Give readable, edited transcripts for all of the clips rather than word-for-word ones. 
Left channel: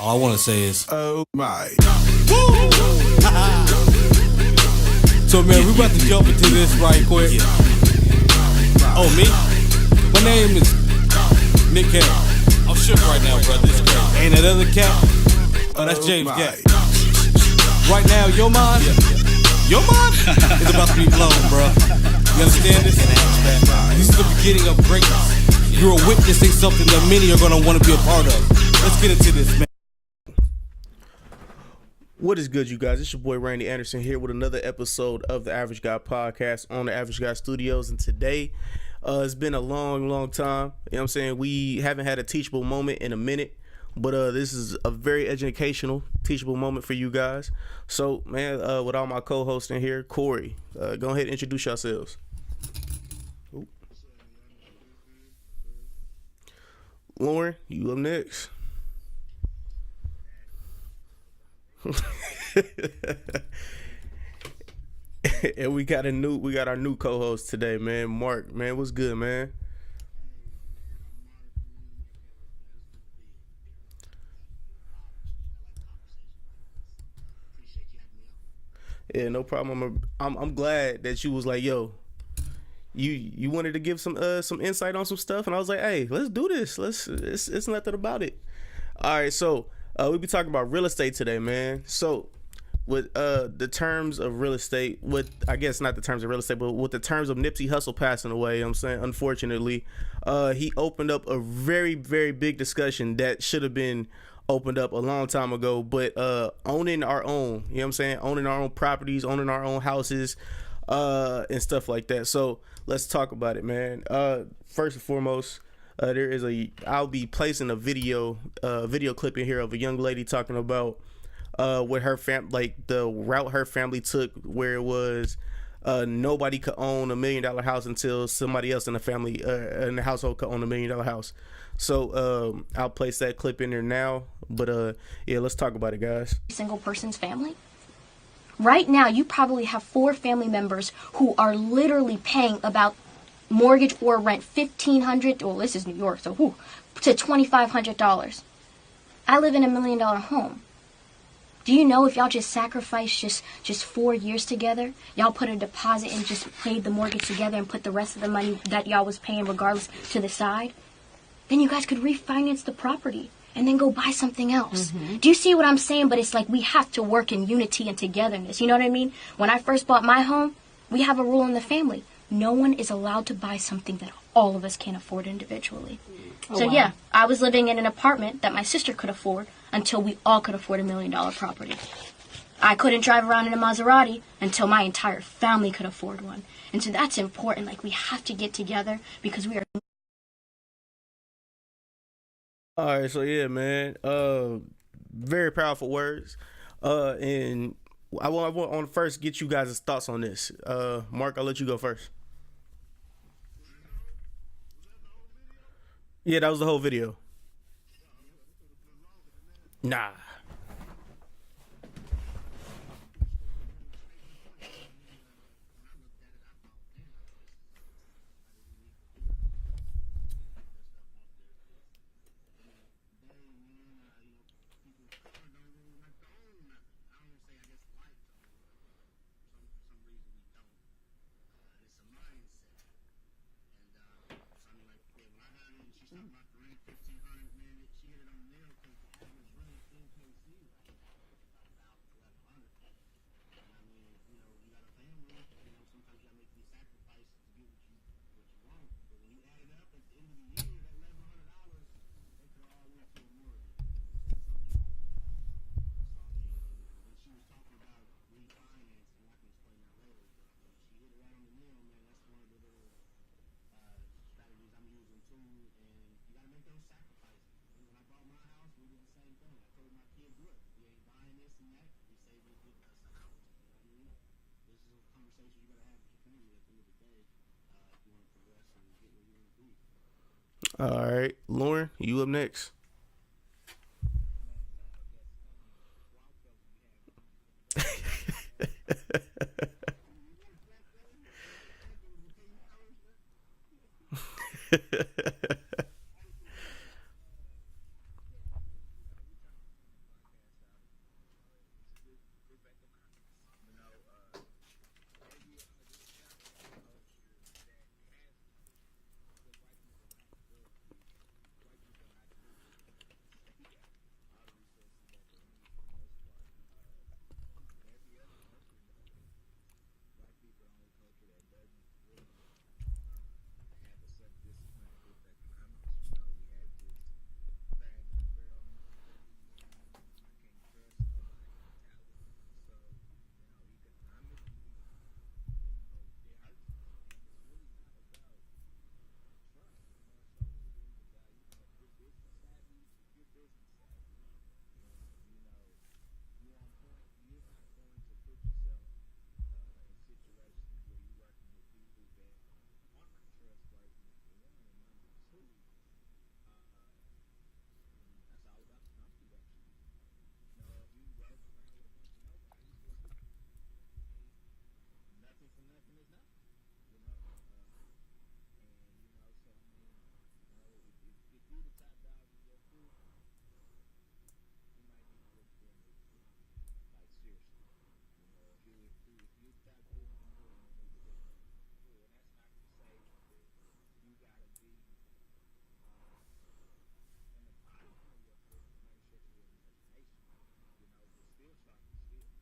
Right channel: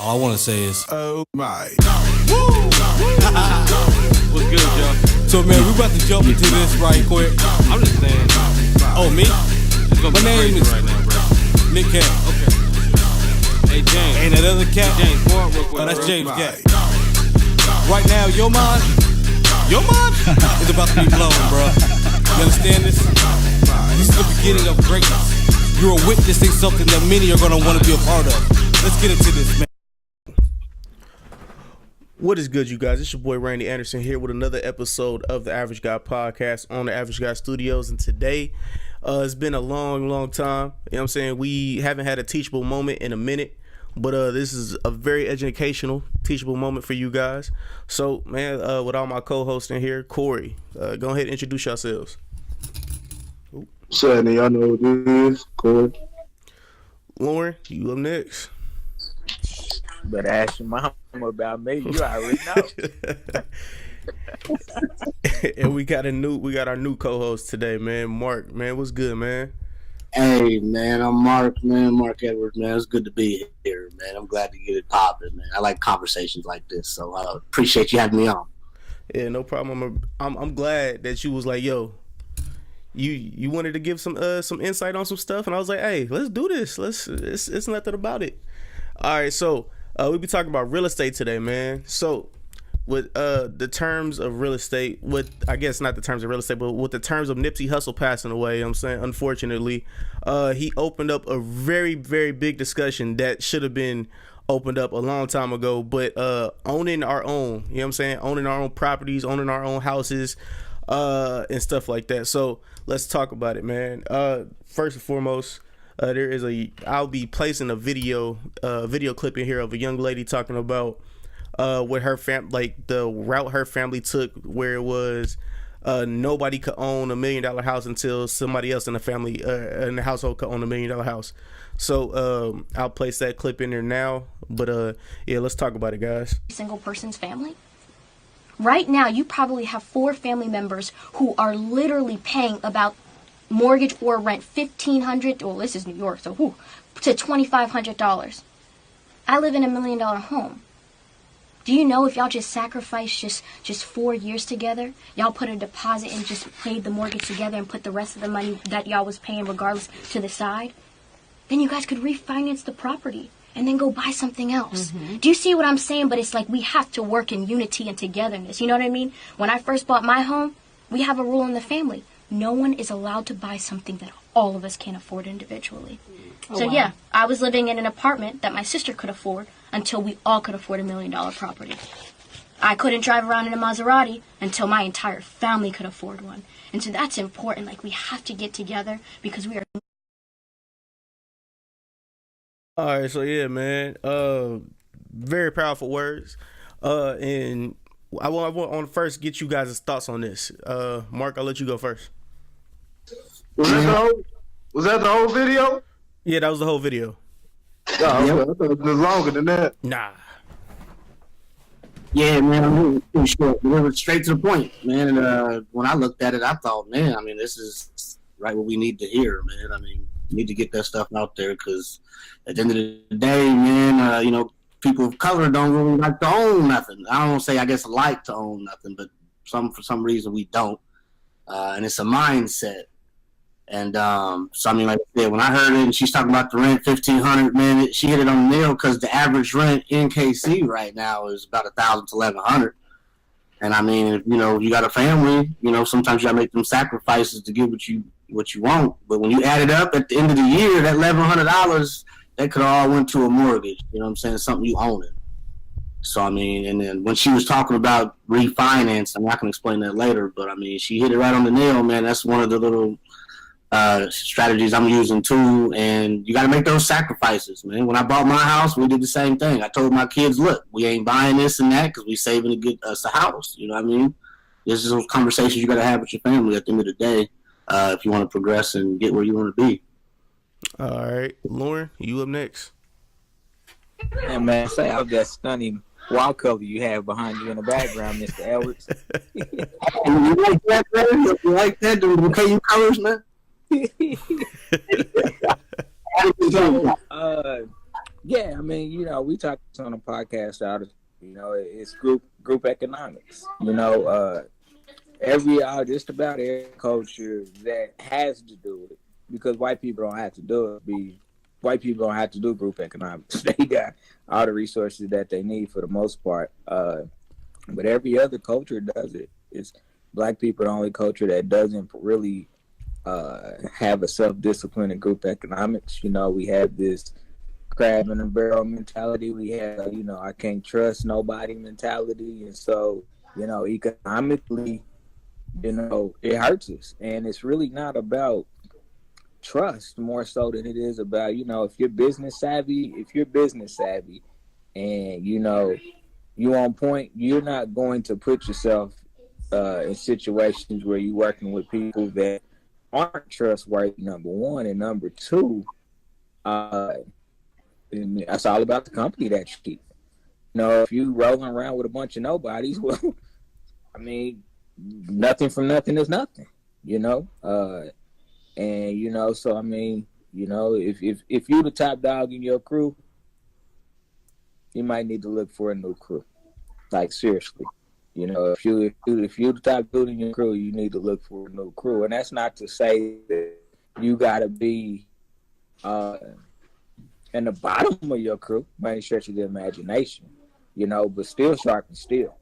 All I want to say is, oh my. So man, we about to jump into this right quick. Oh, me? My name is Nick Cat. And that other cat, oh, that's James Cat. Right now, your mind is about to be blown, bro. You understand this? This is the beginning of greatness. You're witnessing something that many are going to want to be a part of. Let's get into this, man. What is good, you guys? It's your boy Randy Anderson here with another episode of the Average Guy Podcast on the Average Guy Studios. And today, it's been a long time. You know what I'm saying? We haven't had a teachable moment in a minute, but this is a very educational, teachable moment for you guys. So, man, with all my co-hosts in here, Corey, go ahead and introduce yourselves. So, y'all know what it is, Corey. Lauren, you up next. Better ask your mama about me. You already know. And we got our new co-host today, man. Mark, man, what's good, man? Hey, man, I'm Mark, man. Mark Edwards, man. It's good to be here, man. I'm glad to get it popping, man. I like conversations like this, so I appreciate you having me on. Yeah, no problem. I'm glad that you was like, yo, you wanted to give some insight on some stuff, and I was like, hey, let's do this. It's nothing about it. All right, so we'll be talking about real estate today, man. So with the terms of real estate, I guess not the terms of real estate, but with the terms of Nipsey Hussle passing away, you know what I'm saying, unfortunately, he opened up a very, very big discussion that should have been opened up a long time ago, but owning our own, you know what I'm saying, owning our own properties, owning our own houses, and stuff like that. So let's talk about it, man. First and foremost, I'll be placing a video clip in here of a young lady talking about what her the route her family took, where it was nobody could own $1 million house until somebody else in the family in the household could own $1 million house. So I'll place that clip in there now. But yeah, let's talk about it, guys. Single person's family. Right now, you probably have 4 family members who are literally paying about mortgage or rent $1,500. Well, this is New York, so to $2,500. I live in $1 million home. Do you know if y'all just sacrificed just 4 years together, y'all put a deposit and just paid the mortgage together and put the rest of the money that y'all was paying regardless to the side, then you guys could refinance the property and then go buy something else. Mm-hmm. Do you see what I'm saying? But it's like we have to work in unity and togetherness. You know what I mean? When I first bought my home, we have a rule in the family. No one is allowed to buy something that all of us can't afford individually. Oh, so wow. Yeah, I was living in an apartment that my sister could afford until we all could afford $1 million property. I couldn't drive around in a Maserati until my entire family could afford one. And so that's important. Like, we have to get together because we are... All right, so yeah, man, very powerful words, and I want to first get you guys' thoughts on this. Mark, I'll let you go first. Was that the whole video? Yeah, that was the whole video. Oh, okay. I thought it was longer than that. Nah. Yeah, man, I'm pretty short. We went straight to the point, man. And when I looked at it, I thought, man, I mean, this is right what we need to hear, man. I mean, we need to get that stuff out there because at the end of the day, man, people of color don't really like to own nothing. I don't say, I guess, like to own nothing, but for some reason we don't. And it's a mindset. And so, I mean, like I said, when I heard it and she's talking about the rent, $1,500, man, she hit it on the nail because the average rent in KC right now is about $1,000 to $1,100. And I mean, if you got a family, sometimes you got to make them sacrifices to get what you want. But when you add it up at the end of the year, that $1,100, that could all went to a mortgage. You know what I'm saying? Something you own it. So, I mean, and then when she was talking about refinance, I can explain that later, but I mean, she hit it right on the nail, man. That's one of the little strategies I'm using too. And you got to make those sacrifices, man. When I bought my house, we did the same thing. I told my kids, look, we ain't buying this and that because we saving to get us a house. You know what I mean? This is those conversations you got to have with your family at the end of the day if you want to progress and get where you want to be. All right, Lauren, you up next. Yeah, man, say out that stunning wall cover you have behind you in the background, Mr. Edwards. You like that, man? You like that? The bouquet colors, man? Yeah, I mean, we talked on a podcast out of, it's group economics. Just about every culture that has to do it, because white people don't have to do it. White people don't have to do group economics. They got all the resources that they need for the most part. But every other culture does it. It's black people the only culture that doesn't really have a self-discipline in group economics. We have this crab in a barrel mentality. We have, I can't trust nobody mentality. And so, economically, it hurts us. And it's really not about trust more so than it is about, if you're business savvy and, you on point, you're not going to put yourself in situations where you're working with people that aren't trustworthy, number one. And number two, that's all about the company that you keep. If you rolling around with a bunch of nobodies, well, I mean, nothing from nothing is nothing, and so I mean, if you the top dog in your crew, you might need to look for a new crew. Like, seriously, if you the top dude in your crew, you need to look for a new crew. And that's not to say that you gotta be in the bottom of your crew by any stretch of the imagination, but still sharpen steel,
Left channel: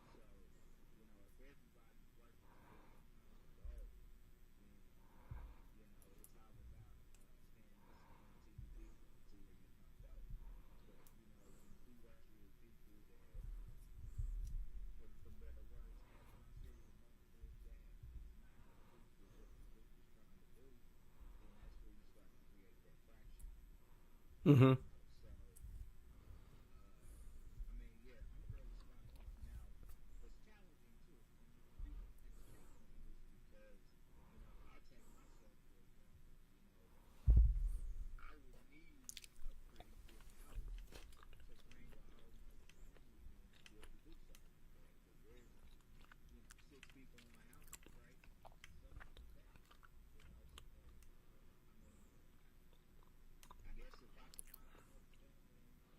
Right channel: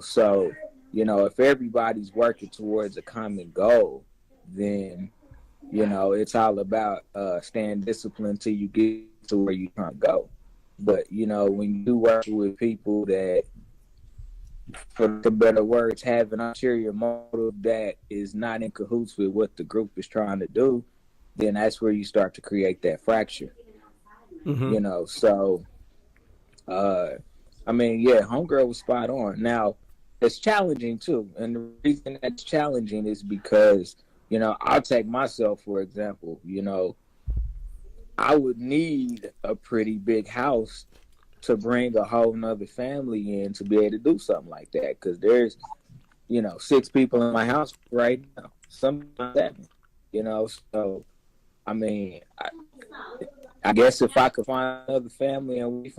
so, if everybody's working towards a common goal, then, it's all about staying disciplined till you get to where you can't go. But, when you work with people that, for the better words, have an ulterior motive that is not in cahoots with what the group is trying to do, then that's where you start to create that fracture. Mm-hmm. So, I mean, yeah, homegirl was spot on. Now, it's challenging too. And the reason that's challenging is because, I'll take myself, for example, I would need a pretty big house to bring a whole nother family in to be able to do something like that. Because there's, 6 people in my house right now, sometimes 7, so, I mean, I guess if I could find another family and we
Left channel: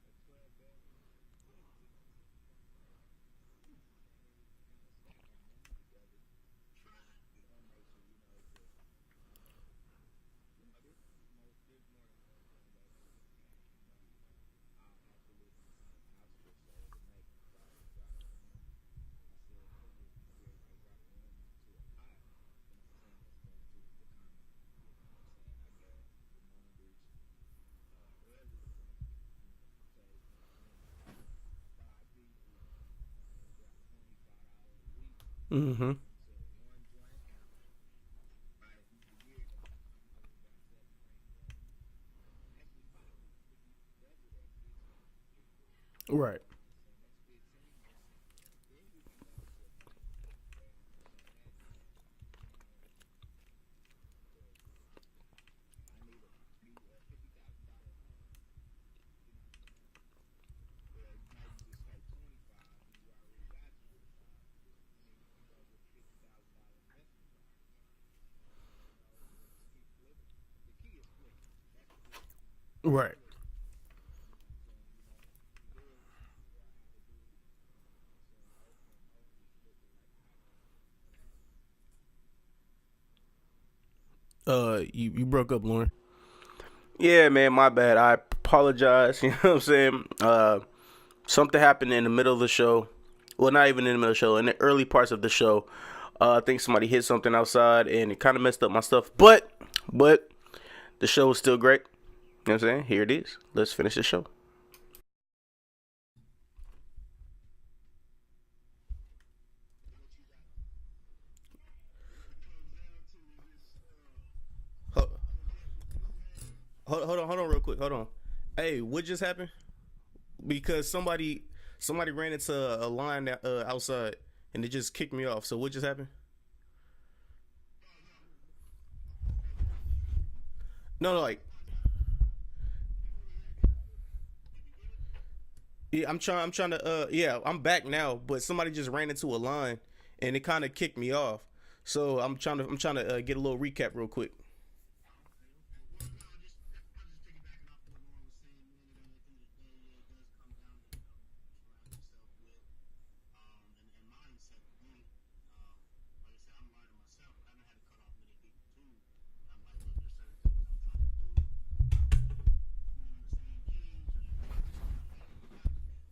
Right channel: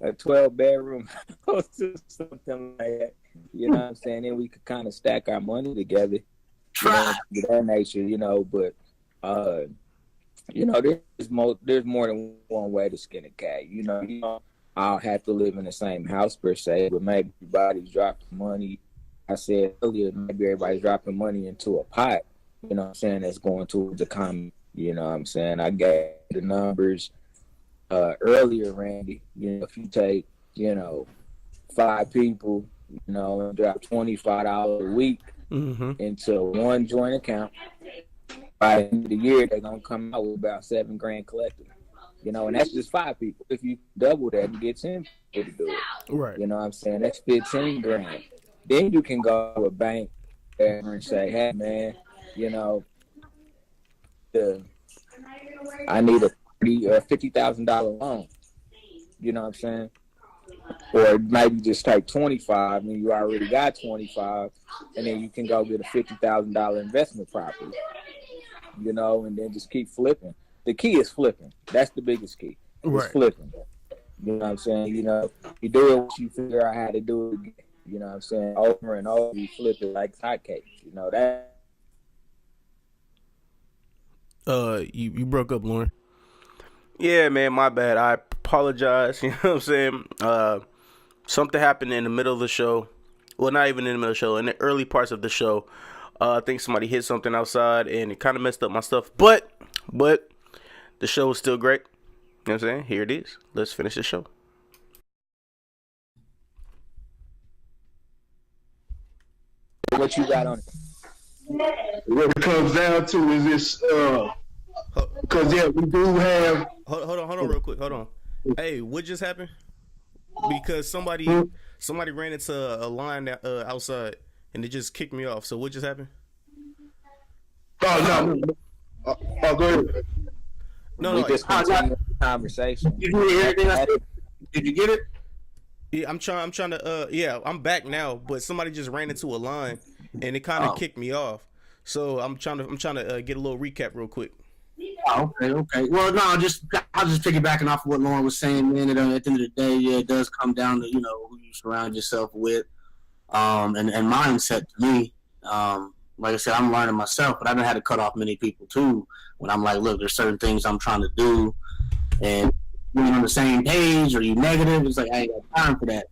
a 12-bedroom house or something like that, what I'm saying, then we could kind of stack our money together, that nature, but there's more than one way to skin a cat. I'll have to live in the same house per se, but maybe everybody's dropping money. I said earlier, maybe everybody's dropping money into a pot, that's going towards the common. I gave the numbers earlier, Randy. If you take, 5 people, and drop $25 a week into one joint account, by the end of the year, they're going to come out with about $7,000 collected. And that's just 5 people. If you double that, you get 10 people to do it. Right. That's $15,000. Then you can go to a bank and say, hey, man, I need a $50,000 loan. Or maybe just take 25 and you already got 25, and then you can go get a $50,000 investment property. And then just keep flipping. The key is flipping. That's the biggest key. Right. Flipping. You do it once you figure out how to do it again. Over and over, you flip it like hotcakes. That. You broke up, Lauren. Yeah, man, my bad. I apologize. You know what I'm saying? Something happened in the middle of the show. Well, not even in the middle of the show. In the early parts of the show, I think somebody hit something outside, and it kind of messed up my stuff. But the show was still great. You know what I'm saying? Here it is. Let's finish the show. What you got on it? What it comes down to is this, because we do have. Hold on, real quick. Hold on. Hey, what just happened? Because somebody ran into a line outside, and it just kicked me off. So what just happened? Oh no. Go ahead. No. Just continue the conversation. Did you hear anything I said? Did you get it? Yeah, I'm trying to. Yeah, I'm back now, but somebody just ran into a line, and it kind of kicked me off. So I'm trying to get a little recap real quick. Oh, okay. Well, no, I'll just piggybacking off of what Lauren was saying, man. At the end of the day, yeah, it does come down to, you know, who you surround yourself with, and mindset to me. Like I said, I'm learning myself, but I done had to cut off many people too. When I'm like, look, there's certain things I'm trying to do, and when you're on the same page or you negative, it's like I ain't got time for that.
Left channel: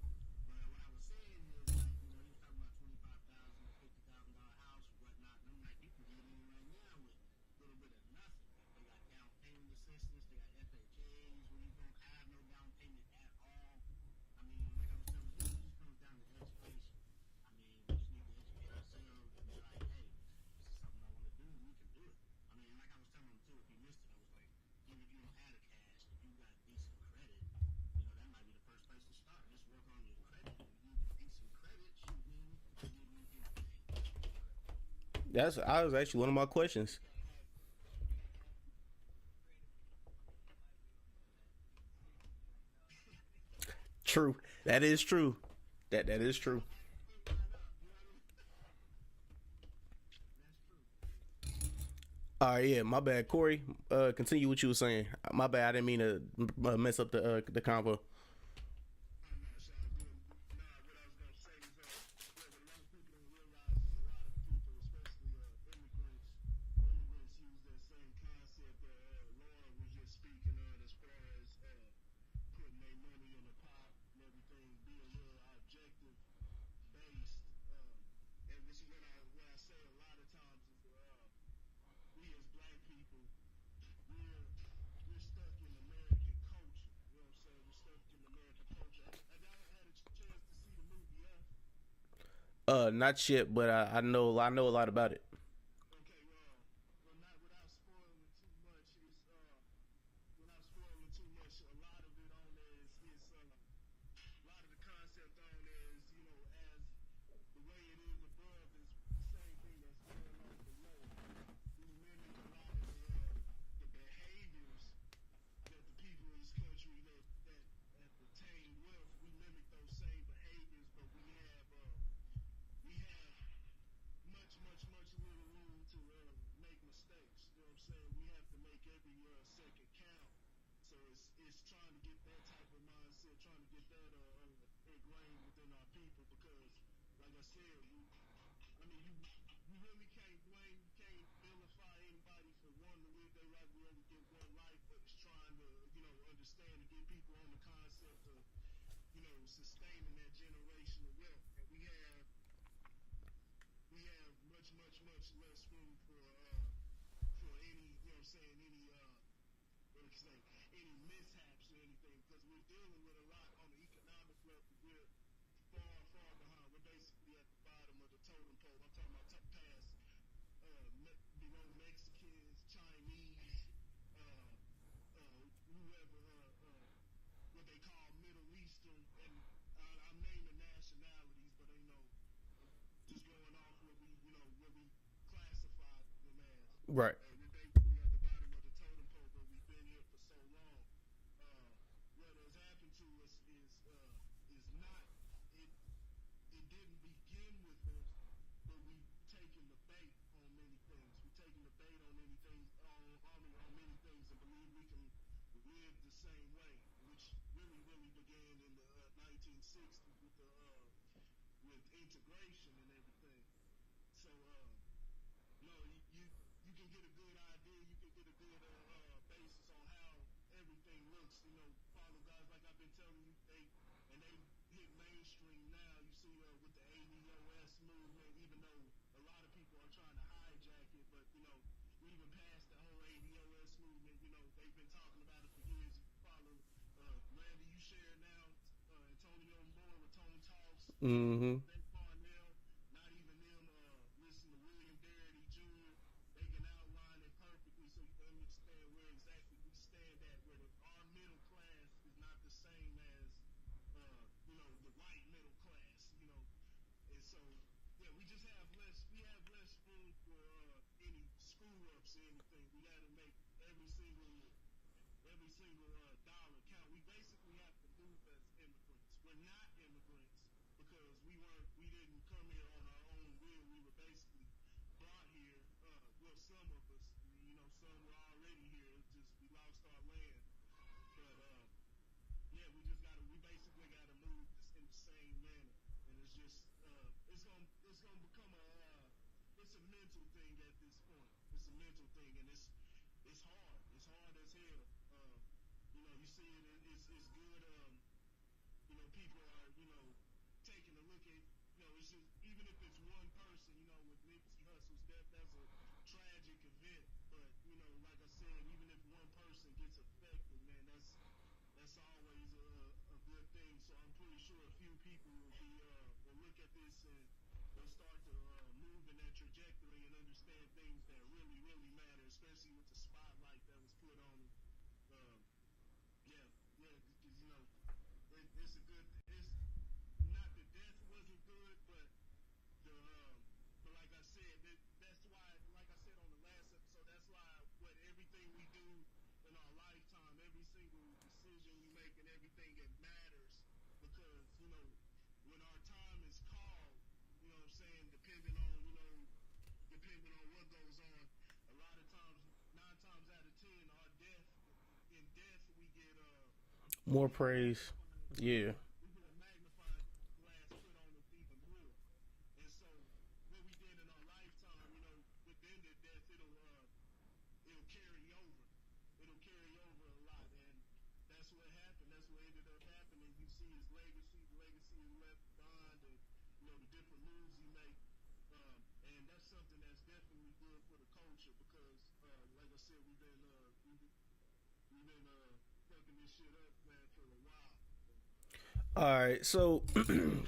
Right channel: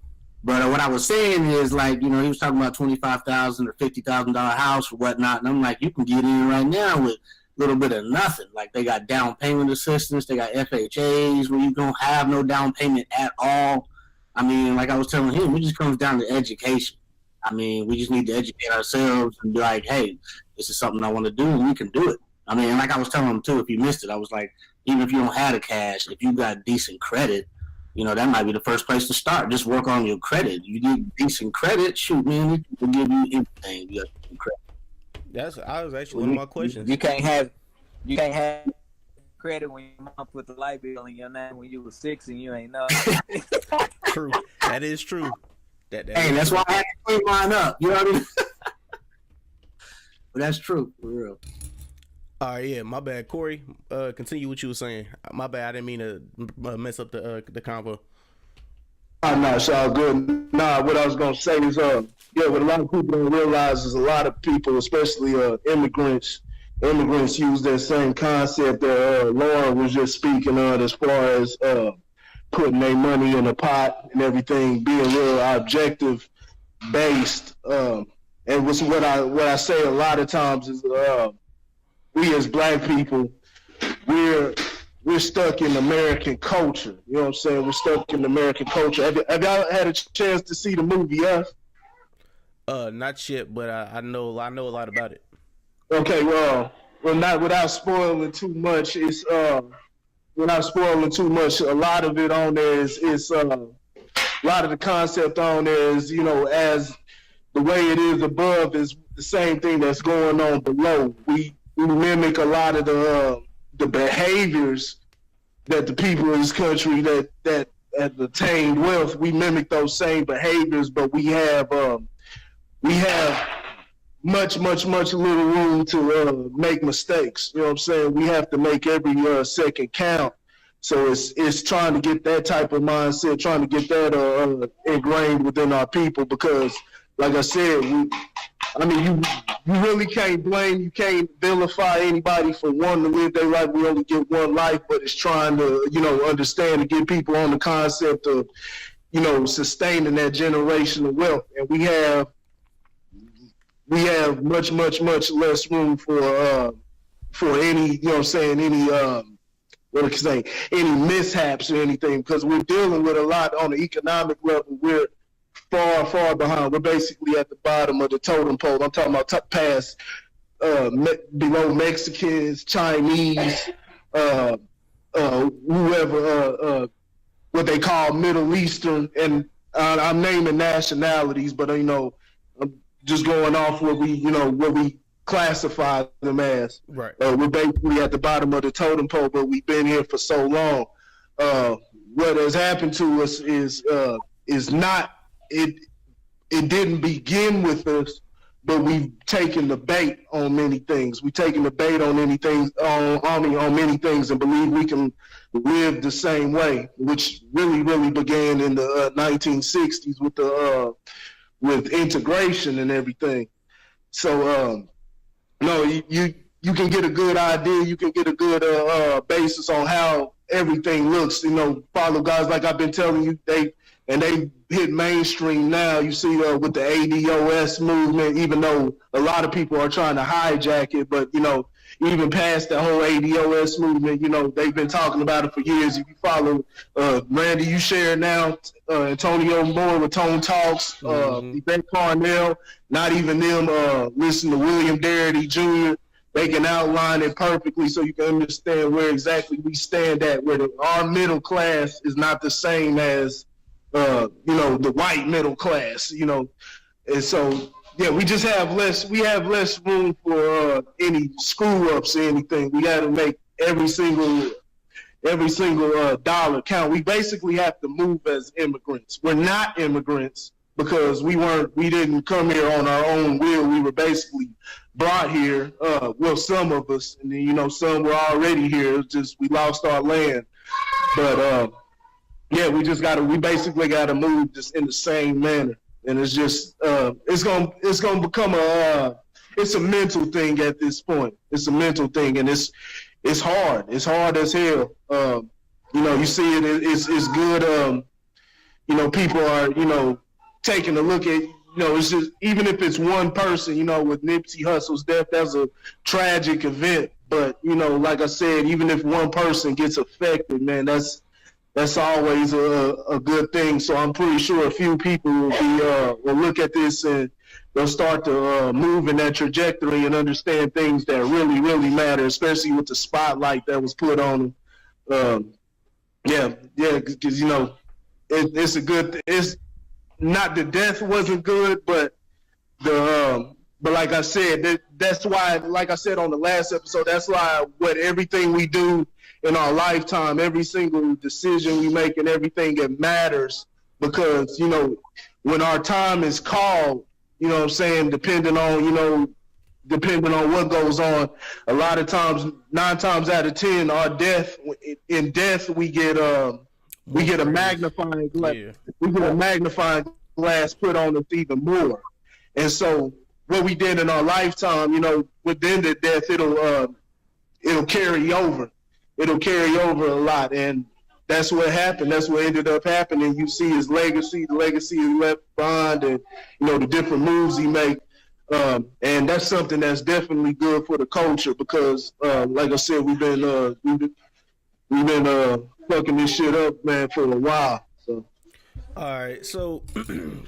But what I was saying is, like, you know, he was talking about $25,000 or $50,000 house or whatnot, and I'm like, you can get in right now with a little bit of nothing. Like, they got down payment assistance, they got FHAs where you don't have no down payment at all. I mean, like I was telling him, it just comes down to education. I mean, we just need to educate ourselves and be like, hey, this is something I want to do, and we can do it. I mean, and like I was telling him too, if you missed it, I was like, even if you don't have the cash, if you got decent credit, you know, that might be the first place to start. Just work on your credit. You get decent credit, shoot, man, it will give you anything. You got credit. That was actually one of my questions. You can't have credit when your mom put the light bill in your name when you was 6 and you ain't know. True. That is true. That hey, is that's true. why I had to clean mine up. You know what I mean? But that's true, for real. All right, yeah, my bad, Corey. Continue what you were saying. My bad. I didn't mean to mess up the convo. No, it's all good. Nah, what I was gonna say is, yeah, what a lot of people don't realize is a lot of people, especially immigrants use that same concept that Lauren was just speaking on, as far as putting their money in a pot and everything, being real objective based. And what I say a lot of times is, we as black people, we're stuck in American culture. You know what I'm saying? We're stuck in American culture. Have y'all had a chance to see the movie F? Not yet, but I know a lot about it. Okay, well, not without spoiling too much. It's without spoiling too much. A lot of it on there is a lot of the concept on there is, you know, as the way it is above is the same thing that's going on below. We mimic a lot of the behaviors that the people in this country that have attained wealth. We mimic those same behaviors, but we have much little room to make mistakes. You know what I'm saying? We have to make every second count. So it's trying to get that type of mindset, trying to get that ingrained within our people, because, like I said, you really can't you can't vilify anybody for wanting to live their life. We only get one life, but it's trying to, you know, understand and get people on the concept of, you know, sustaining that generational wealth. And we have much less room for any, you know what I'm saying, any mishaps or anything, because we're dealing with a lot on the economic level. We're far behind. We're basically at the bottom of the totem pole. I'm talking about past below Mexicans, Chinese, whoever, what they call Middle Eastern, and I'm naming nationalities, but you know, I'm just going off what we classify them as. Right. We're basically at the bottom of the totem pole, but we've been here for so long. What has happened to us is not. It didn't begin with us, but we've taken the bait on many things. We've taken the bait on anything, on many things, and believe we can live the same way, which really began in the 1960s with integration and everything. So no, you can get a good idea, you can get a good basis on how everything looks. You know, follow guys like I've been telling you, they hit mainstream now. You see with the ADOS movement, even though a lot of people are trying to hijack it, but you know, even past the whole ADOS movement, you know, they've been talking about it for years. If you follow Randy, you share now, Antonio Moore with Tone Talks, Yvette Carnell, not even them, listen to William Darity Jr., they can outline it perfectly so you can understand where exactly we stand at, where our middle class is not the same as you know, the white middle class, you know. And so yeah, we have less room for any screw ups or anything. We got to make every single dollar count. We basically have to move as immigrants. We're not immigrants, because we didn't come here on our own will. We were basically brought here. Well, some of us, and then, you know, some were already here. It's just we lost our land. But yeah, we basically gotta move just in the same manner. And it's just it's gonna become it's a mental thing at this point. It's a mental thing, and it's hard. It's hard as hell. You know, you see it's good. You know, people are, you know, taking a look at, you know, it's just, even if it's one person, you know, with Nipsey Hussle's death, that's a tragic event. But, you know, like I said, even if one person gets affected, man, that's always a good thing. So I'm pretty sure a few people will look at this and they'll start to move in that trajectory and understand things that really, really matter, especially with the spotlight that was put on them. Yeah, because, you know, it's a good. It's not the death wasn't good, but but like I said, that's why, like I said on the last episode, that's why everything we do in our lifetime, every single decision we make, and everything, it matters, because, you know, when our time is called, you know what I'm saying, depending on what goes on, a lot of times, 9 times out of 10, in death we get a magnifying glass. Yeah. We get a magnifying glass put on us even more. And so what we did in our lifetime, you know, within the death, it'll carry over. It'll carry over a lot. And that's what happened. That's what ended up happening. You see his legacy, the legacy he left behind, and, you know, the different moves he made. And that's something that's definitely good for the culture, because, like I said, we've been fucking this shit up, man, for a while. So, all right. So,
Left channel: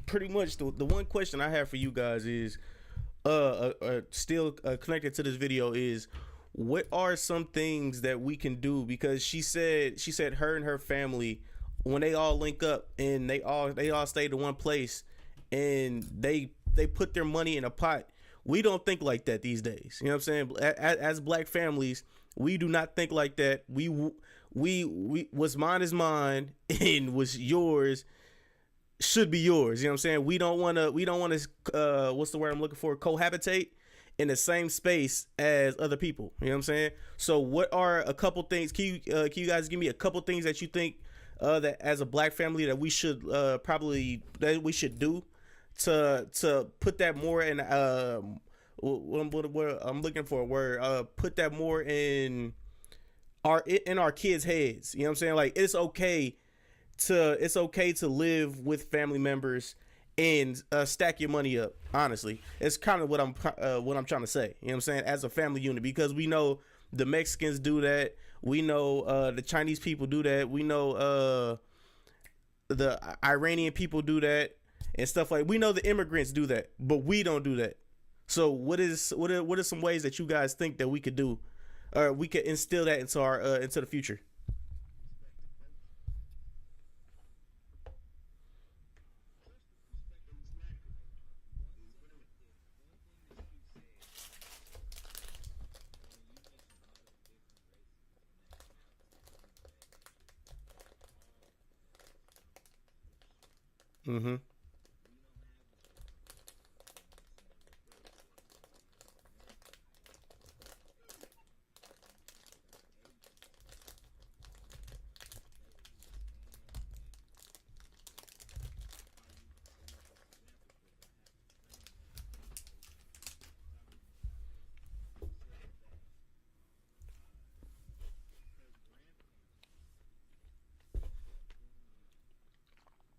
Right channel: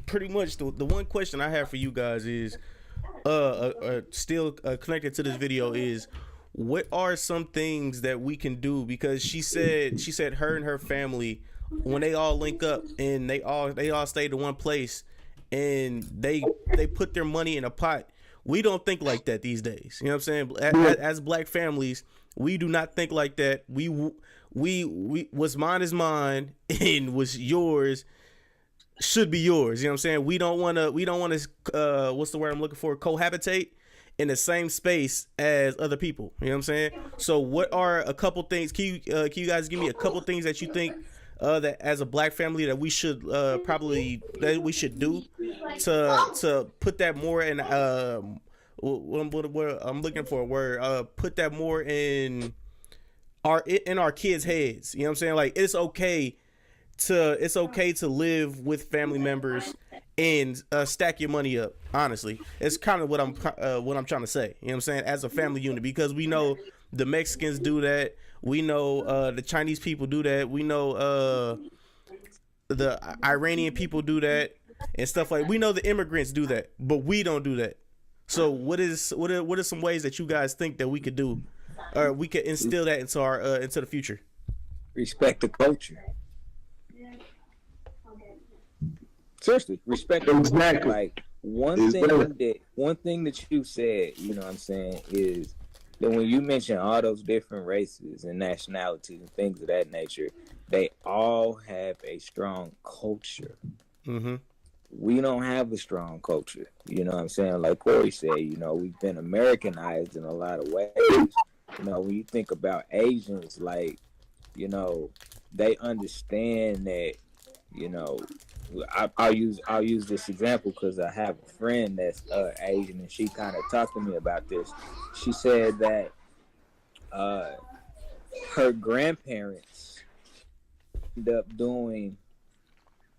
pretty much the one question I have for you guys is, still connected to this video, is what are some things that we can do? Because she said her and her family, when they all link up and they all stay to one place and they put their money in a pot. We don't think like that these days. You know what I'm saying? As black families, we do not think like that. We what's mine is mine, and what's yours should be yours. You know what I'm saying? We don't want to what's the word I'm looking for? Cohabitate in the same space as other people. You know what I'm saying? So what are a couple things? Can you guys give me a couple things that you think that as a black family that we should do to put that more in what I'm looking for a word, put that more in our kids' heads. You know what I'm saying? Like, it's okay to live with family members and stack your money up. Honestly, it's kind of what I'm trying to say. You know what I'm saying? As a family unit, because we know the Mexicans do that. We know the Chinese people do that. We know the Iranian people do that and stuff like. We know the immigrants do that, but we don't do that. So what are some ways that you guys think that we could do, or we could instill that into our into the future? Respect the culture. Seriously, respect the culture. Like one thing that you said, you know what I'm saying, is that when you mention all those different races and nationalities and things of that nature, they all have a strong culture. Mm-hmm. We don't have a strong culture. You know what I'm saying? Like Corey said, you know, we've been Americanized in a lot of ways. You know, when you think about Asians, like, you know, they understand that, you know, I'll use this example because I have a friend that's Asian, and she kind of talked to me about this. She said that her grandparents end up doing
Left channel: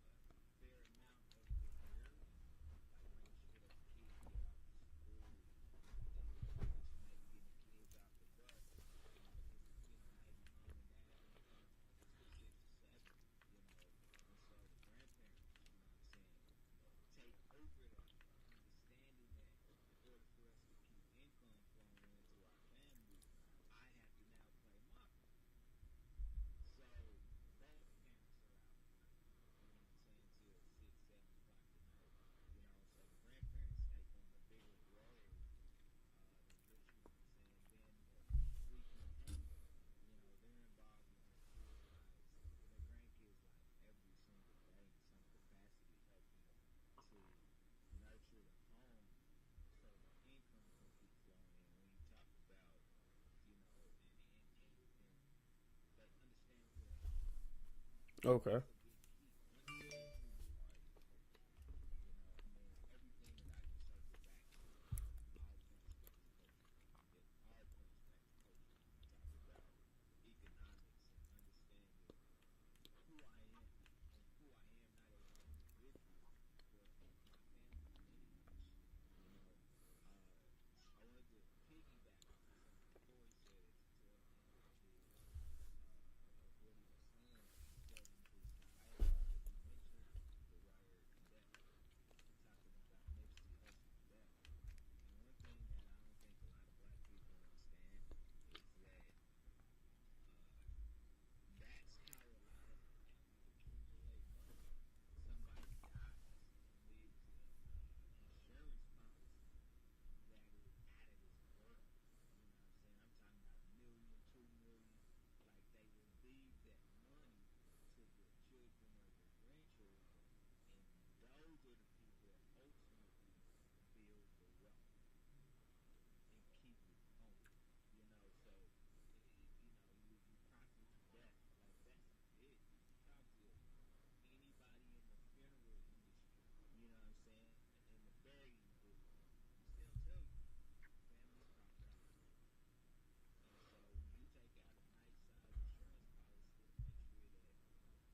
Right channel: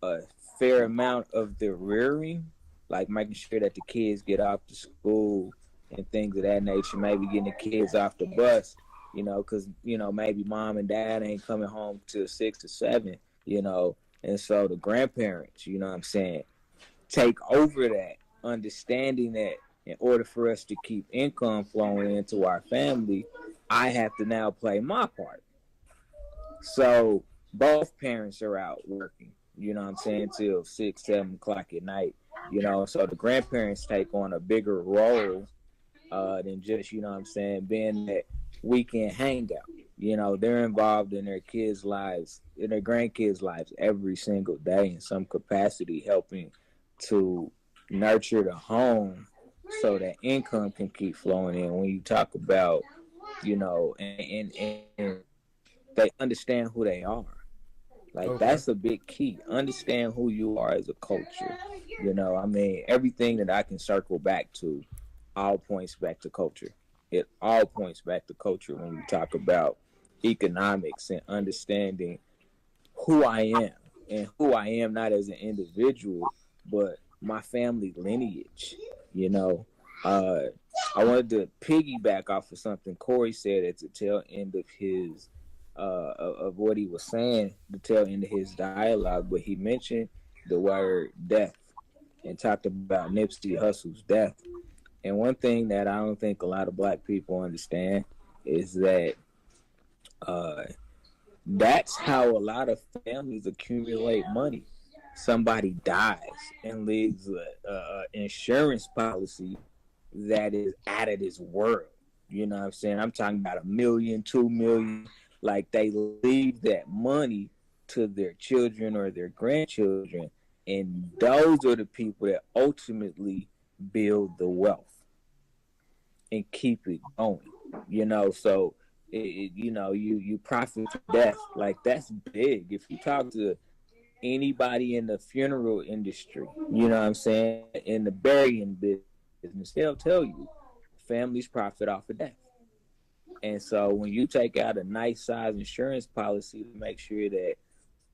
a fair amount of the rearing, like making sure that the kids get off to school and things of that nature, maybe getting the kids off the bus, you know, because, you know, maybe mom and dad ain't coming home till 6 or 7, you know. And so the grandparents, you know what I'm saying, take over that, understanding that in order for us to keep income flowing into our family, I have to now play my part. So both parents are out working, you know what I'm saying, till 6, 7 o'clock at night, you know. So the grandparents take on a bigger role than just, you know what I'm saying, being that weekend hangout. You know, they're involved in their kids' lives, in their grandkids' lives every single day in some capacity, helping to nurture the home so that income can keep flowing in. When you talk about, and they understand who they are. Like, that's a big key. Understand who you are as a culture. Everything that I can circle back to all points back to culture. It all points back to culture when you talk about economics and understanding who I am, and who I am not as an individual, but my family lineage. I wanted to piggyback off of something Corey said at the tail end of his of what he was saying, the tail end of his dialogue, but he mentioned the word death and talked about Nipsey Hussle's death. And one thing that I don't think a lot of black people understand is that that's how a lot of families accumulate money. Somebody dies and leaves an insurance policy that is out of this world. You know what I'm saying? I'm talking about $1 million, $2 million. Like, they leave that money to their children or their grandchildren, and those are the people that ultimately build the wealth and keep it going. So you profit from death. Like, that's big. If you talk to anybody in the funeral industry, you know what I'm saying, in the burying business, they'll tell you families profit off of death. And so when you take out a nice size insurance policy to make sure that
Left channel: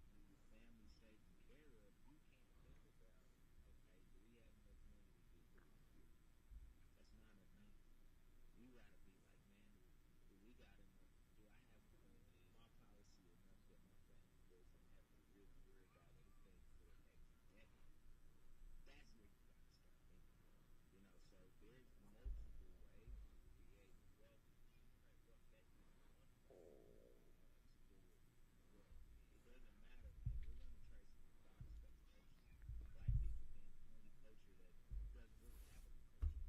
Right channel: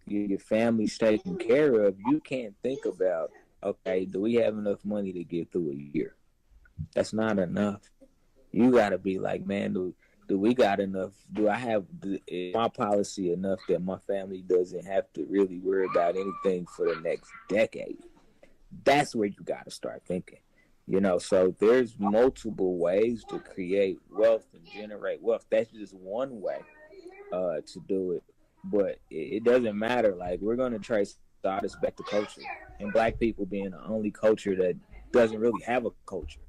your family's taken care of, you can't think about, okay, do we have enough money to get through a year? That's not enough. You got to be like, man, do we got enough? Do I have my policy enough that my family doesn't have to really worry about anything for the next decade? That's where you got to start thinking. So there's multiple ways to create wealth and generate wealth. That's just one way to do it. But it doesn't matter. Like, we're going to trace our back to culture. And black people being the only culture that doesn't really have a culture.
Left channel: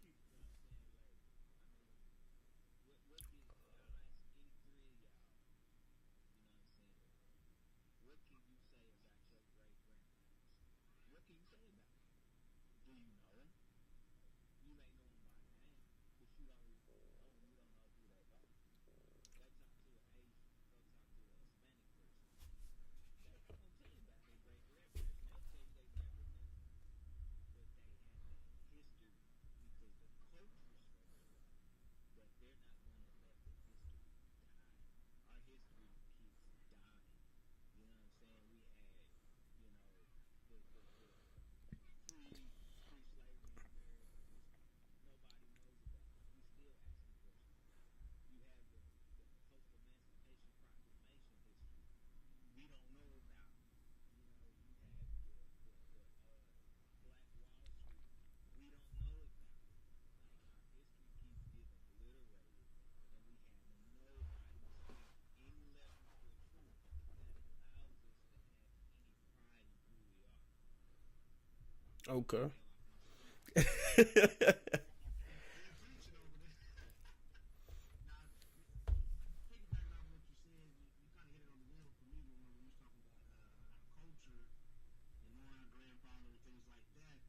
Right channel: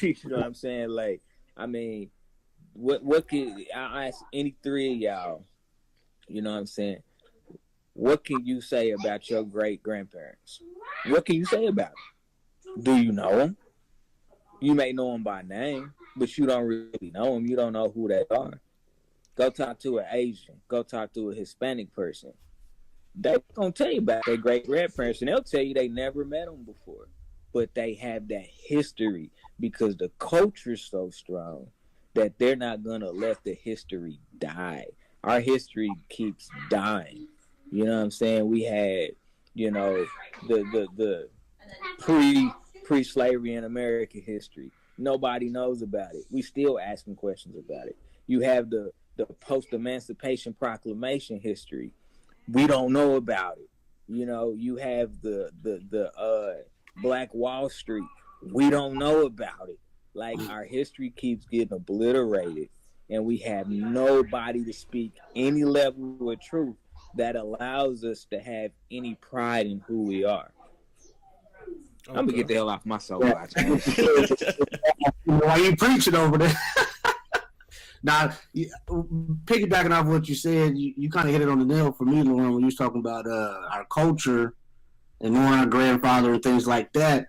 You know what I'm saying? Like, what can I ask any three of y'all, you know what I'm saying? What can you say about your great grandparents? What can you say about them? Do you know them? You may know them by name, but you don't really know them. You don't know who they are. Go talk to an Asian. Go talk to a Hispanic person. They're going to tell you about their great grandparents, and they'll tell you they never met them before. But they have that history because the culture's so strong that they're not going to let the history die. Our history keeps dying. You know what I'm saying? We had, the pre-slavery in American history. Nobody knows about it. We still asking questions about it. You have the post-emancipation proclamation history. We don't know about it. You have the Black Wall Street. We don't know about it. Like, our history keeps getting obliterated, and we have nobody to speak any level of truth that allows us to have any pride in who we are. Okay. I'm gonna get the hell off my soapbox. Why you preaching over there? Now, piggybacking off what you said, you kind of hit it on the nail for me, Lauren, when you was talking about our culture and knowing our grandfather and things like that.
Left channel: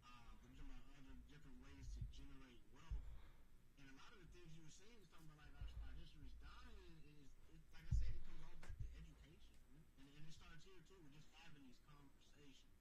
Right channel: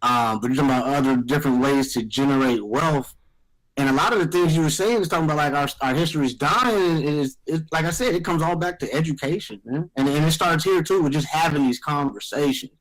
But you're talking about other different ways to generate wealth. And a lot of the things you were saying is talking about, like, our history is dying. Is like I said, it comes all back to education, man. And it starts here, too, with just having these conversations.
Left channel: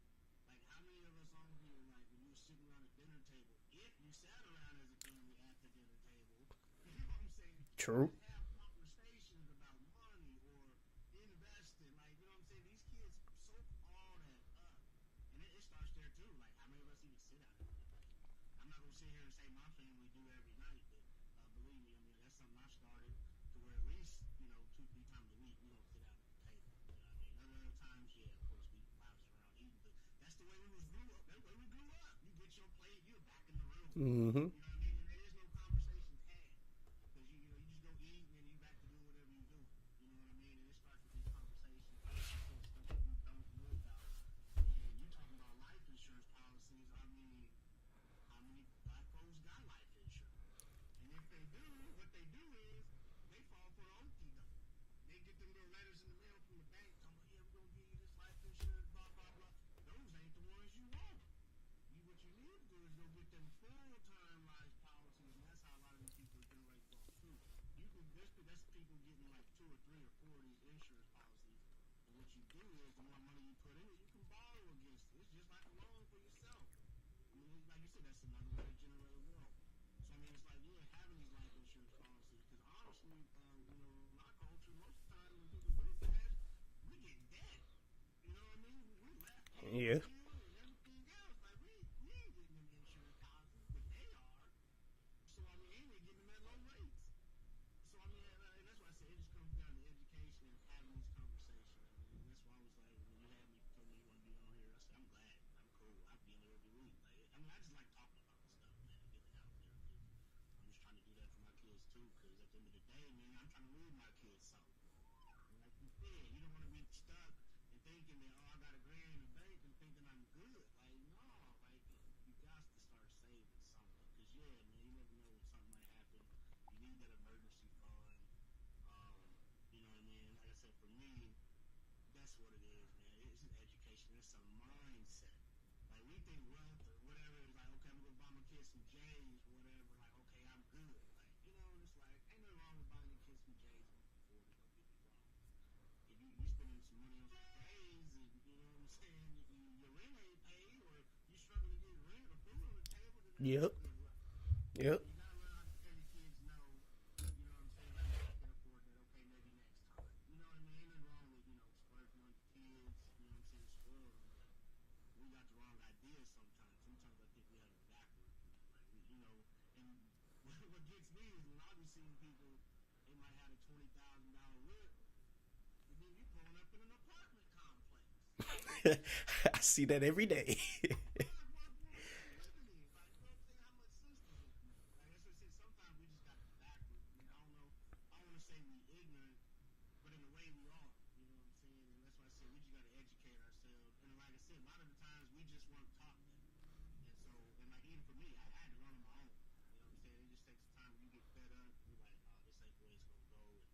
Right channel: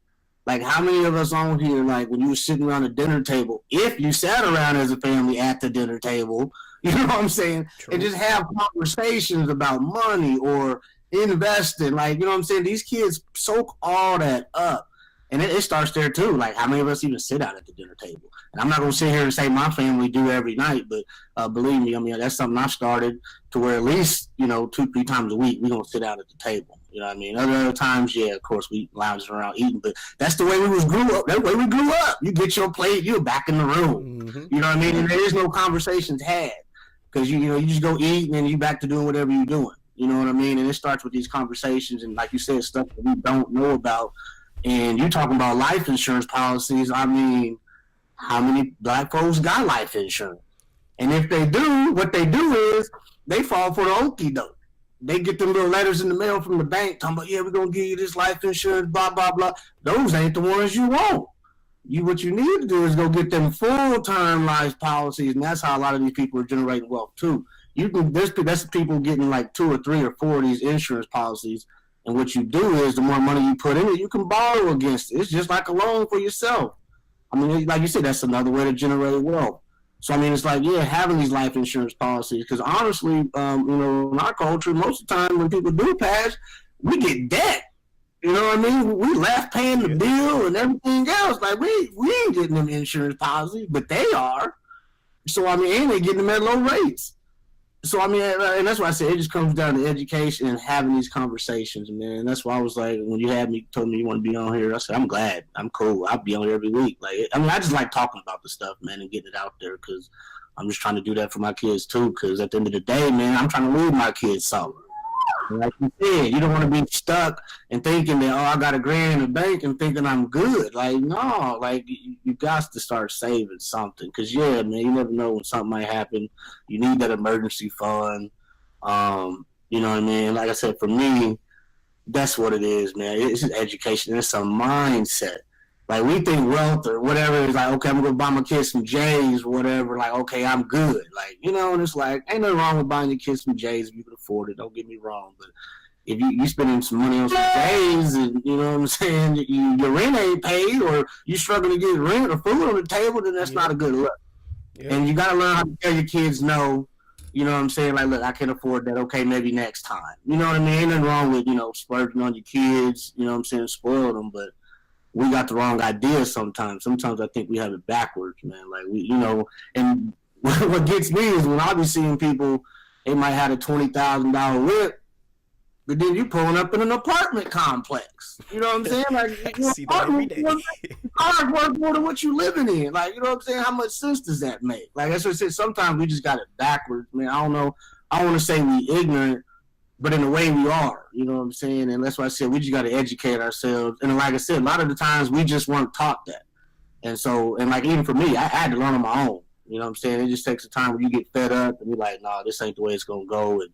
Like, how many of us on here, like, when you were sitting around a dinner table, if you sat around as a family at the dinner table, you know what I'm saying? True. And just have conversations about money or investing. Like, you know what I'm saying? These kids soak all that up. And it starts there, too. Like, how many of us even sit out at the dinner table? And I'm not going to sit here and say my family do every night, but believe me, that's something I started to where at least, 2-3 times a week, we're going to sit out at the table. You know what I mean? Other times, yeah, of course, we lounging around eating, but that's the way we grew up. That's the way we grew up. You get your plate, you're back in the room. Mm-hmm. You know what I mean? And there is no conversations had because, you just go eat and then you back to doing whatever you're doing. You know what I mean? And it starts with these conversations and, like you said, stuff that we don't know about. And you're talking about life insurance policies. I mean, how many black folks got life insurance? And if they do, what they do is they fall for the okie doke. they get them little letters in the mail from the bank talking about, yeah, we're going to give you this life insurance, blah, blah, blah. Those ain't the ones you want. What you need to do is go get them full-term life policies, and that's how a lot of these people are generating wealth too. That's people getting like 2 or 3 or 4 of these insurance policies, and what you do is the more money you put in it, you can borrow against it. It's just like a loan for yourself. I mean, like you said, that's another way to generate wealth. So I mean, it's like, yeah, having these life insurance policies, because honestly, in our culture, most of the time when people do pass, we get debt. You know what I mean? We left paying the bill and everything else. Like, we ain't getting them insurance policies, but they are. So, I mean, and they getting them at low rates. So, I mean, and that's why I said it just comes down to education and having these conversations, man. And that's why I was like, when you told me you want to be on here, I said, I'm glad. I'm cool. I'll be on here every week. Like, I mean, I just like talking about the stuff, man, and getting it out there, because I'm just trying to do that for my kids, too, because at the end of the day, man, I'm trying to leave my kids something. Like you said, you don't want to be stuck and thinking that, I got $1,000 in the bank and thinking I'm good. Like, no, like you got to start saving something, because yeah, man, you never know when something might happen. You need that emergency fund. You know what I mean? Like I said, for me, that's what it is, man. It's an education. It's a mindset. Like, we think wealth or whatever is like, okay, I'm going to buy my kids some J's or whatever. Like, okay, I'm good. Like, and it's like, ain't nothing wrong with buying your kids some J's if you can afford it. Don't get me wrong. But if you spending some money on some J's and, you know what I'm saying, your rent ain't paid, or you struggling to get rent or food on the table, then that's not a good look. Yeah. And you got to learn how to tell your kids no. You know what I'm saying? Like, look, I can't afford that. Okay, maybe next time. You know what I mean? Ain't nothing wrong with, splurging on your kids, you know what I'm saying, spoil them, but we got the wrong idea sometimes. Sometimes I think we have it backwards, man. Like, and what gets me is when I be seeing people, they might have a $20,000 whip, but then you pulling up in an apartment complex. You know what I'm saying? Like, I see that every day. Cars worth more than what you living in. Like, you know what I'm saying? How much sense does that make? Like, that's what I said. Sometimes we just got it backwards, man. I don't know. I don't want to say we ignorant, but in a way we are, you know what I'm saying? And that's why I said we just got to educate ourselves. And like I said, a lot of the times we just weren't taught that. And so, and like even for me, I had to learn on my own. You know what I'm saying? It just takes a time when you get fed up and you're like, nah, this ain't the way it's going to go. And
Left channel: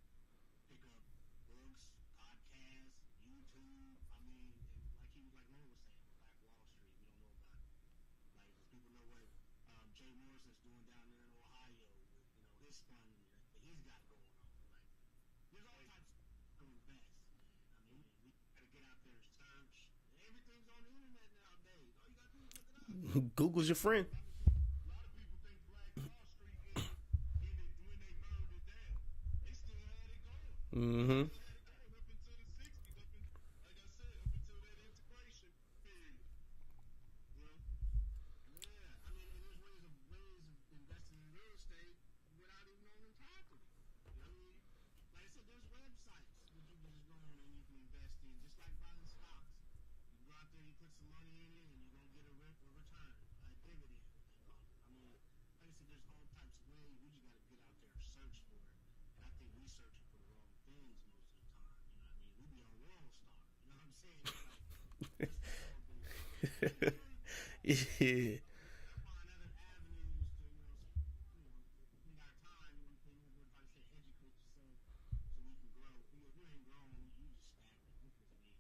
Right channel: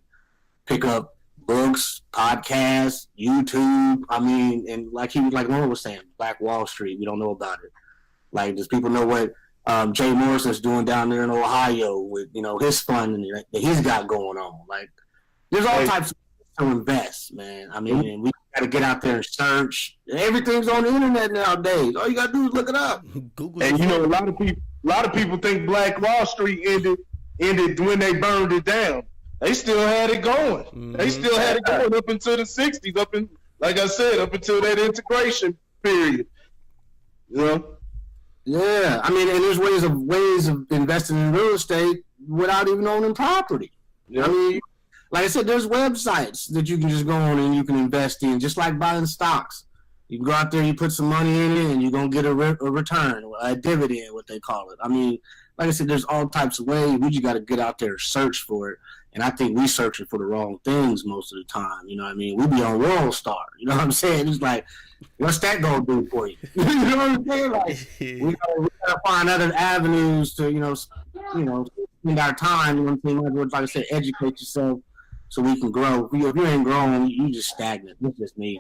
pick up books, podcasts, YouTube. I mean, and like Lauren was saying, Black Wall Street, we don't know about it. Like, does people know what Jay Morrison's doing down there in Ohio with, his fund that he's got going on? Like, there's all types of to invest, man. I mean, and we got to get out there and search. Everything's on the internet nowadays. All you got to do is look it up. Google. And a lot of people think Black Wall Street ended when they burned it down. They still had it going. Mm-hmm. They still had it going up until the 60s, like I said, up until that integration period. Yeah, I mean, and there's ways of investing in real estate without even owning property. Yeah. I mean, like I said, there's websites that you can just go on and you can invest in, just like buying stocks. You can go out there, you put some money in it, and you're going to get a return, a dividend, what they call it. I mean, like I said, there's all types of ways. We just got to get out there and search for it. And I think we searching for the wrong things most of the time. You know what I mean? We be on World Star. You know what I'm saying? It's like, what's that going to do for you? You know what I'm saying? Like, we got to find other avenues to, spend our time. You know what I'm saying? Like I said, educate yourself so we can grow. If you ain't growing, you just stagnant. That's just me.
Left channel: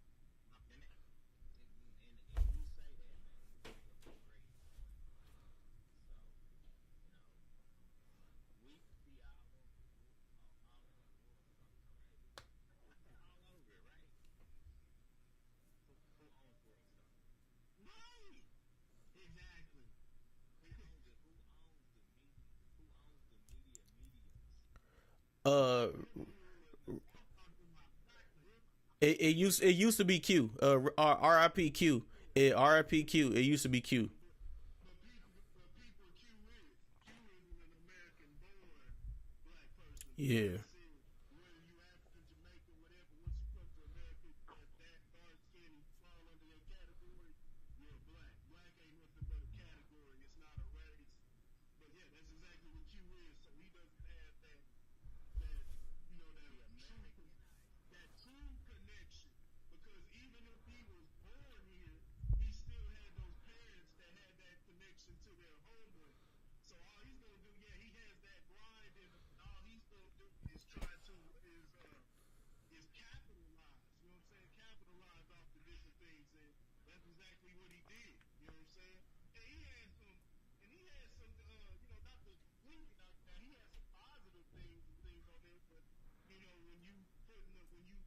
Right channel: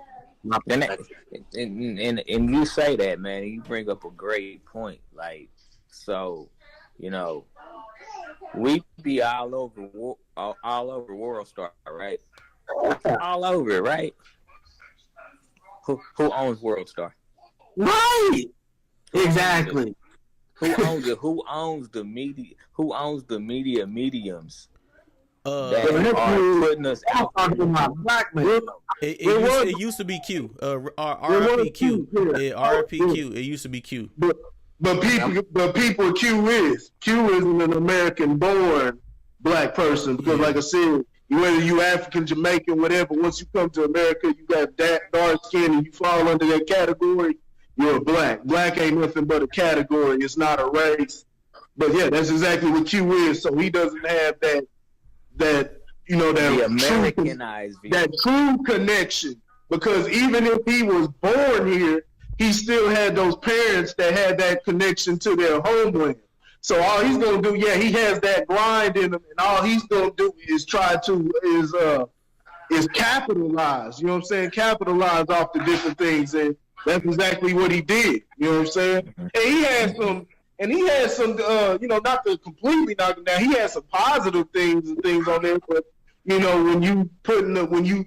And you say that, man, and you bring up a great point. Like, so, we be all over World Star, right? All over it, right? Who owns World Star? Right. Exactly. Who owns it? Who owns the media? Who owns the media mediums? That are putting us out. It used to be Q. RIP Q. RIP Q. It used to be Q. But people Q isn't an American-born black person, because like I said, whether you African, Jamaican, whatever, once you come to America, you got dark skin and you fall under that category, you're black. Black ain't nothing but a category. It's not a race. But yeah, that's exactly what Q is. So he doesn't have that Americanized view. That true connection, because even if he was born here, he still had those parents that had that connection to their homeland. So all he's gonna do, he has that grind in him, and all he's gonna do is try to is capitalize. You know what I'm saying? Capitalize off the different things, and that's exactly what he did. You know what I'm saying? And he had some, not to completely knock him down. He had some positive things and things on there, but when you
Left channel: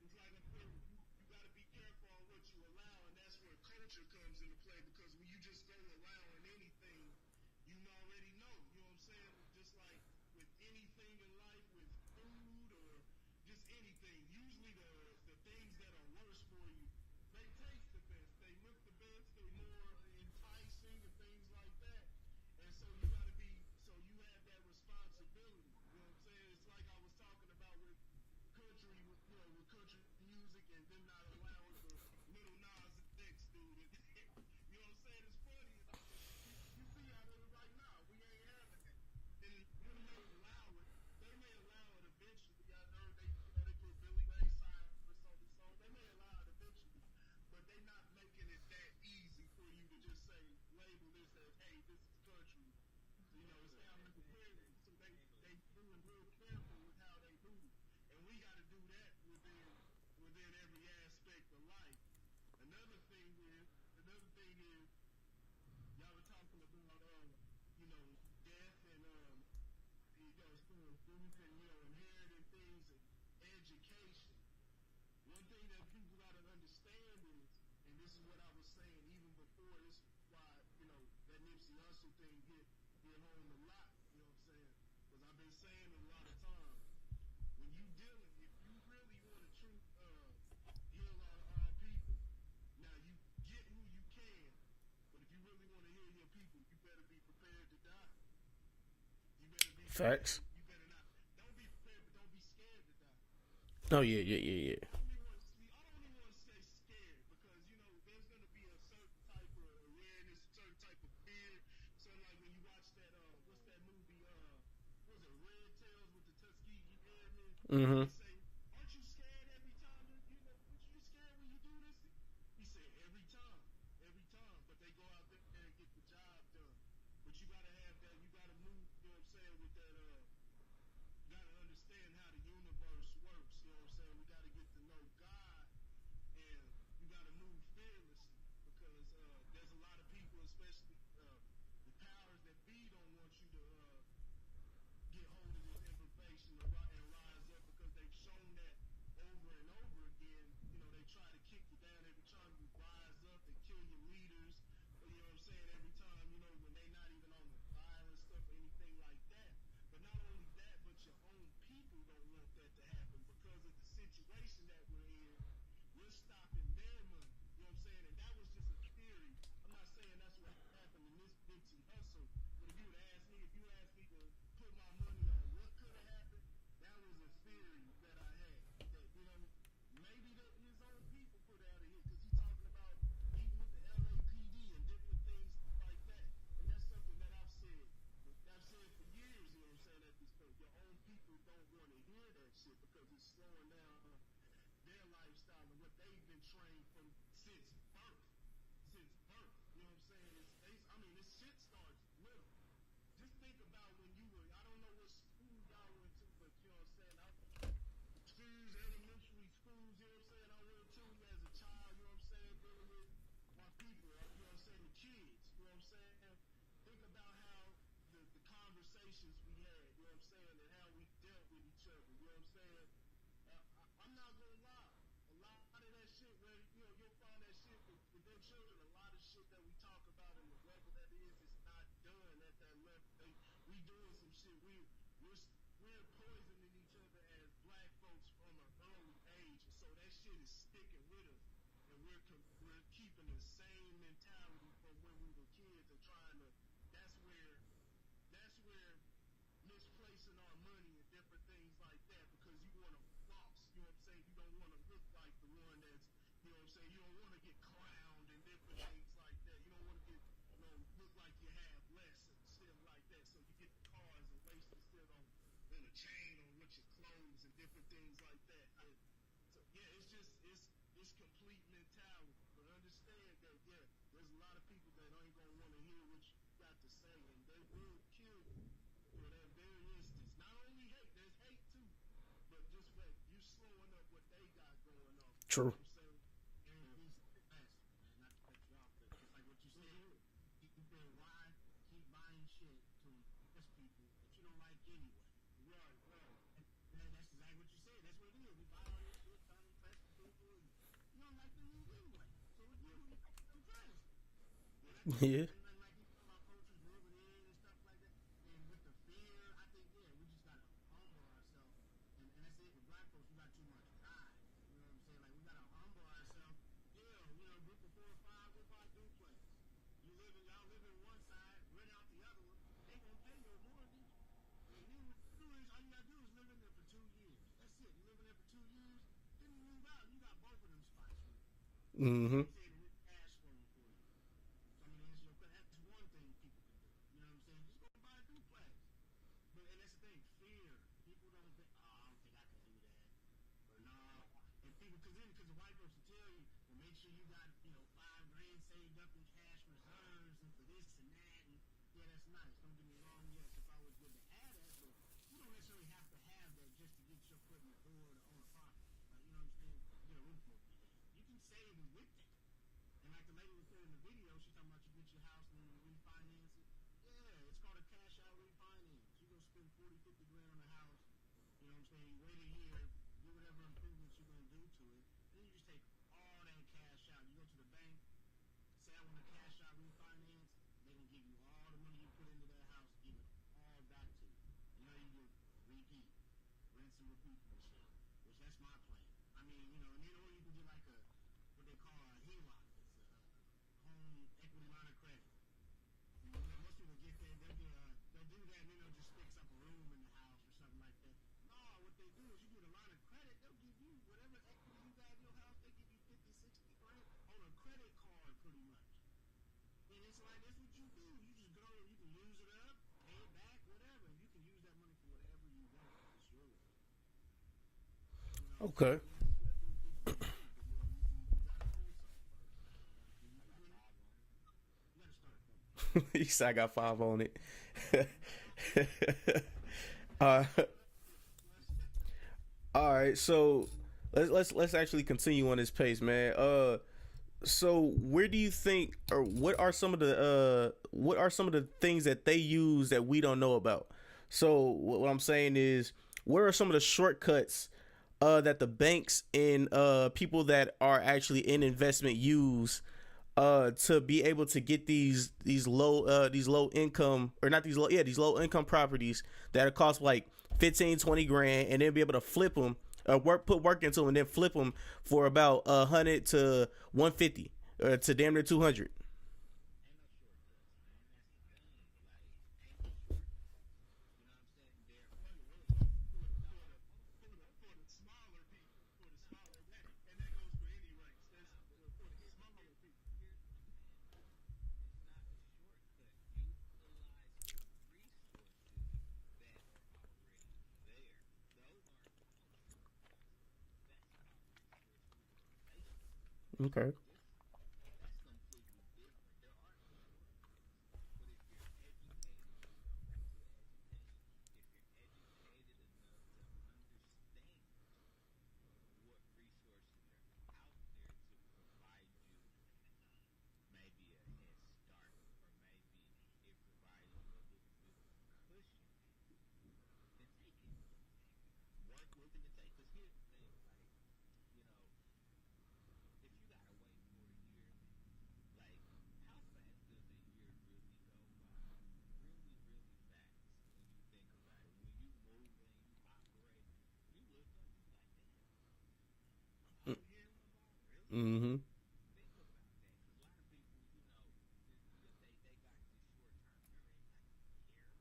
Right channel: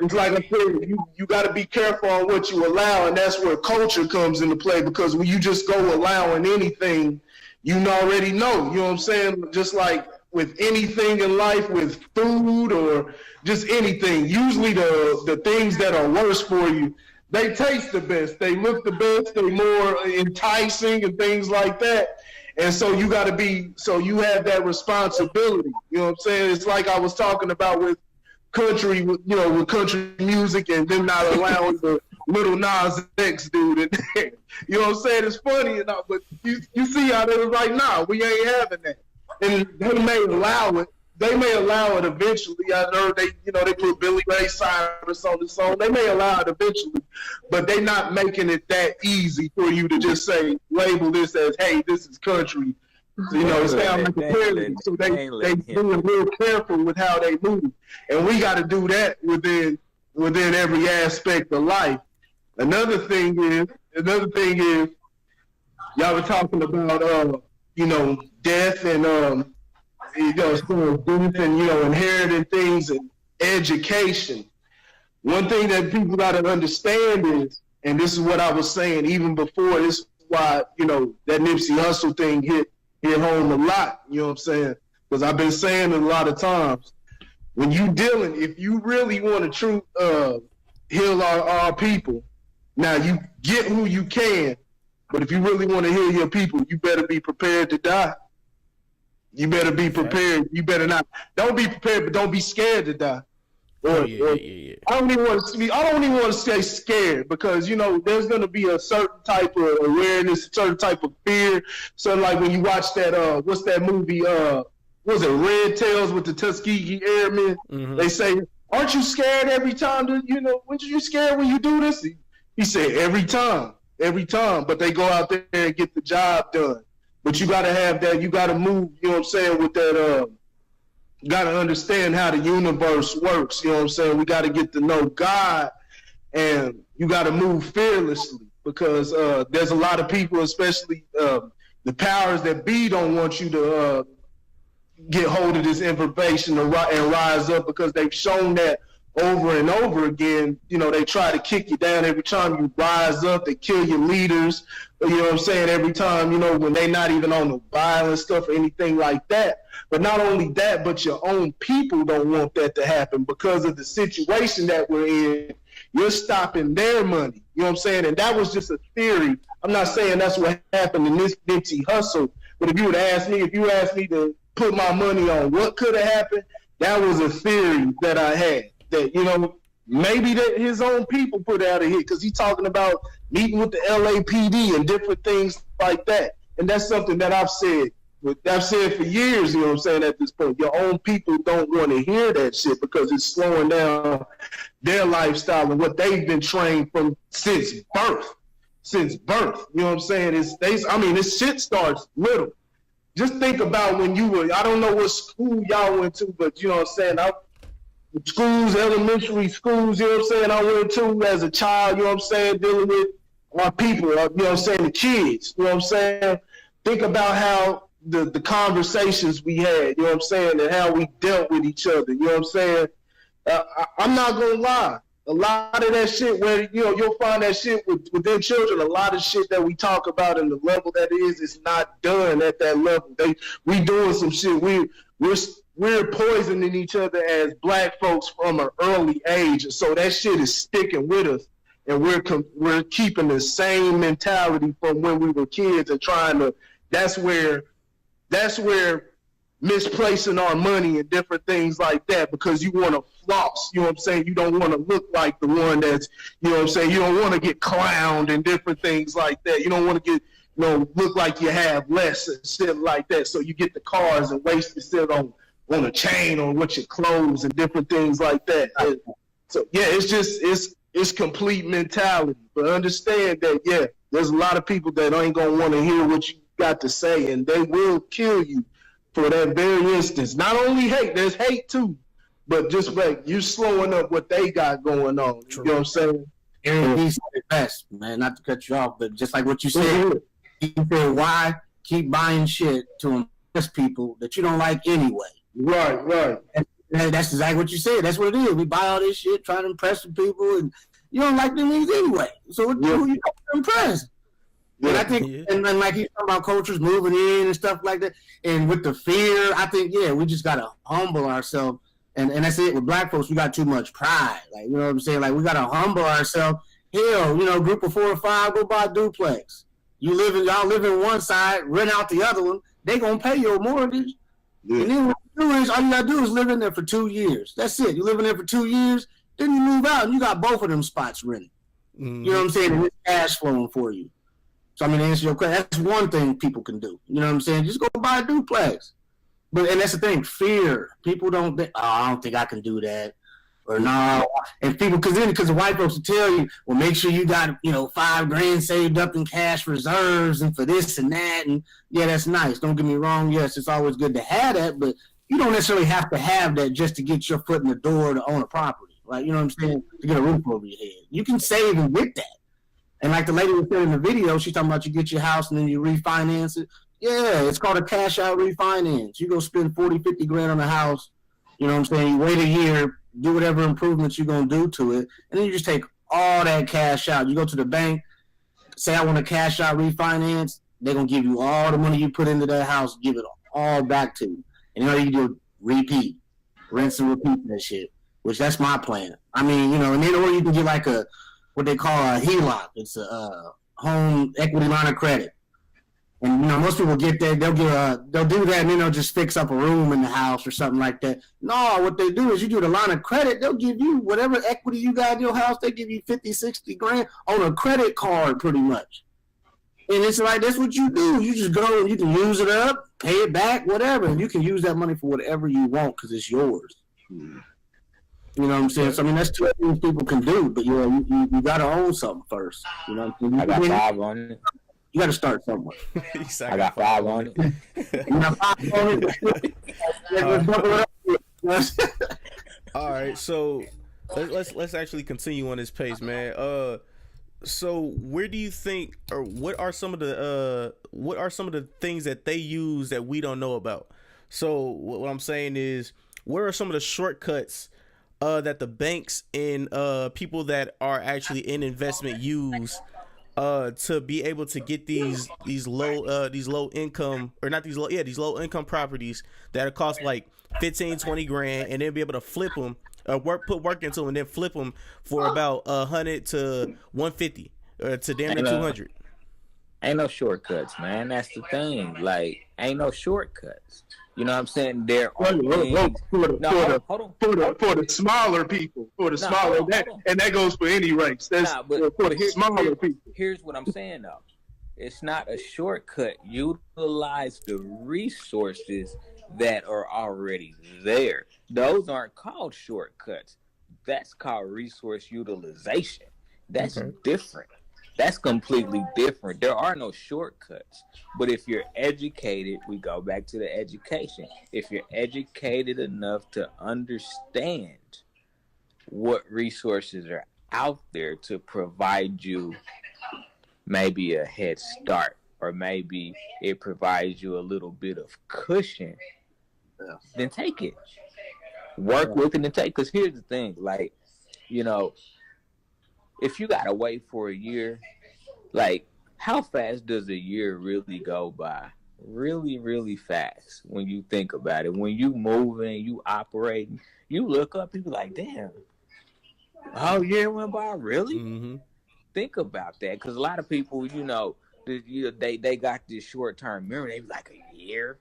it's like I said, you got to be careful on what you allow, and that's where culture comes into play. Because when you just go allowing anything, you already know. You know what I'm saying? Just like with anything in life, with food or just anything, usually the things that are worse for you, they taste the best, they look the best, they're more enticing and things like that. And so you got to you have that responsibility. You know what I'm saying? It's like I was talking about with country, with country music, and them not allowing the little Nas X dude. And, you know what I'm saying? It's funny enough, but you see how they was like, nah, we ain't having that. And they may allow it. They may allow it eventually. I know they put Billy Ray Cyrus on the song. They may allow it eventually, but they not making it that easy for you to just label this as, hey, this is country. It sounds like a parody. So they being real careful with how they move, and we got to do that within every aspect of life. Another thing is, y'all were talking about death and death and inheriting things and education. One thing that people got to understand is, and this is what I was saying even before, this is why that Nipsey Hussle thing hit home a lot. You know what I'm saying? Because I've been saying it a lot of times. When you dealing, if you really want to heal our people, now you get who you can, but if you really want to heal your people, you better be prepared to die. You better be prepared. You better not. Don't be prepared, but don't be scared to die. Yeah. I don't even want to say scared, because there's going to be a certain type of awareness, a certain type of fear. So like when you watch that what's that movie? Was it Red Tails with the Tuskegee Airmen? Mm-hmm. They say, "Aren't you scared every time? Weren't you scared when you do this?" He said, "Every time." But they go out there and get the job done. But you got to have that. You got to move. You know what I'm saying? With that. You got to understand how the universe works. You know what I'm saying? We got to get to know God, and you got to move fearlessly, because there's a lot of people, especially the powers that be, don't want you to get hold of this information and rise up, because they've shown that over and over again. They try to kick you down every time you rise up. They kill your leaders. You know what I'm saying? Every time, when they not even on the violent stuff or anything like that. But not only that, but your own people don't want that to happen because of the situation that we're in. You're stopping their money. You know what I'm saying? And that was just a theory. I'm not saying that's what happened in this Nipsey Hussle. But if you asked me to put my money on what could have happened, that was a theory that I had. That, maybe that his own people put out of here, because he's talking about meeting with the LAPD and different things like that. And that's something that I've said for years, you know what I'm saying, at this point. Your own people don't want to hear that shit, because it's slowing down their lifestyle and what they've been trained from since birth. You know what I'm saying? This shit starts little. Just think about when you were, I don't know what school y'all went to, but you know what I'm saying, schools, elementary schools, you know what I'm saying, I went to as a child, you know what I'm saying, dealing with my people, you know what I'm saying, the kids, you know what I'm saying. Think about how the conversations we had, you know what I'm saying, and how we dealt with each other, you know what I'm saying. I'm not going to lie. A lot of that shit where, you'll find that shit within children, a lot of shit that we talk about and the level that is not done at that level. We doing some shit. We're poisoning each other as black folks from an early age. And so that shit is sticking with us. And we're keeping the same mentality from when we were kids and trying to, that's where misplacing our money and different things like that, because you want to floss, you know what I'm saying? You don't want to look like the one that's, you know what I'm saying? You don't want to get clowned and different things like that. You don't want to get, look like you have less and shit like that. So you get the cars and waste it still on a chain or with your clothes and different things like that. So yeah, it's complete mentality. But understand that, yeah, there's a lot of people that ain't gonna want to hear what you got to say, and they will kill you for that very instance. Not only hate, there's hate too, but just like you slowing up what they got going on. True. You know what I'm saying? Aaron B said it best, man. Not to cut you off, but just like what you said, he said, "Why keep buying shit to impress people that you don't like anyway?" Right. And that's exactly what you said. That's what it is. We buy all this shit trying to impress the people, and you don't like them anyway. So who you don't impress? And I think, and like he's talking about cultures moving in and stuff like that, and with the fear, I think, we just gotta humble ourselves, and that's it. With black folks, we got too much pride. Like, you know what I'm saying? Like, we gotta humble ourselves. Hell, group of 4 or 5, go buy a duplex. Y'all live in one side, rent out the other one. They gonna pay your mortgage, and then what you do is all you gotta do is live in there for 2 years. That's it. You live in there for 2 years, then you move out, and you got both of them spots rented. Mm-hmm. You know what I'm saying? And it's cash flowing for you. So, I mean, to answer your question, that's one thing people can do. You know what I'm saying? Just go buy a duplex. And that's the thing, fear. People don't think, I don't think I can do that. Or no. And people, because the white folks will tell you, well, make sure you got, $5,000 saved up in cash reserves and for this and that. And yeah, that's nice. Don't get me wrong. Yes, it's always good to have that, but you don't necessarily have to have that just to get your foot in the door to own a property. Like, you know what I'm saying? To get a roof over your head. You can save and get that. And like the lady was saying in the video, she's talking about you get your house and then you refinance it. Yeah, it's called a cash out refinance. You go spend 40, 50 grand on a house. You know what I'm saying? You wait a year, do whatever improvements you're going to do to it. And then you just take all that cash out. You go to the bank, say, I want a cash out refinance. They're going to give you all the money you put into that house, give it all back to you. And all you do, repeat, rinse and repeat that shit, which that's my plan. I mean, and then or you can get like what they call a HELOC. It's a home equity line of credit. And most people get that, they'll do that, and then they'll just fix up a room in the house or something like that. No, what they do is you do the line of credit, they'll give you whatever equity you got in your house, they give you 50, 60 grand on a credit card pretty much. And it's like, that's what you do. You just go and you can use it up, pay it back, whatever, and you can use that money for whatever you want because it's yours. You know what I'm saying? So, I mean, that's 2 things people can do, but you got to own something first. You know what I'm saying? I got 5 on it. You got to start somewhere. I got 5 on it. You got 5 on it. All right, so let's actually continue on this pace, man. So where do you think, or what are some of the things that they use that we don't know about? So what I'm saying is, what are some of the shortcuts that the banks and people that are actually in investment use to be able to get these low income properties that cost like 15, 20 grand, and then be able to flip them, put work into them, and then flip them for about 100 to 150 to damn near 200. Ain't no shortcuts, man. That's the thing. Like, ain't no shortcuts. You know what I'm saying? There are for the smaller people, and that goes for any race. That's for the smaller people. Here's what I'm saying though. It's not a shortcut. Utilize the resources that are already there. Those aren't called shortcuts. That's called resource utilization. That's different. That's completely different. There are no shortcuts. But if you're educated, we go back to the education. If you're educated enough to understand what resources are out there to provide you maybe a head start, or maybe it provides you a little bit of cushion, then take it. Work with it and take. Because here's the thing, like, if you gotta wait for a year, like, how fast does a year really go by? Really, really fast when you think about it. When you moving, you operating, you look up, you be like, damn, oh, year went by, really? Mm-hmm. Think about that, because a lot of people, they got this short-term memory. They be like, a year?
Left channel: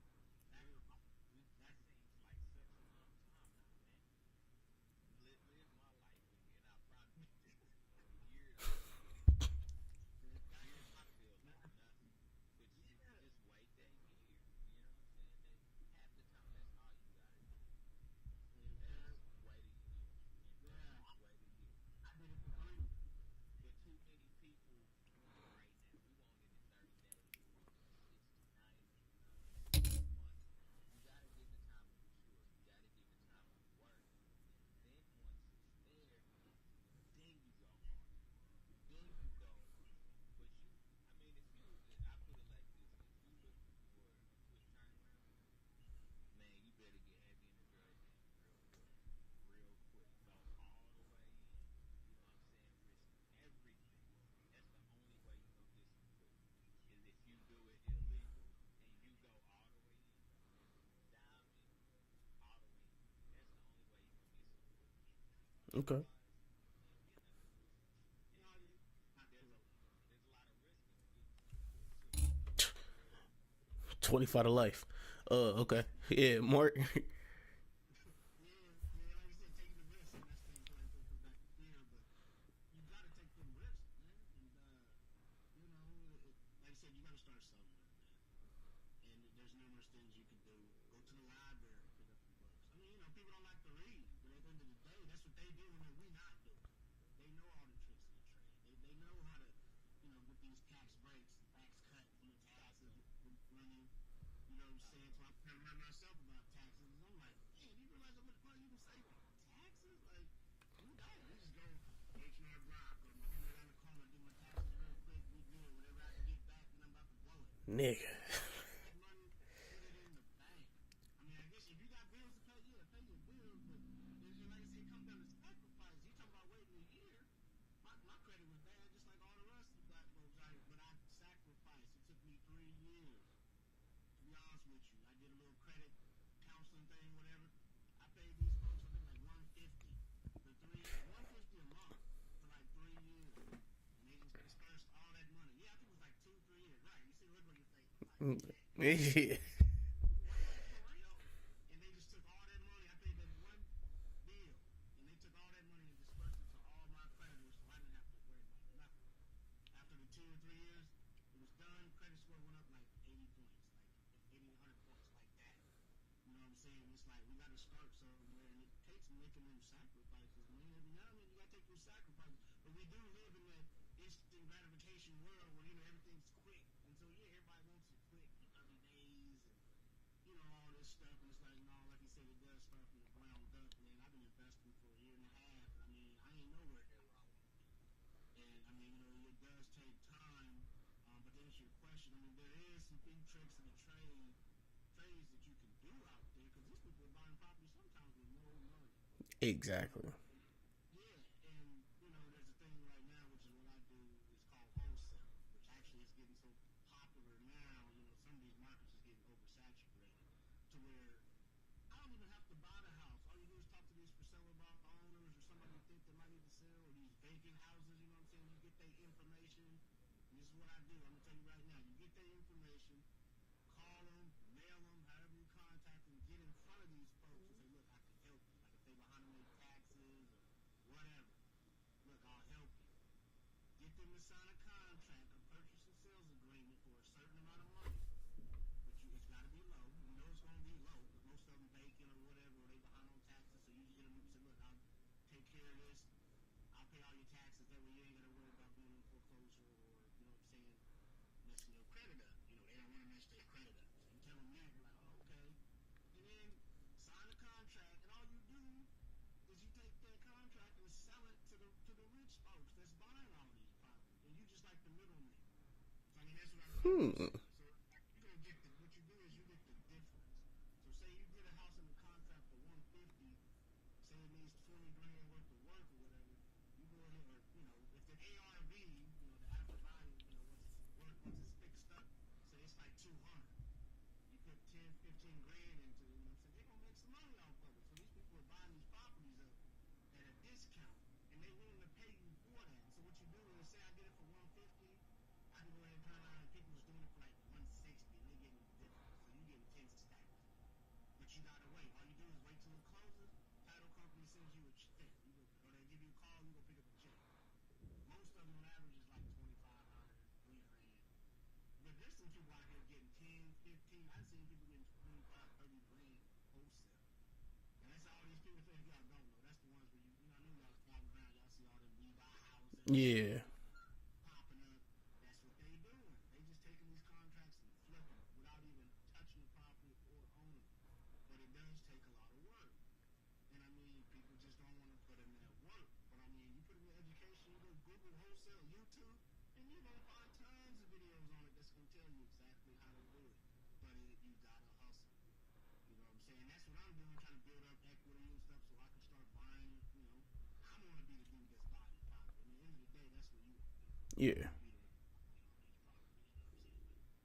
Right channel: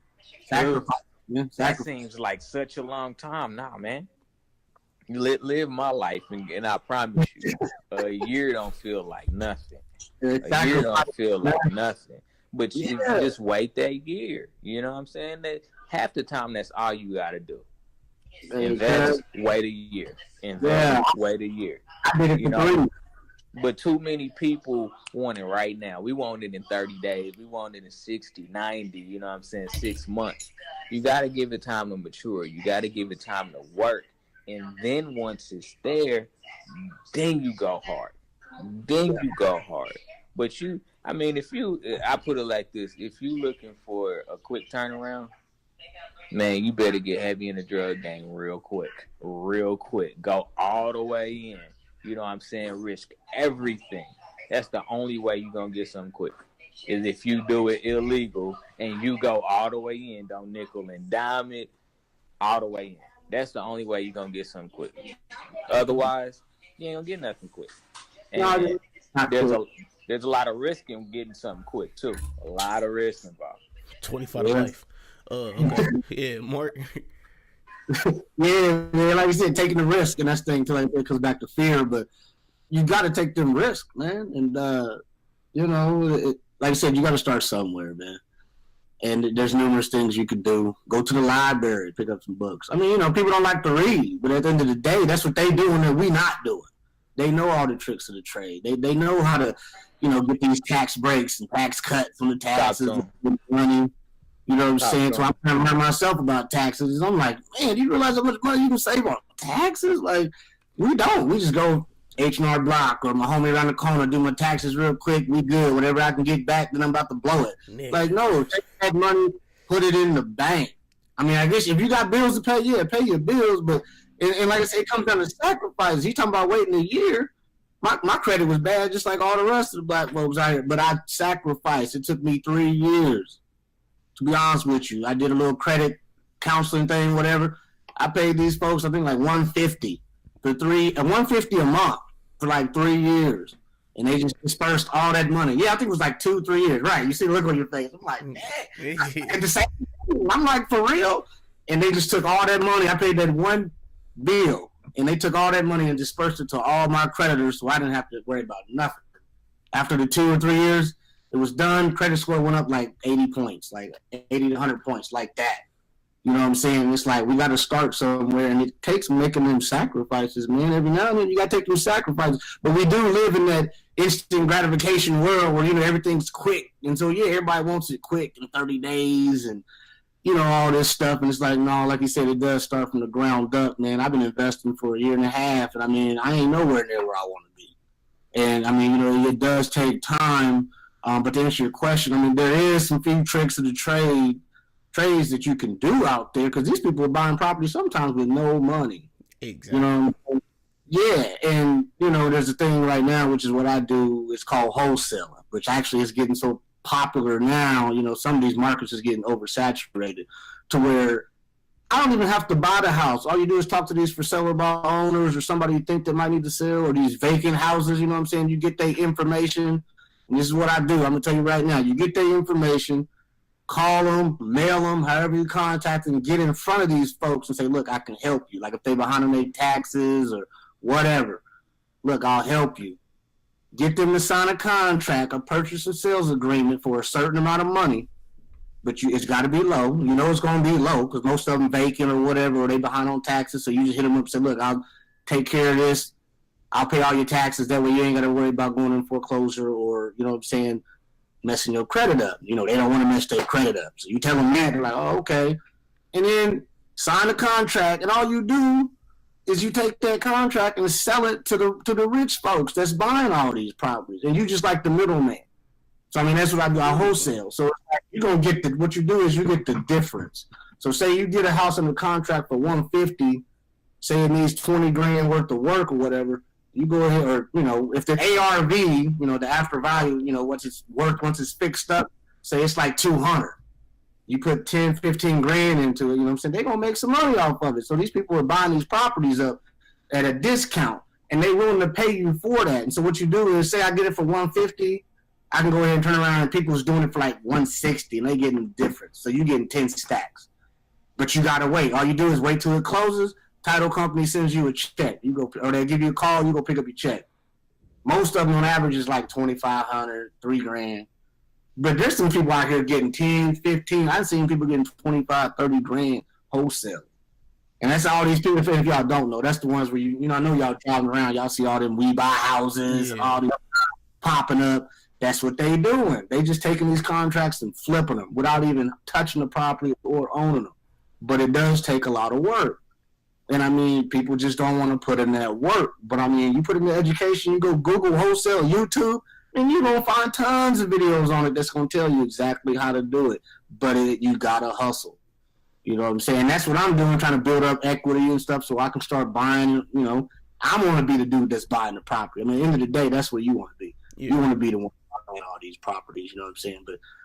That seems like such a long time. Nah, man. Live my life, and I promise you, a year don't feel like nothing. A year don't feel like nothing. But you just wait that year. You know what I'm saying? That half the time, that's all you got to do. Invest, wait a year. Invest, wait a year. But too many people want it right now. We want it in 30 days. We want it in 60, 90, you know what I'm saying, 6 months. You got to give it time to mature. You got to give it time to work. And then once it's there, then you go hard. Then you go hard. But I put it like this: if you looking for a quick turnaround, man, you better get heavy in the drug game real quick. Go all the way in. You know what I'm saying? Risk everything. That's the only way you're going to get something quick. Is if you do it illegal and you go all the way in, don't nickel and dime it, all the way in. That's the only way you're going to get something quick. Otherwise, you ain't going to get nothing quick. And there's a lot of risk in getting something quick, too. A lot of risk involved. 25 to life. Okay. Yeah, Mark. Yeah, man, like you said, taking the risk, and that's the thing, like, it comes back to fear, but you got to take them risks, man. And, like I said, you got to start somewhere, man. And there's numerous things you could do. Go to the library, pick up some books. I mean, people don't like to read, but at the end of the day, that's what they doing that we not doing. They know all the tricks of the trade. They know how to, get these tax breaks and tax cuts from the taxes and money. You know what I'm saying? So I'm trying to learn myself about taxes. I'm like, man, do you realize how much money you can save on taxes? Like, we don't. We just go H&R Block or my homie around the corner, do my taxes real quick. We good. Whatever I can get back, then I'm about to blow it. Nick. Like, no, take that money, put it in the bank. I mean, I guess if you got bills to pay, yeah, pay your bills. But, and like I said, it comes down to sacrifices. He's talking about waiting a year. My credit was bad, just like all the rest of the black folks out here. But I sacrificed. It took me 3 years. To be honest with you, I did a little credit counseling thing, whatever. I paid these folks, I think, like $150 $150 a month for like 3 years, and they just dispersed all that money. Yeah, I think it was like 2-3 years. Right? You see the look on your face. I'm like, man. At the same time, I'm like, for real? And they just took all that money. I paid that one bill, and they took all that money and dispersed it to all my creditors, so I didn't have to worry about nothing. After the 2 or 3 years, it was done. Credit score went up like 80 points, like 80 to 100 points, like that. You know what I'm saying? It's like we got to start somewhere, and it takes making them sacrifices, man. Every now and then you got to take them sacrifices. But we do live in that instant gratification world where, everything's quick. And so, yeah, everybody wants it quick in 30 days and, all this stuff. And it's like, no, like you said, it does start from the ground up, man. I've been investing for 1.5 years, and, I ain't nowhere near where I want to be. And, it does take time. But to answer your question, there is some few tricks of the trades that you can do out there, because these people are buying property sometimes with no money. Exactly. Yeah, and there's a thing right now, which is what I do. It's called wholesaling, which actually is getting so popular now. Some of these markets is getting oversaturated to where I don't even have to buy the house. All you do is talk to these for sale by owners or somebody you think that might need to sell, or these vacant houses. You know what I'm saying? You get their information. And this is what I do. I'm going to tell you right now. You get their information, call them, mail them, however you contact them, get in front of these folks and say, look, I can help you. Like if they're behind on their taxes or whatever, look, I'll help you. Get them to sign a contract, a purchase and sales agreement for a certain amount of money, but it's got to be low. It's going to be low because most of them vacant or whatever, or they behind on taxes. So you just hit them up and say, look, I'll take care of this. I'll pay all your taxes. That way you ain't got to worry about going in foreclosure or, messing your credit up. They don't want to mess their credit up. So you tell them that, they're like, oh, okay. And then sign a contract, and all you do is you take that contract and sell it to the rich folks that's buying all these properties. And you just like the middleman. So, that's what I do. I wholesale. So you're going to get what you do is you get the difference. So say you get a house under contract for $150, say it needs $20,000 worth of work or whatever. You go ahead, or if the ARV, the after value, once it's worth, once it's fixed up, say it's like $200. You put $10,000-15,000 into it. You know what I'm saying? They're gonna make some money off of it. So these people are buying these properties up at a discount, and they're willing to pay you for that. And so what you do is say I get it for $150, I can go ahead and turn around and people's doing it for like $160, and they getting the difference. So you getting 10 stacks, but you gotta wait. All you do is wait till it closes. Title company sends you a check. You go, or they give you a call. You go pick up your check. Most of them on average is like $2,500, $3,000. But there's some people out here getting 10, 15. I've seen people getting 25, 30 grand wholesale. And that's all these people. If y'all don't know, that's the ones where I know y'all driving around. Y'all see all them we buy houses, all these popping up. That's what they doing. They just taking these contracts and flipping them without even touching the property or owning them. But it does take a lot of work. And I mean, people just don't want to put in that work. But I mean, you put in the education, you go Google wholesale, YouTube, and you're going to find tons of videos on it that's going to tell you exactly how to do it. But you got to hustle. You know what I'm saying? That's what I'm doing, trying to build up equity and stuff so I can start buying, you know. I want to be the dude that's buying the property. I mean, at the end of the day, that's what you want to be. Yeah. You want to be the one buying all these properties, you know what I'm saying?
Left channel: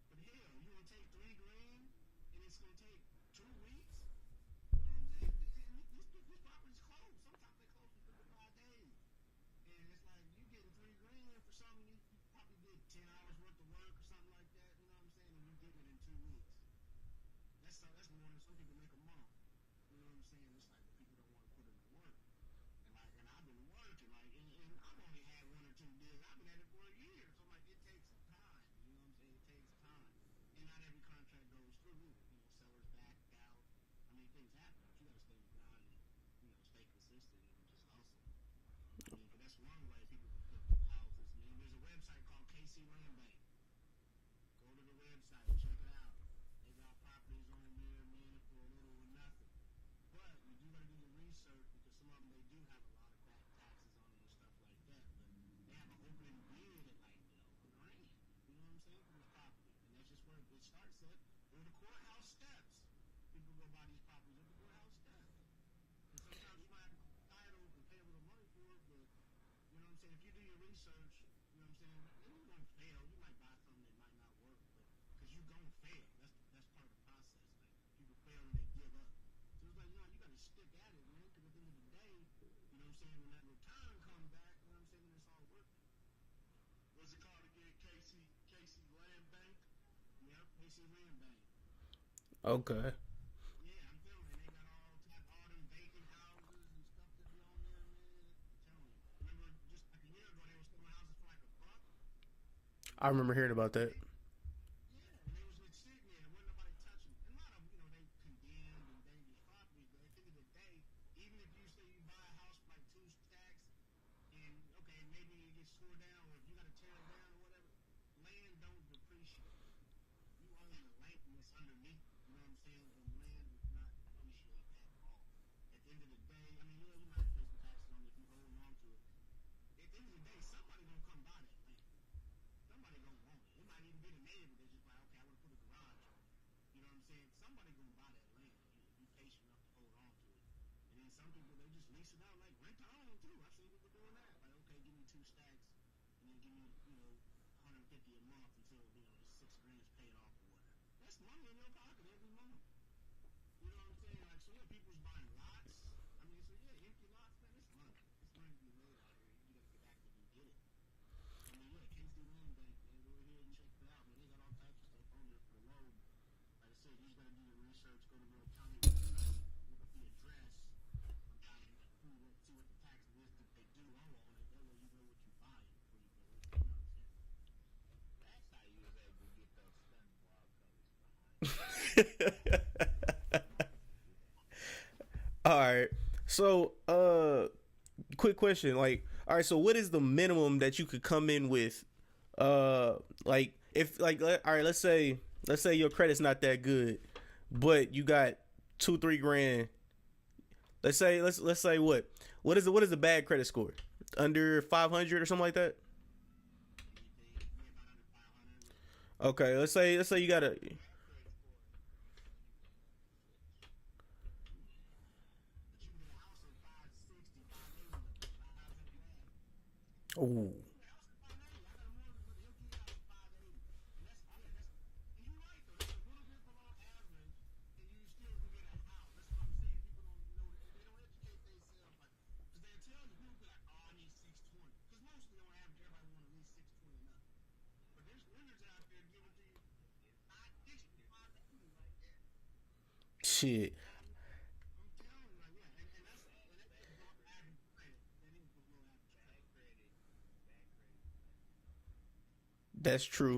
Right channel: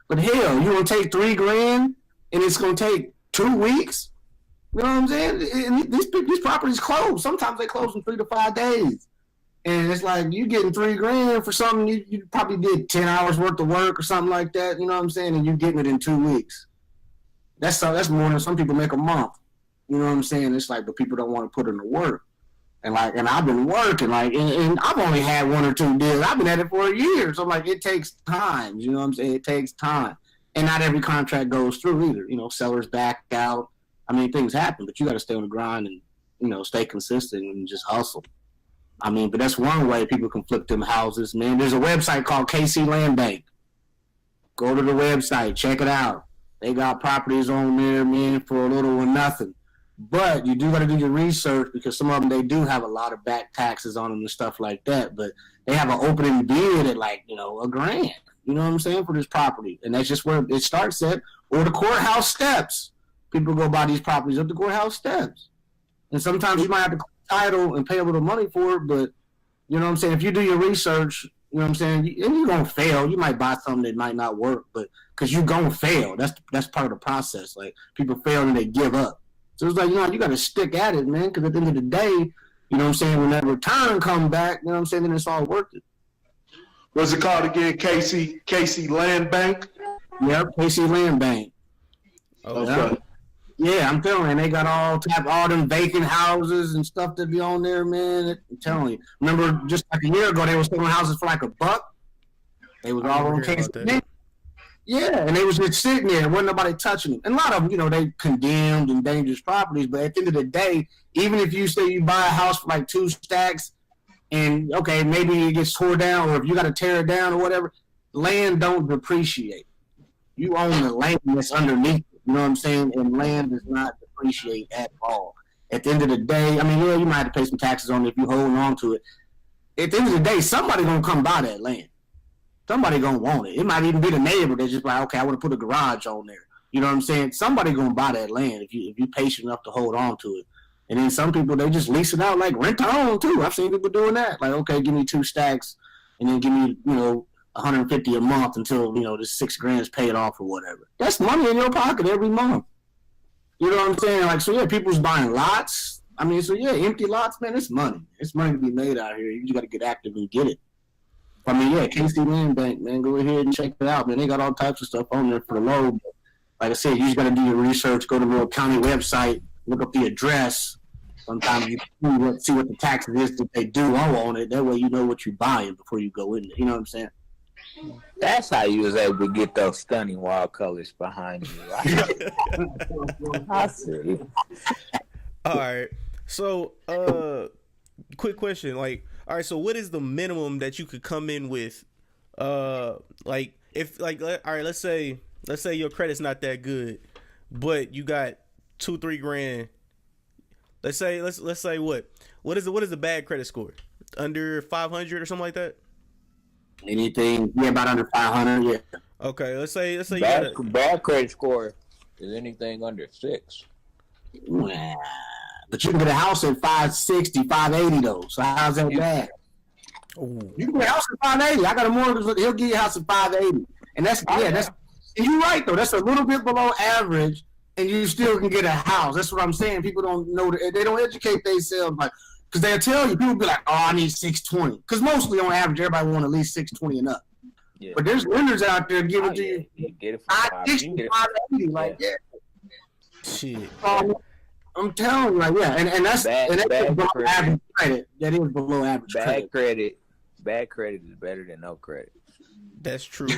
But hell, you want to take $3,000 and it's going to take 2 weeks? You know what I'm saying? And these properties close. Sometimes they close in 3 to 5 days. And it's like you getting $3,000 for something you probably did 10 hours worth of work or something like that, you know what I'm saying? And you're getting it in 2 weeks. That's more than some people make a month. You know what I'm saying? It's like, but people don't want to put in the work. And I've been working, and I've only had 1 or 2 deals. I've been at it for a year. So it takes time. You know what I'm saying? It takes time. And not every contract goes through either. You know, sellers back out. I mean, things happen, but you got to stay on the grind and, you know, stay consistent and just hustle. I mean, but that's one way people can flip them houses, man. There's a website called KC Land Bank. Go to the website, check it out. They got properties on there, man, for a little or nothing. But you do got to do your research because some of them, they do have a lot of back taxes on them and stuff like that. But they have an opening bid at $1,000, you know what I'm saying, for this property. And that's just where it starts at. Or the courthouse steps. People go buy these properties up the courthouse steps. And sometimes you might have to title and pay a little money for it, but you know what I'm saying, if you do your research, you know what I'm saying, and you're going to fail. You might buy something that might not work, but because you're going to fail. That's part of the process. Like, people fail and they give up. So it's like, you know, you got to stick at it, man, because at the end of the day, you know what I'm saying, when that return comes back, you know what I'm saying, then it's all worth it. What's it called again? KC Land Bank? Yep, KC Land Bank. Okay. Yeah, I'm telling you, they got all them vacant houses and stuff that be on there, man. I'm telling you. Remember, just like a year ago, they were selling houses for $1. They was all on KC. Yeah, and they was just sitting there. Wasn't nobody touching them. And a lot of them, you know, they condemned and dangerous properties. But at the end of the day, even if you say you buy a house for 2 stacks and, okay, maybe it gets tore down or if you got to tear it down or whatever, land don't depreciate. You own the land that's underneath it. You know what I'm saying? And land does not depreciate at all. At the end of the day, I mean, yeah, you might have to pay some taxes on it if you're holding on to it. At the end of the day, somebody going to come buy that land. Somebody going to want it. It might even be the neighbor that's just like, okay, I want to put a garage on there. You know what I'm saying? Somebody going to buy that land if you're patient enough to hold on to it. And then some people, they just lease it out, like rent to own too. I've seen people doing that. Like, okay, give me 2 stacks and then give me, you know, $150 a month until, you know, this $6,000 is paid off or whatever. That's money in your pocket every month. You know what I'm saying? Like, so yeah, people's buying lots. I mean, so yeah, empty lots, man, it's money. It's money to be made out here. You just got to get active and get it. I mean, yeah, KC Land Bank, man, go ahead and check it out, man. They got all types of stuff on there for the low. But like I said, you just got to do your research, go to the county website, look up the address. Sometimes you see what the taxes is that they do owe on it. That way you know what you're buying before you go in there. You know what I'm saying? That's how you was able to get those stunning wild colors behind you. Right? I see. All right. So, quick question. Like, all right. So, what is the minimum that you could come in with? Like, if all right, let's say your credit's not that good, but you got $2-3 grand. Let's say what is the bad credit score? Under 500 or something like that? Anything, yeah, about under 500, yeah. Okay, let's say you got a bad credit score is anything under 6. Nah, but you can get a house at 560, 580 though. So how's that bad? Ooh. You can get a house at 580. I got a mortgage. He'll give you a house at 580, and that's. And you're right though. That's a little bit below average, and you still can get a house. That's what I'm saying. People don't know that they don't educate themselves like. Because they'll tell you, people be like, oh, I need 620. Because mostly on average, everybody want at least 620 and up. Yeah. But there's lenders out there giving to you get it for 560, 580. Like, yeah. Shit. I'm telling you, like, yeah. And that's below average credit. That is below average credit. Bad credit is better than no credit. That's true.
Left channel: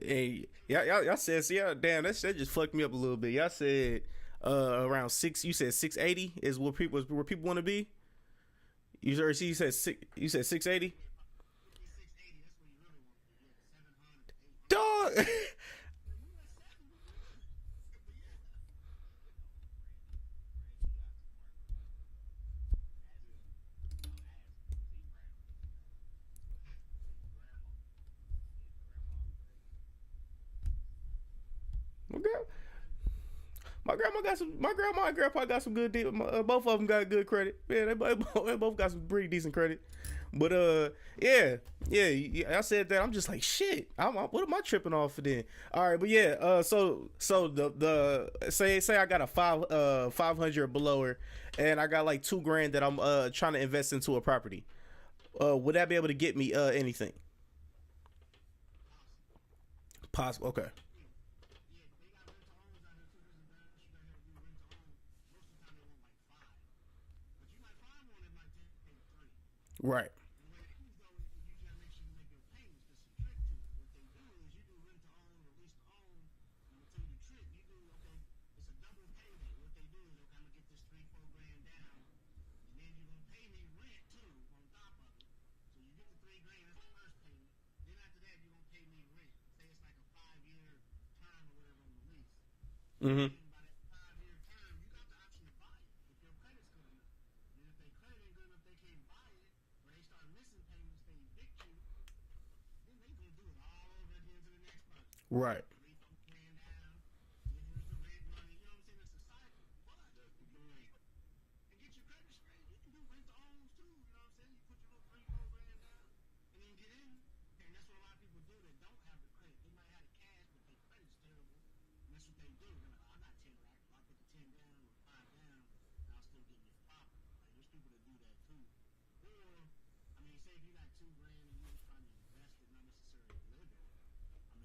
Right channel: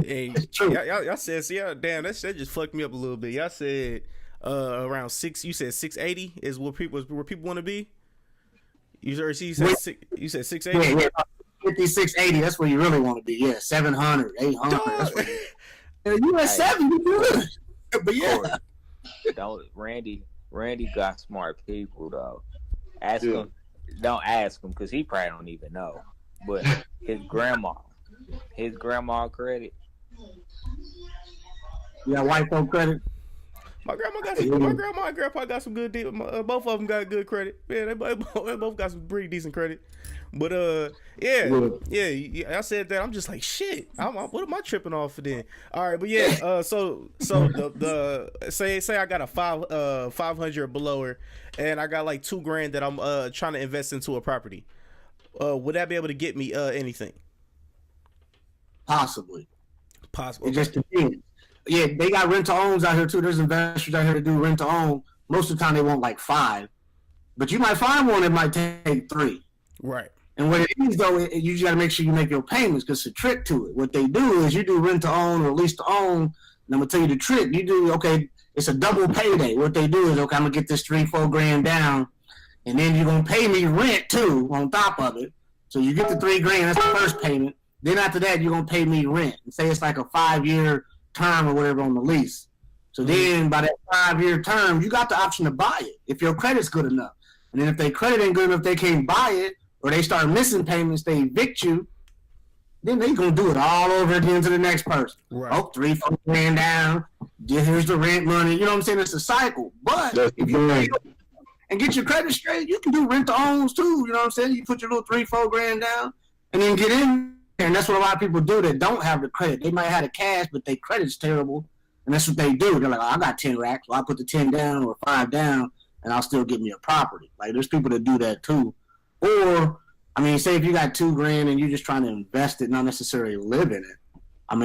Hey, true. Y'all said, see, damn, that just fucked me up a little bit. Y'all said around 6, you said 680 is where people want to be? You said 680? Yeah, 50, 680, that's where you really want to be. Yeah, 700, 800. You at 7, you good. But yeah. Randy, Randy got smart people though. Ask him. Don't ask him because he probably don't even know. But his grandma credit. Yeah, white folk credit. My grandma and grandpa got some good deal. Both of them got good credit. Yeah, they both got some pretty decent credit. But I said that. I'm just like shit. What am I tripping off for then? All right, but yeah. So the say I got a 500 or below, and I got like $2,000 that I'm trying to invest into a property. Would that be able to get me anything? Possibly. Possible. It just depends. Yeah, they got rent-to-owns out here too. There's investors out here to do rent-to-own. Most of the time they want like 5, but you might find one that might take 3. Right. And what it is though, you just got to make sure you make your payments because it's a trick to it. What they do is you do rent-to-own or lease-to-own. And I'm gonna tell you the trick. You do it's a double payday. What they do is I'm gonna get this $3-4 down, and then you're gonna pay me rent too on top of it. So you get the $3,000. That's the first payment. Then after that, you're gonna pay me rent. And say it's like a 5-year term or whatever on the lease. So then by that 5-year term, you got the option to buy it if your credit's good enough. And then if their credit ain't good enough, they can't buy it, or they start missing payments, they evict you, then they gonna do it all over again to the next person. Right. Oh, $3-4 down. Here's the rent money. You know what I'm saying? It's a cycle. But if you pay and get your credit straight, you can do rent-to-owns too. You know what I'm saying? You put your little $3-4 down and then get in. And that's what a lot of people do that don't have the credit. They might have the cash, but their credit's terrible. And that's what they do. They're like, I got 10 racks, so I put the 10 down or 5 down, and I'll still get me a property. Like, there's people that do that too. Or, say if you got $2,000 and you're just trying to invest it, not necessarily live in it.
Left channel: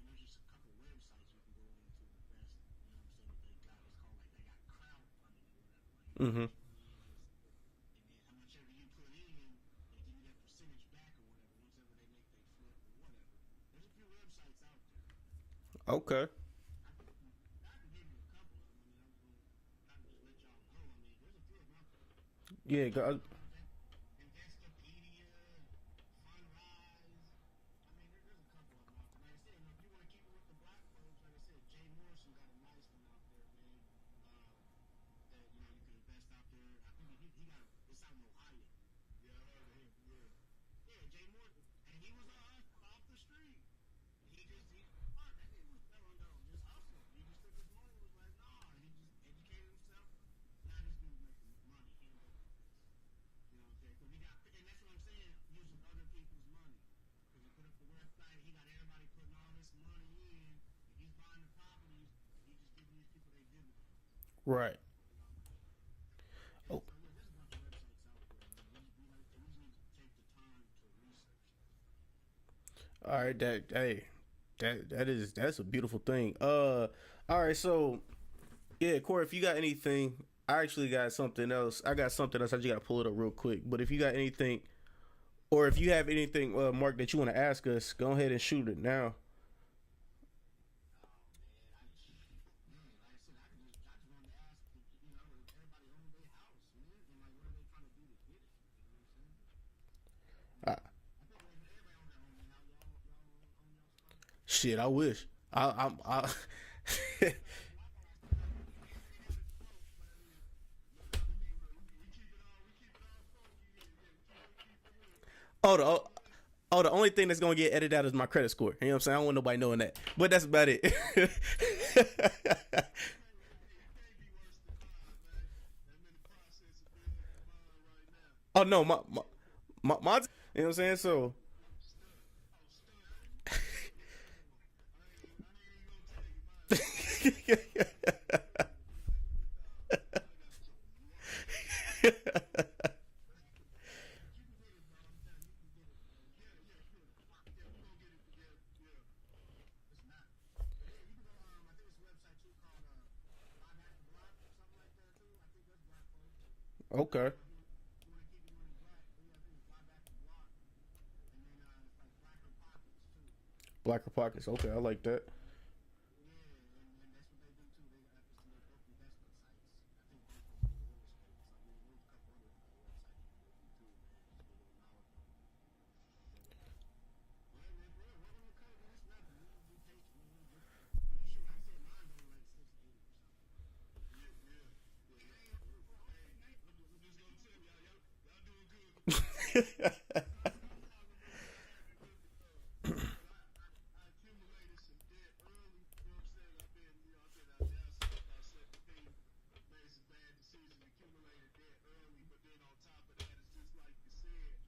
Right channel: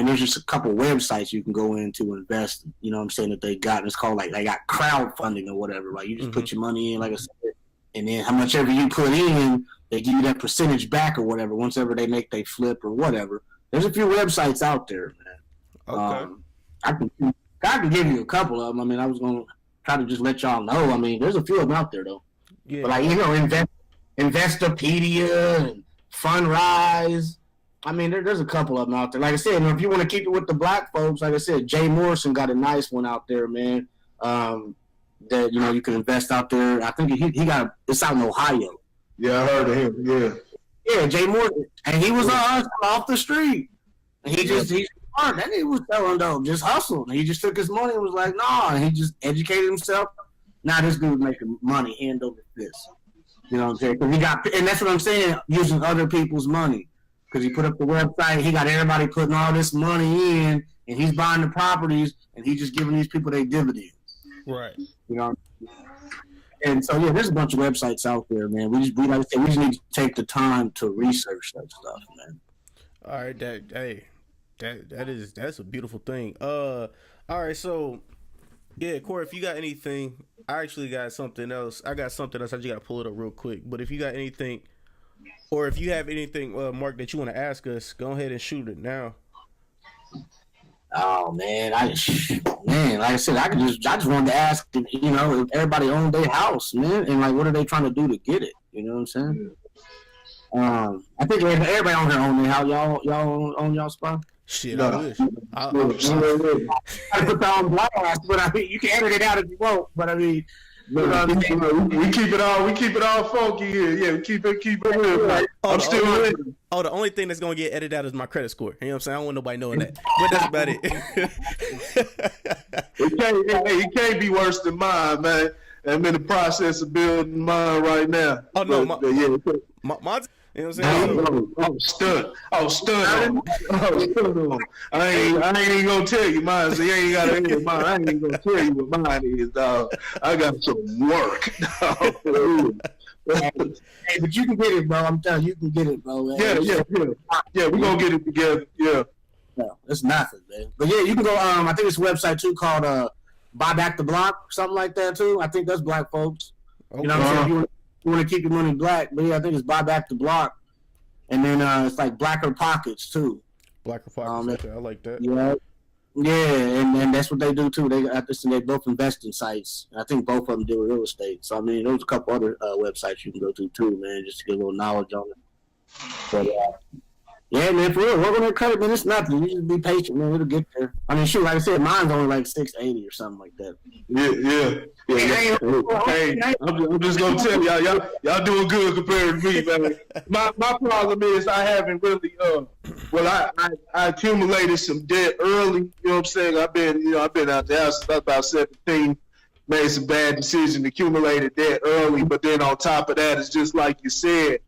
There's just a couple websites you can go in to invest, you know what I'm saying, that they got. And it's called, they got crowdfunding or whatever. Like, you just put your money in, like I said, and then how much ever you put in, they give you that percentage back or whatever, once ever they flip or whatever. There's a few websites out there, man. Okay. I can give you a couple of them. I was going to try to just let y'all know. There's a few of them out there, though. Yeah. But Investopedia and Fundrise. There's a couple of them out there. Like I said, if you want to keep it with the black folks, like I said, Jay Morrison got a nice one out there, man. That, you can invest out there. I think it's out in Ohio. Yeah, I heard of him. Yeah. Yeah, Jay Morgan, and he was off the street. And he's smart. That nigga was telling though, just hustle. And he just took his money and was like, nah. And he just educated himself. Now this dude making money hand over fist. You know what I'm saying? And that's what I'm saying, using other people's money. Because he put up the website, he got everybody putting all this money in, and he's buying the properties, and he's just giving these people their dividends. Right. You know. And so there's a bunch of websites out there, man. We like I said, we just need to take the time to research that stuff, man. All right, that's a beautiful thing. All right, so Corey, if you got anything, I actually got something else. I just gotta pull it up real quick. But if you got anything, or if you have anything, Mark, that you want to ask us, go ahead and shoot it now. Oh man, like I said, I just wanted to ask, if everybody owned their house, man, and like, what are they trying to do to get it? You know what I'm saying? I think everybody on here own their house. Y'all own y'all spot? Shit, I wish. I put that on blast, but you can edit it out if you want. But we keep it all funky here. Yeah, we keep it real. The only thing that's gonna get edited out is my credit score. You know what I'm saying? I don't want nobody knowing that. But that's about it. It can't be worse than mine, man. I'm in the process of building mine right now. Oh no, mine's. You know what I'm saying? I was stunned. I ain't even gonna tell you mine. So you ain't gotta hear mine. I ain't even gonna tell you what mine is, dog. I got some work. Hey, but you can get it, bro. I'm telling you, can get it, bro. Man. Yeah. We're gonna get it together. Yeah. No, it's nothing, man. But yeah, you can go. I think it's a website too called Buy Back the Block, something like that too. I think that's black folks. Okay. You know what I'm saying? You want to keep your money black, but yeah, I think it's Buy Back the Block, and then it's like Blacker Pockets too. Blacker Pockets, okay, I like that. Yeah, and that's what they do too. They both invest in sites. I think both of them do real estate. So there's a couple other websites you can go to too, man, just to get a little knowledge on it. But Yeah, man, for real, work on that credit, man. It's nothing. You just be patient, man. It'll get there. I mean, shoot, like I said, mine's only like 680 or something like that. Yeah. Hey, I'm just gonna tell y'all doing good compared to me, man. My problem is I haven't really I accumulated some debt early. You know what I'm saying? I've been out the house since I was about 17. Made some bad decisions, accumulated debt early, but then on top of that, it's just like you said,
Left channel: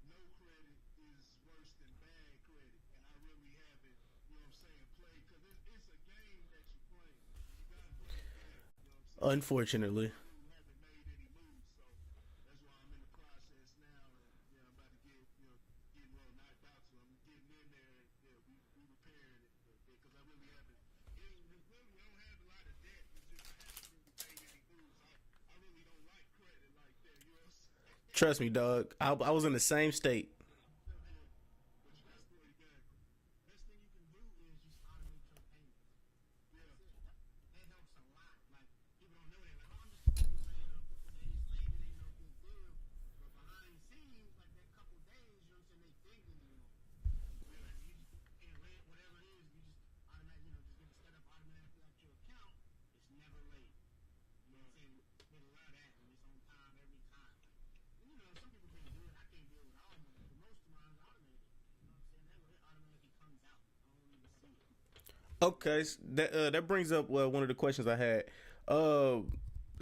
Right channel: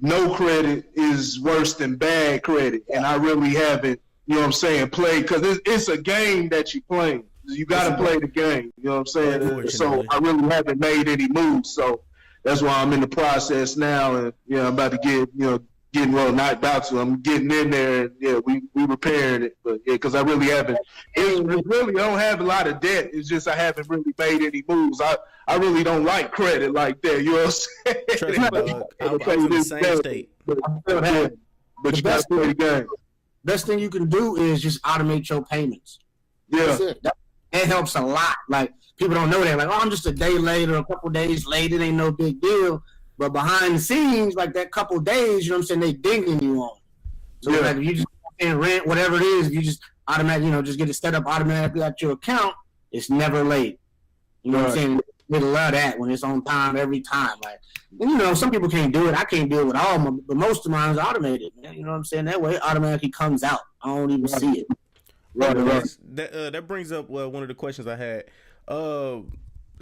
no credit is worse than bad credit, and I really haven't, you know what I'm saying, played, because it's a game that you're playing. You got to play the game, you know what I'm saying? So I really haven't made any moves, so that's why I'm in the process now, and I'm about to getting well, not about to. I'm getting in there, and we repairing it, but because I really haven't. I don't have a lot of debt. It's just I haven't really made any moves. I really don't like credit like that. You know what I'm saying? Trust me, dog. I was in the same state. But you got to play the game. Best thing you can do is just automate your payments. Yeah, that's it. That helps a lot. Like, people don't know that. Like, I'm just a day late or a couple days late. It ain't no big deal. But behind the scenes, like that couple days, you know what I'm saying, they dinging you on. So like if you just pay rent, whatever it is, if you just automatically, just get it set up automatically at your account, it's never late. You know what I'm saying? They love that when it's on time every time. Like, and, some people can't do it. I can't do it with all of them, but most of mine is automated. Man. You know what I'm saying? That way it automatically comes out. I don't even see it. That brings up one of the questions I had.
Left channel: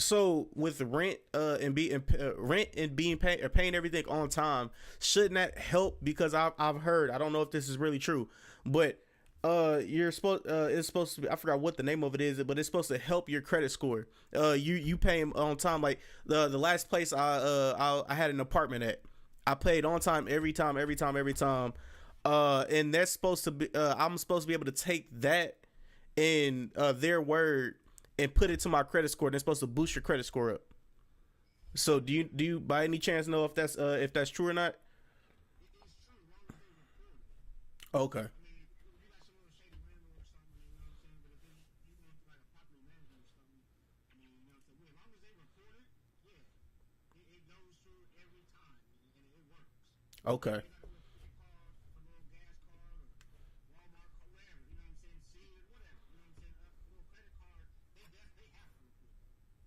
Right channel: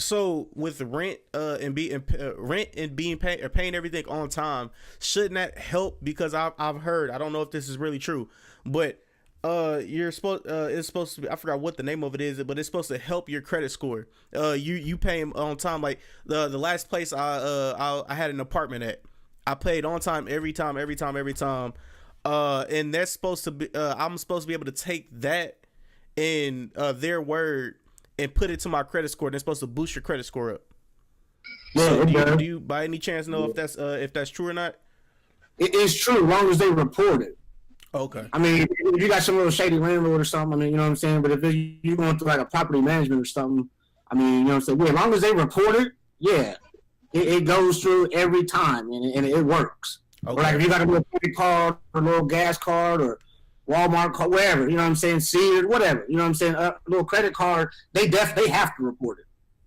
So with rent and being paid or paying everything on time, shouldn't that help? Because I've heard, I don't know if this is really true, but it's supposed to be, I forgot what the name of it is, but it's supposed to help your credit score. You pay them on time. Like the last place I had an apartment at, I paid on time every time, and that's supposed to be I'm supposed to be able to take that in their word and put it to my credit score. They're supposed to boost your credit score up. Yeah, so do you by any chance know if that's true or not? It is true, as long as they report it. Okay. I mean, if you got some little shady landlord or something, I mean, you know what I'm saying? But if you're going through like a property management or something, I mean, you know what I'm saying? Yeah, as long as they report it, yeah, it goes through every time and it works. Okay. Or like if you got a little credit card or a little gas card or Walmart card, wherever, you know what I'm saying, Sears, whatever, you know what I'm saying, a little credit card, they have to report it.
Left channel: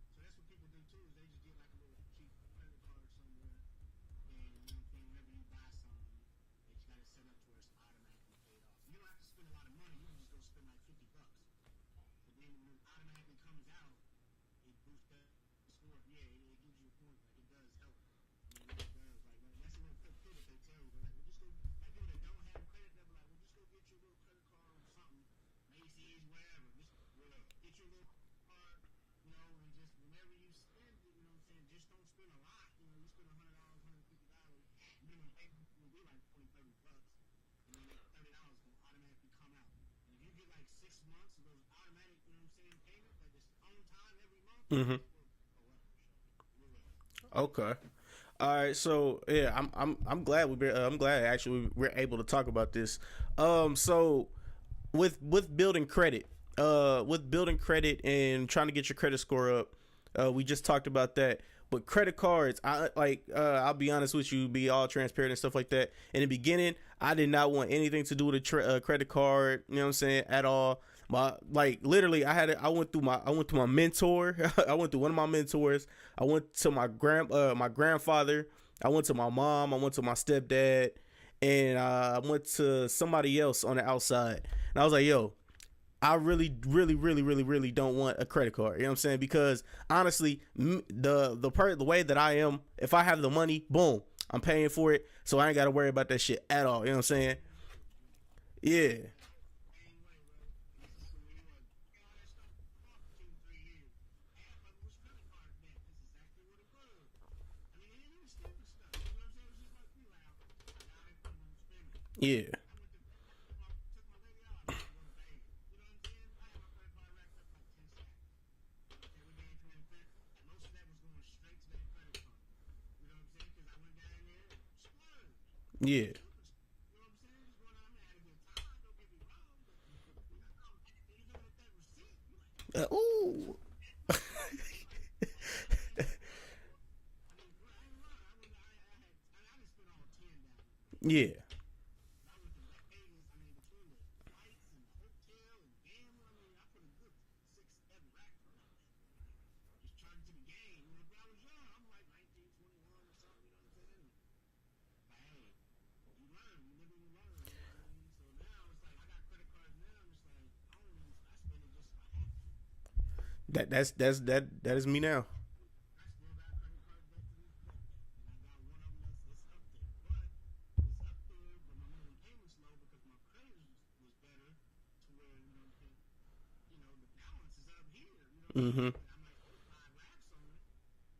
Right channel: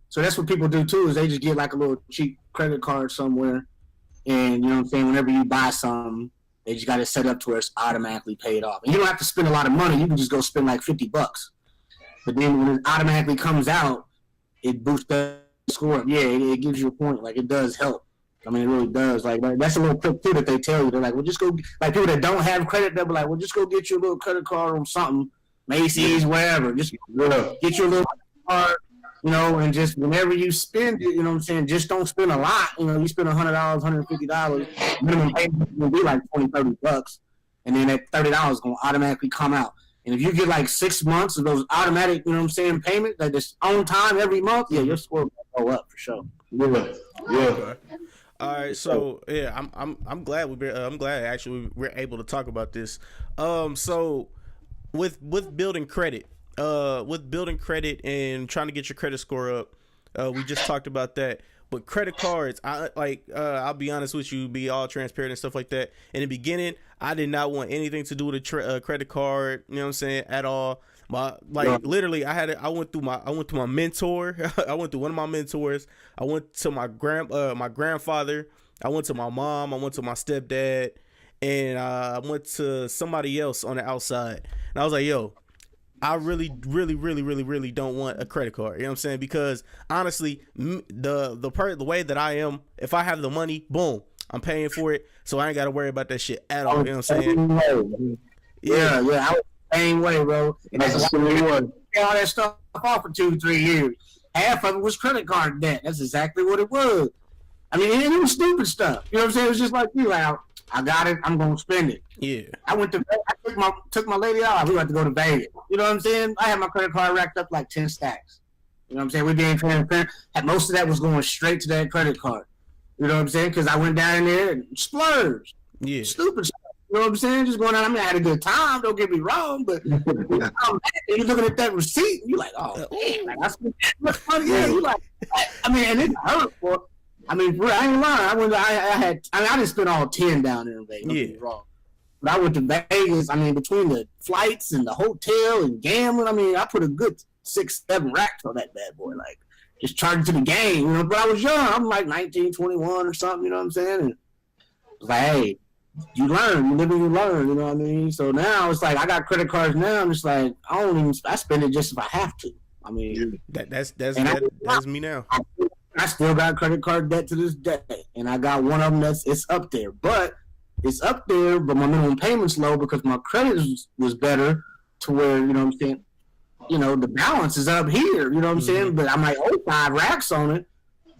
So that's what people do too, is they just get like a little cheap credit card somewhere, and you know what I'm saying, whenever you buy something, they just got it set up to where it's automatically paid off. And you don't have to spend a lot of money, you can just go spend like $50. But then when it automatically comes out, it boosts the score up. Yeah, it gives you a point, like it does help. I mean, it really does. Like that's a little trick too that they tell you. They're like, well, just go. Like people that don't have credit, they'll be like, well, just go get you a little credit card on something, Macy's, wherever. Just get you a little card, and just whenever you spend it, you know what I'm saying. Just don't spend a lot. You spend $100, $150. Minimum payment will be like $20-$30, and then that $30 is gonna automatically come out. And if you get like 6 months of those automatic, you know what I'm saying, payment, like this on time every month, yeah, your score will go up for sure. Yeah. Okay. All right, so yeah, I'm glad we're able to talk about this. So with building credit, and trying to get your credit score up, we just talked about that. But credit cards, I'll be honest with you, be all transparent and stuff like that. In the beginning, I did not want anything to do with a credit card. You know what I'm saying? At all. Literally, I went through my mentor. I went through one of my mentors. I went to my grandfather. I went to my mom. I went to my stepdad, and I went to somebody else on the outside. And I was like, yo, I really don't want a credit card. You know what I'm saying? Because honestly, the way that I am, if I have the money, boom, I'm paying for it, so I ain't got to worry about that shit at all. You know what I'm saying? Yeah. I was the same way, bro. And that's all that stuff off for 2-3 years. Half of it was credit card debt. That's exactly what it was. I mean, it was stupid stuff. You know what I'm saying? It was just like you, like, I got it, I'm gonna spend it. Yeah. I took my lady out. We had to go to Vegas. You know what I'm saying? I had my credit card racked up like 10 stacks. You know what I'm saying? We being transparent. Most of that was going straight to that credit card. You know what I'm saying? Because I went down there and splurged. Yeah. Stupid stuff. You know what I'm saying? Just going out. I mean, I had a good time. Don't get me wrong, but you're looking at that receipt, and you're like, oh, man, like, I spent that much money. Yeah, you like, I mean, and it hurt. For, I mean, I ain't lying. I didn't spend all 10 down there in Vegas. Yeah. Wrong. But I went to Vegas. I mean, between the flights and the hotel and gambling, I mean, I put a good 6-7 racks on that bad boy. Like, just charging to the game, you know. But I was young. I'm like 19, 21 or something, you know what I'm saying? And it was like, hey, you learn, you live and you learn, you know what I mean? So now it's like I got credit cards now. I'm just like, I spend it just if I have to. I mean, That's me now. I still got credit card debt to this day, and I got one of them it's up there. But my minimum payment's low because my credit was better to where, you know what I'm saying, you know, the balance is up here, you know what I'm saying? But I might owe 5 racks on it,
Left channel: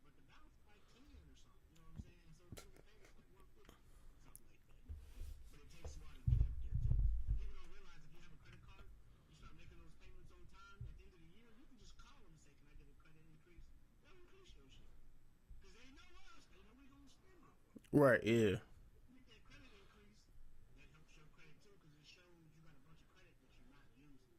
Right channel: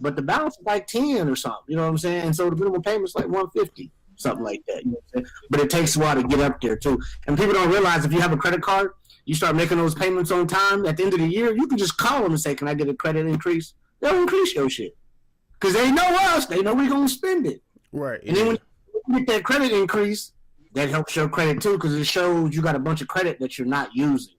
but the balance is like 10 or something, you know what I'm saying? And so the minimum payment's like 150, something like that. You know what I'm saying? But it takes a while to get up there too. And people don't realize if you have a credit card, you start making those payments on time, at the end of the year, you can just call them and say, can I get a credit increase? They'll increase your shit. Because they know us. They know we're going to spend it. Right. And then when you get that credit increase, that helps your credit too, because it shows you got a bunch of credit that you're not using.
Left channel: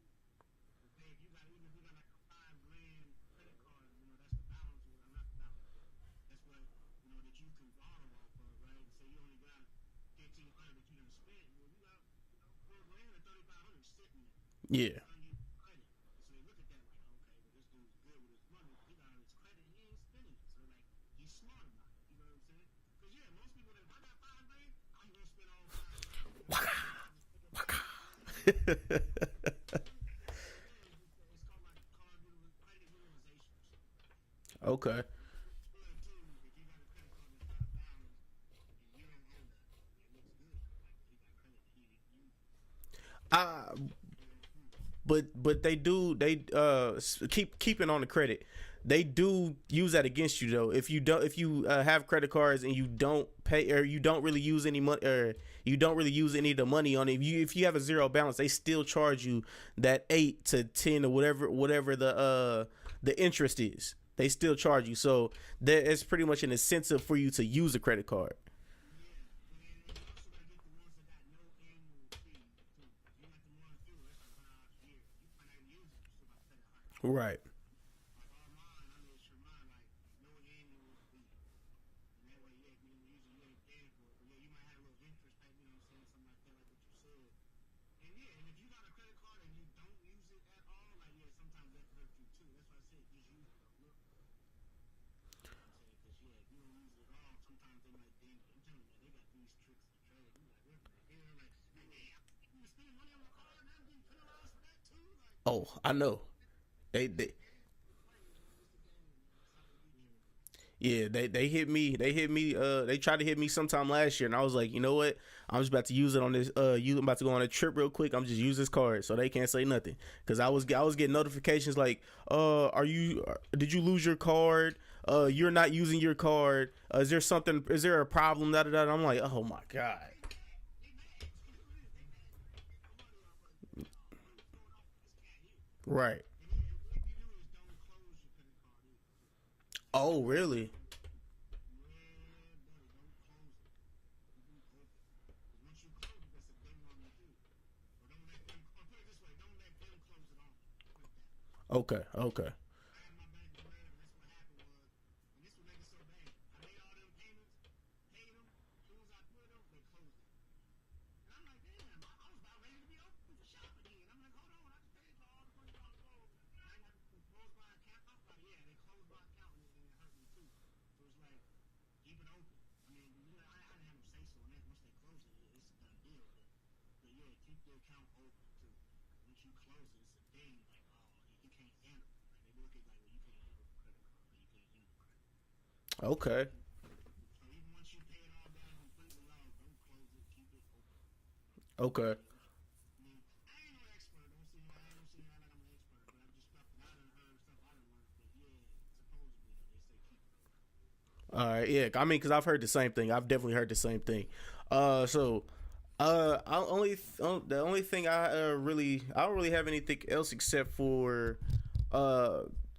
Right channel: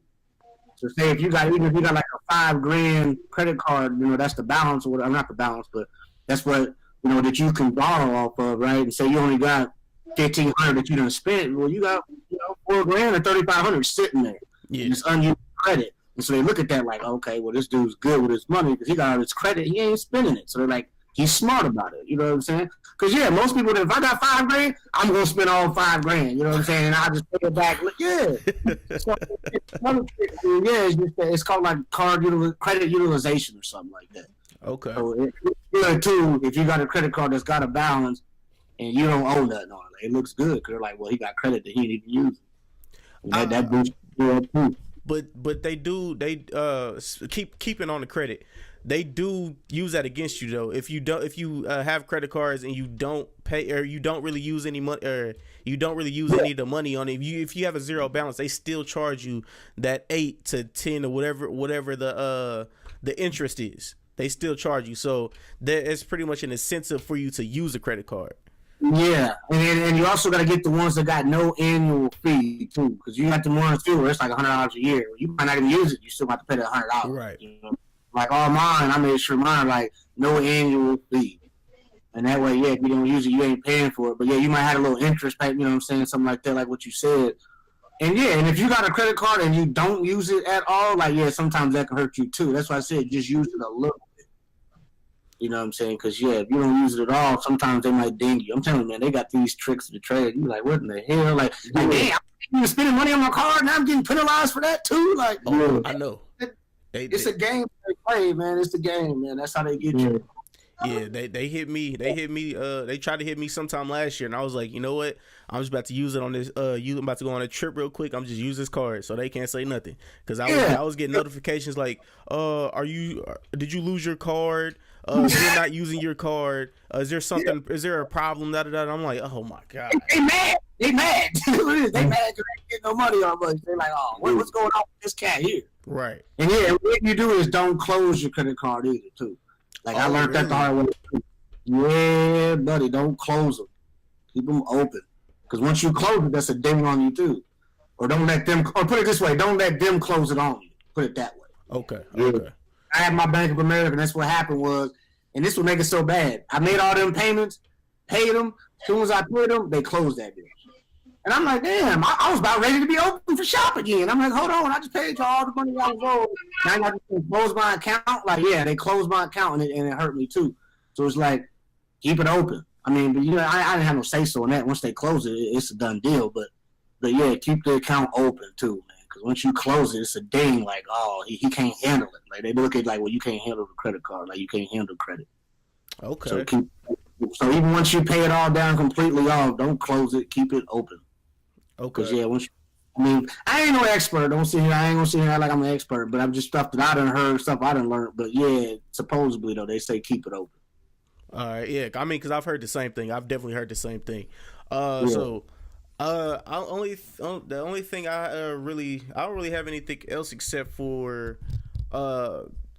So say if you got like a $5,000 credit card, you know, that's the balance, or whatever, not the balance, but that's what, you know, that you can borrow off of, right? And say you only got $1,500 that you done spent. Well, you got, you know, $4,000 or $3,500 sitting there. Yeah. It's unused credit. And so they look at that like, okay, well, this dude's good with his money because he got all his credit. He ain't spending it. So they're like, he's smart about it. You know what I'm saying? Because, yeah, most people, if I got $5,000, I'm going to spend all $5,000. You know what I'm saying? And I'll just pay it back. Yeah. So, it's called like credit utilization or something like that. Okay. So it's good, too, if you got a credit card that's got a balance and you don't owe nothing on it. It looks good because they're like, well, he got credit that he didn't even use. That boosts you up, too. But they keeping on the credit. They do use that against you though. If you have credit cards and you don't pay or you don't really use any money or you don't really use any of the money on it, if you have a zero balance, they still charge you that 8 to 10 or whatever the interest is. They still charge you. So it's pretty much an incentive for you to use a credit card. Yeah, and you also got to get the ones that got no annual fee too, because you got the ones too where it's like $100 a year. You might not even use it, you still have to pay that $100. Right. You know? Like all mine, I made sure mine like no annual fee, and that way, yeah, if you don't use it, you ain't paying for it. But yeah, you might have a little interest payment, you know what I'm saying, something like that, like what you said. And yeah, and if you got a credit card and you don't use it at all, like yeah, sometimes that can hurt you too. That's why I said just use it a little. You know what I'm saying? Because, yeah, if you don't use it at all, sometimes they might ding you. I'm telling you, man, they got these tricks of the trade. You're like, what in the hell? Like damn, I'm spending money on my card, now I'm getting penalized for that, too? Like, oh, I know. It's a game they play, man. It's the game, man. That's how they get you. Yeah, they hit me. They tried to hit me sometime last year, and I was like, you know what? I'm just about to use it on this. I'm about to go on a trip real quick. I'm just use this card so they can't say nothing. Because I was getting notifications like, did you lose your card? You're not using your card. Is there something? Is there a problem? I'm like, oh my god. They mad. They mad because they ain't getting no money on us. They're like, oh, what's going on with this cat here? Right. And yeah, what you do is don't close your credit card either, too. Like I learned that the hard way. Yeah, buddy, don't close them. Keep them open. Because once you close it, that's a ding on you too. Or don't let them. Or put it this way: don't let them close it on you. Put it that way. Okay. I had my Bank of America, and that's what happened was, and this would make it so bad. I made all them payments, paid them. As soon as I paid them, they closed that bitch. And I'm like, damn, I was about ready to be open for shop again. I'm like, hold on, I just paid you all the money I was owed. Now I got to close my account. Like, yeah, they closed my account, and it hurt me too. So it's like, keep it open. I mean, but you know, I didn't have no say so on that. Once they close it, it's a done deal. But yeah, keep the account open too, man. Because once you close it, it's a ding. Like, oh, he can't handle it. Like they look at like, well, you can't handle the credit card. Like you can't handle credit. Okay. So even once you pay it all down completely off, don't close it. Keep it open. Okay. Yeah, I ain't no expert. I ain't gonna sit here like I'm an expert, but I'm just stuff that I done heard, stuff I done learned. But yeah, supposedly though, they say keep it open. All right, yeah. I mean, because I've heard the same thing. I've definitely heard the same thing. The only thing I don't really have anything else except for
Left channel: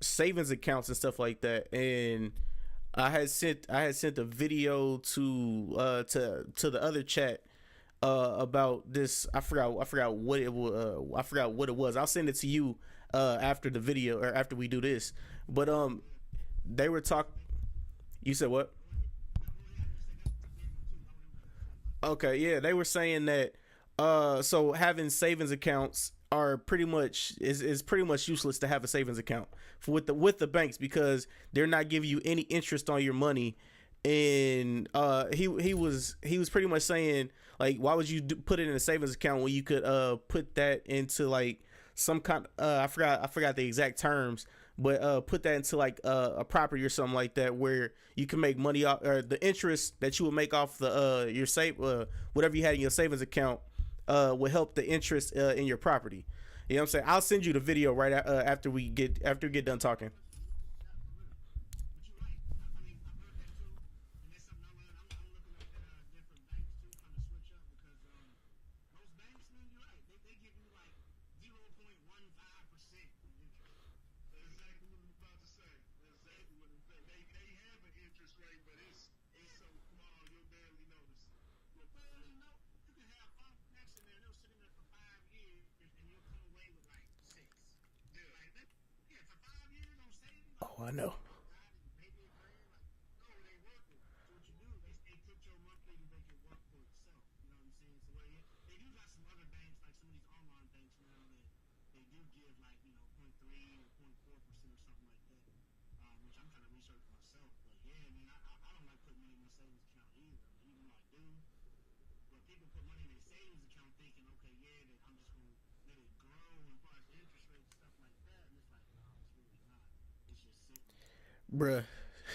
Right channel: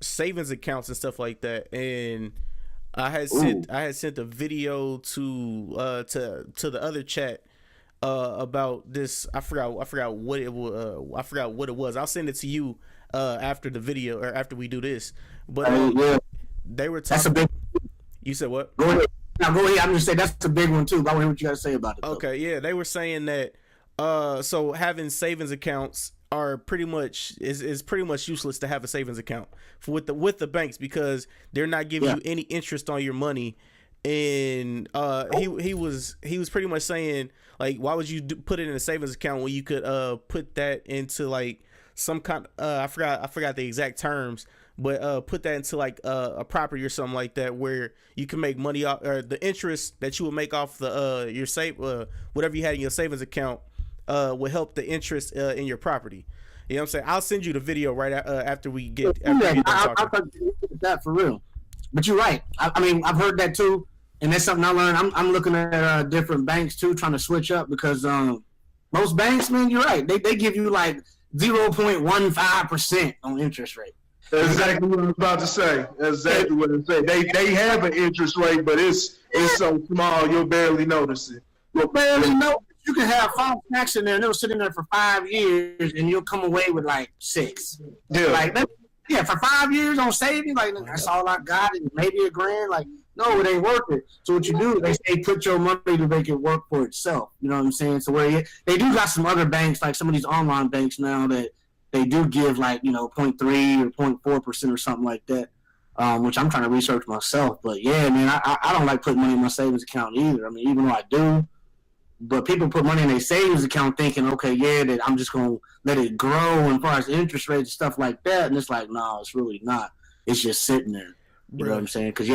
savings accounts and stuff like that. And I had sent a video to the other chat about this. I forgot what it was. I forgot what it was. I'll send it to you after the video or after we do this. But they were talking. You said what? Go ahead. Now go ahead. I'm just saying that's a big one too. But I want to hear what you got to say about it. Okay, yeah, they were saying that So having savings accounts are pretty much is pretty much useless to have a savings account with the banks, because they're not giving you any interest on your money. And he was pretty much saying, like, why would you put it in a savings account when you could put that into like some kind I forgot the exact terms, but put that into like a property or something like that, where you can make money off, or the interest that you would make off the your whatever you had in your savings account will help the interest in your property. You know what I'm saying? I'll send you the video right after we get done talking. I that for real. But you're right. I mean, I've heard that too, and that's something I learned. I'm looking at different banks too, trying to switch up, because most banks, man, you're right. They give you like 0.15% on interest rate. That's exactly what I was about to say. That's exactly what I say. They have an interest rate, but it's so small you'll barely notice it. You'll barely know. You can have 5 stacks in there, and they'll sit in there for 5 years, and you'll come away with like 6. Yeah. Like, for 5 years on saving, like, that's all I got, and maybe $1,000. Like, no, it ain't worth it. So what you do, they say put your money to make it work for itself. You know what I'm saying? So where they do got some other banks, like some of these online banks now, that they do give like, 0.3 or 0.4% or something like that, which I'm trying to research myself. But yeah, man, I don't like putting money in my savings account either. I mean, even though I do. But people put money in their savings account thinking, okay, yeah, that I'm just going to let it grow as far as interest rates and stuff like that. And it's like, no, it's really not. It's just sitting there. You know what I'm saying? Because,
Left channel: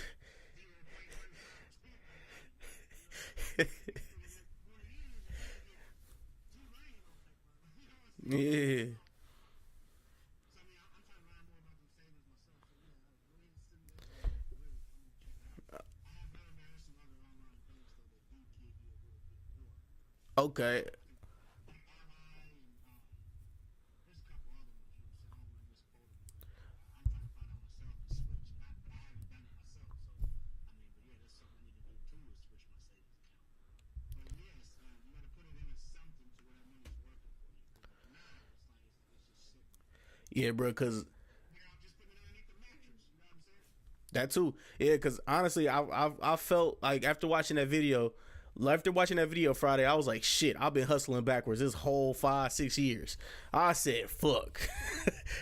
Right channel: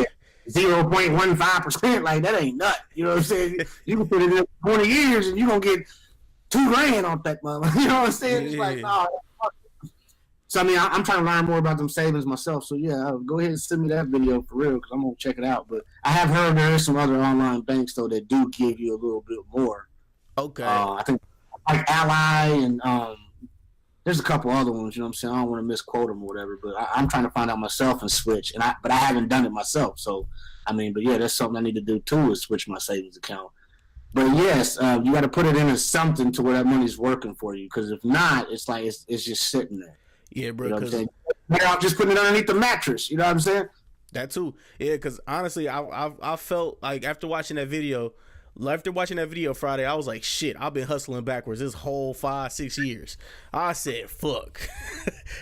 0.15%, like, that ain't nut. You know what I'm saying? You can put it in 20 years and you're going to get $2,000 off that money. You know what I'm saying? It's like, no. So, I mean, I'm trying to learn more about them savings myself. So, yeah, go ahead and send me that video for real, because I'm going to check it out. But I have heard there is some other online banks, though, that do give you a little bit more. Okay. I think like Ally and there's a couple other ones, you know what I'm saying? I don't want to misquote them or whatever, but I'm trying to find out myself and switch. But I haven't done it myself. So, I mean, but, yeah, that's something I need to do, too, is switch my savings account. But, yes, you got to put it into something to where that money's working for you, because if not, it's like it's just sitting there. Yeah, bro, because I'm just putting it underneath the mattress. You know what I'm saying? That too. Yeah, because honestly, I felt like after watching that video Friday, I was like, shit, I've been hustling backwards this whole 5-6 years. I said, fuck.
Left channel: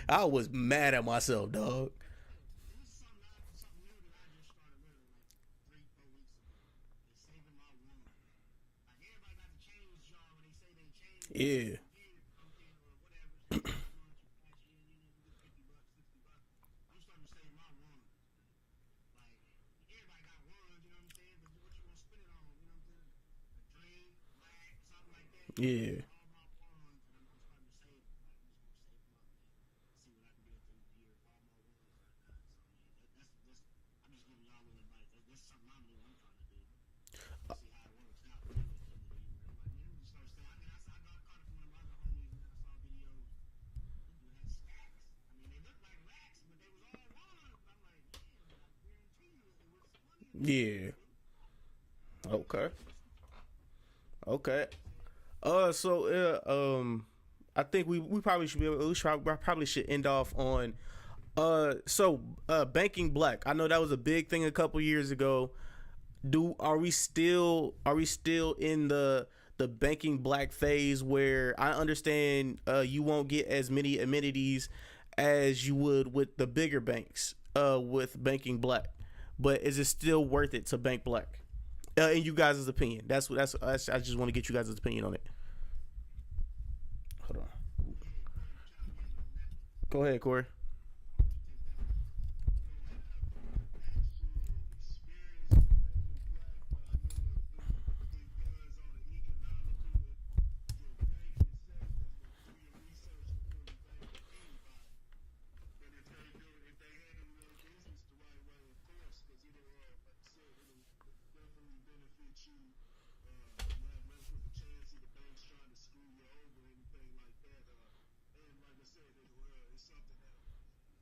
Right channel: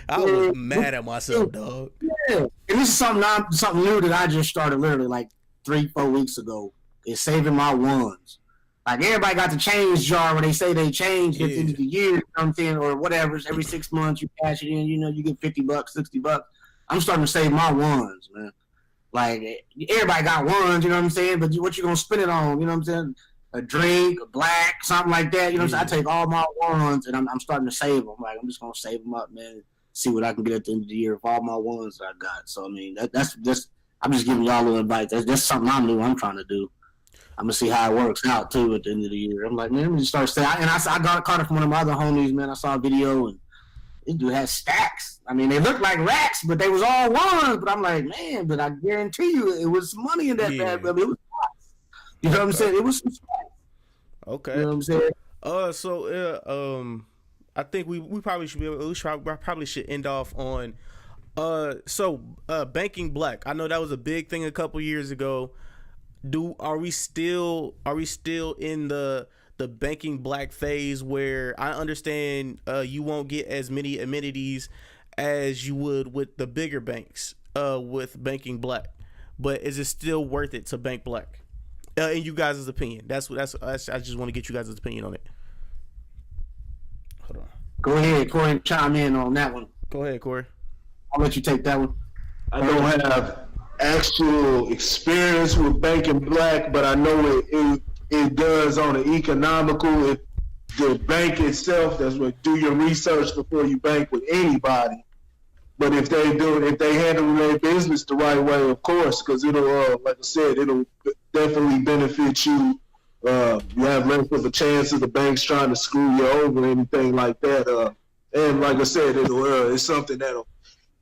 I was mad at myself, dog. Yeah, and this is something new that I just started literally like 3-4 weeks ago. Is saving my ones. Like, everybody got the change jar where they say they change at the end of the year, you know what I'm saying, or whatever. Every 6 months you cash it in, you get $50, $60. I'm starting to save my ones, man. Like, everybody got ones, you know what I'm saying, but what you gonna spend it on, you know what I'm saying? A drink, a black, something like that, you know what I'm saying? I take all my ones and I'm starting to save them. Like, I'm just gonna save them up, man, see what I can get at the end of the year with all my ones that I got. So, I mean, that's I'm just giving y'all a little advice. That's something I'm trying to do. I'm gonna see how it works out too at the end of the year. I'm like, man, let me just start saying. And I got caught it from one of my other homies, man. I saw a video and this dude had stacks. I mean, they looked like racks, but they was all ones. But I'm like, man, but I guarantee you, it was some money in that bag, but it was stacks. You know what I'm saying? It was some stacks. Okay. You know what I'm saying? So I think we probably should probably should end off on banking black. I know that was a big thing a couple years ago. Are we still in the banking black phase, where I understand you won't get as many amenities as you would with the bigger banks with banking black, but is it still worth it to bank black? In you guys' opinion, that's I just want to get you guys' opinion on it. Hold on. Go ahead, Corey, chime in on that one. Go ahead, Corey. I'll let you take that one. I don't have actual experience with banking black, but I know it does on an economical. The bank itself, that's what, do your research before you bank with anybody. But if they handle their business the right way, of course, because it'll, like I said, it'll definitely benefit you. You have less of a chance of the banks trying to screw you over or anything like that. And like I said, it's something that'll